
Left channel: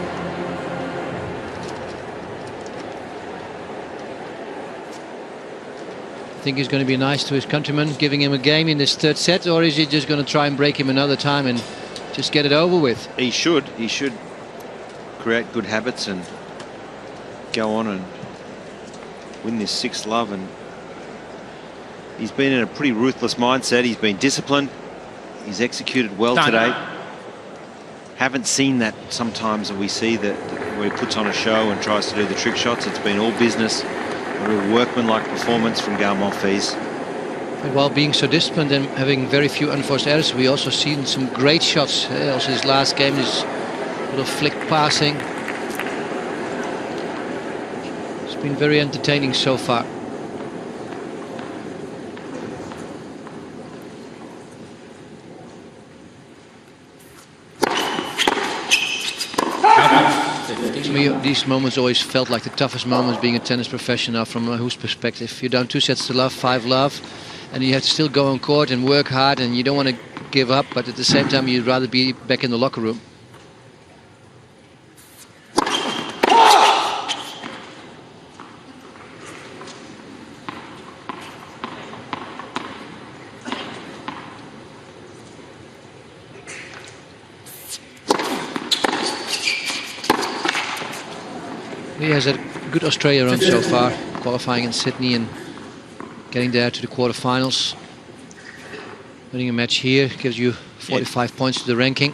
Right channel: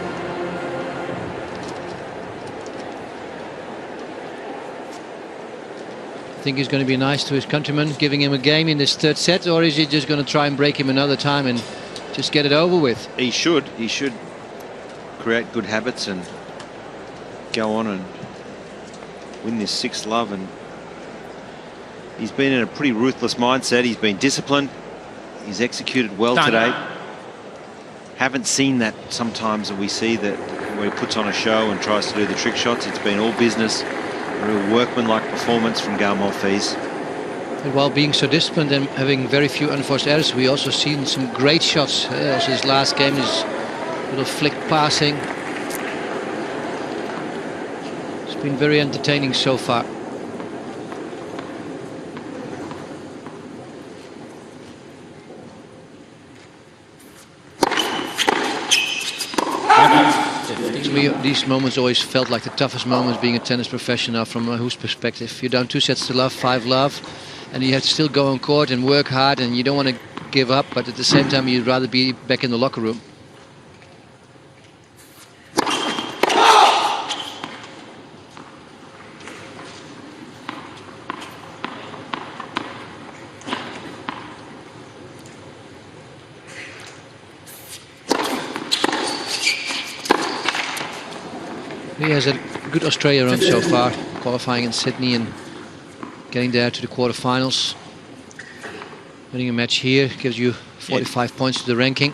Think he's going to be nice to his countryman, giving him a game in this third set, or is he just going to try and break him another time and just get it over with? He should create good habits and go on and win this 6th love. And he's been in a pretty ruthless mindset. He's been disciplined. He's executed well today. Haven't seen that sometimes that we see that where he puts on a show and tries to do the trick shots. It's been all business. A real workman-like performance from Gael Monfils. But while being so disciplined and having very few unforced errors, we also seen some great shots. Also his last game, his little flick passing. It's been very entertaining so far. To me, these moments always felt like the toughest moments being a tennis professional from Mahut's perspective. You're down 2 sets to love, 5-love, and you have to still go on court and work hard, and you don't want to give up, but at the same time you'd rather be back in the locker room. He has a good Australia run so far, qualifying in Sydney and getting there to the quarterfinals. Winning a match here gives you 45 points to the ranking.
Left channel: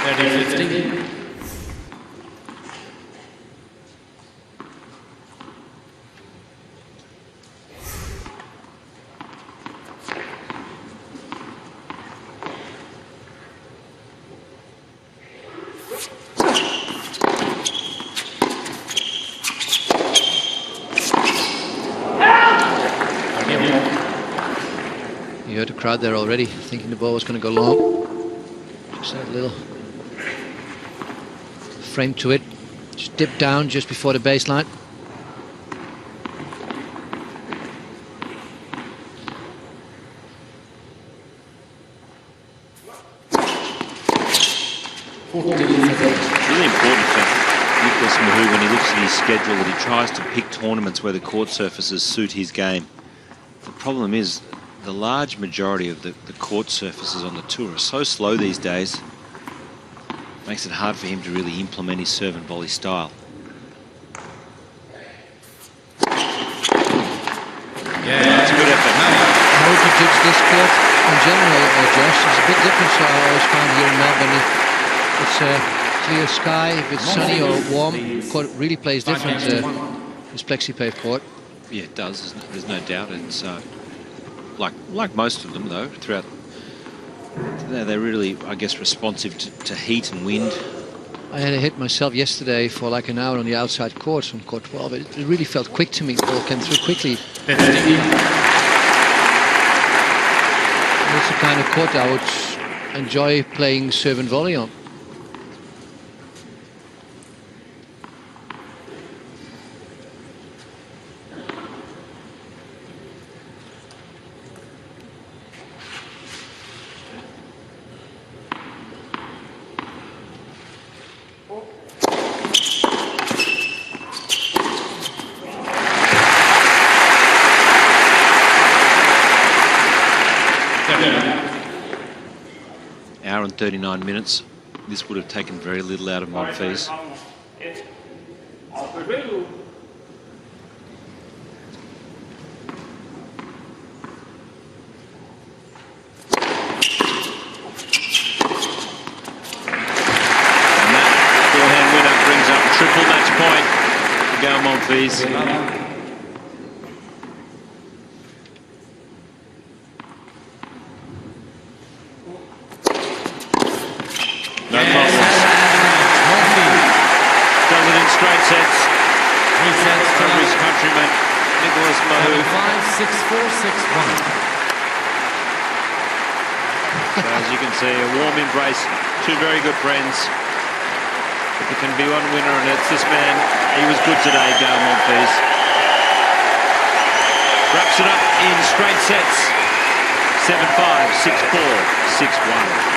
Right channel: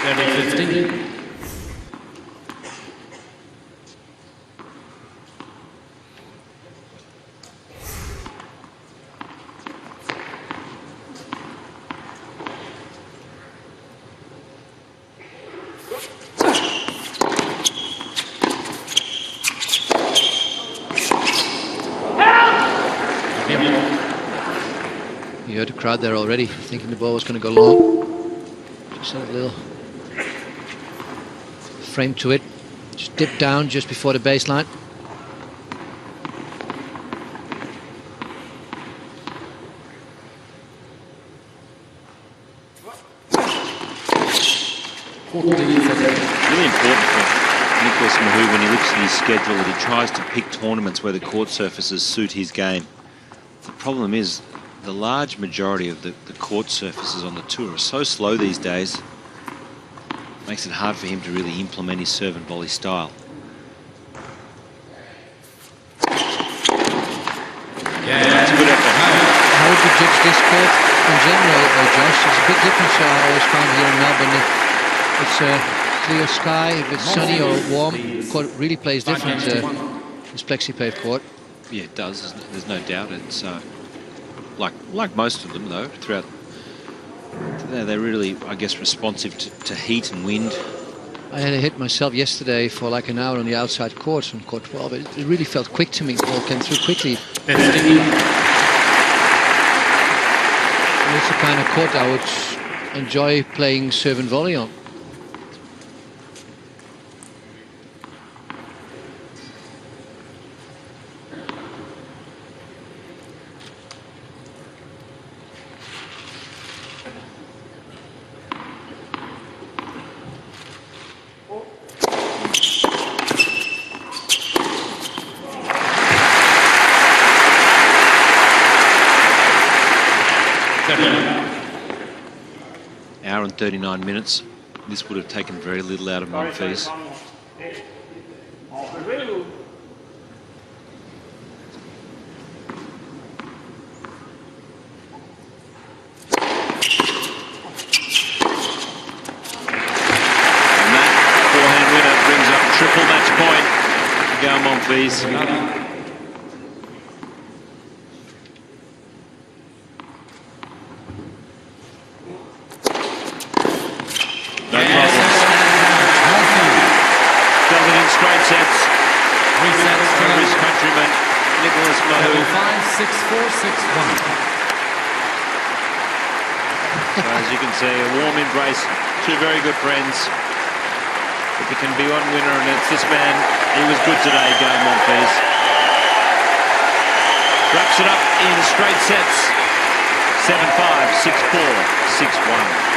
(30-15). You heard the crowd there already, thinking the ball was going to go long. Just had a little frame to it. Just dipped down just before the baseline. It's really important for Nicolas Mahut when he looks at his schedule that he tries to pick tournaments where the court surfaces suit his game. The problem is the large majority of the court surfaces on the tour are so slow these days, makes it hard for him to really implement his serve and volley style. Yeah, that's a good effort. How would you judge this court in general, Josh? There's a big difference I always found here in Melbourne. If it's a clear sky, if it's sunny or warm, the court really plays different. This plexi-pave court. Yeah, it does. There's no doubt. It's like most of them, though, throughout. They're really, I guess, responsive to heat and wind. I had a hit myself yesterday for like an hour on the outside court, on court 12. It really felt quick to me. The ball came through quickly. 15. And it's the kind of court I would enjoy playing serve and volley on. Hour and 39 minutes. This would have taken very little out of Monfils. And that forehand winner brings up triple match point for Gael Monfils. Monfils. Does it in straight sets Resets to over love. his countryman, Nicolas Mahut. 7-5, 6-4, 6-1. So as you can see, a warm embrace, two very good friends. But there can be one winner, and it's this man. He was good today, Gael Monfils. Wraps it up in straight sets. 7-5, 6-4, 6-1.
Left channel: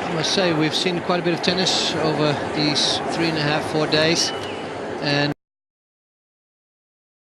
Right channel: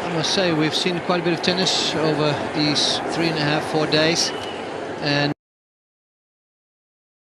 I must say we've seen quite a bit of tennis over these 3.5, 4 days, and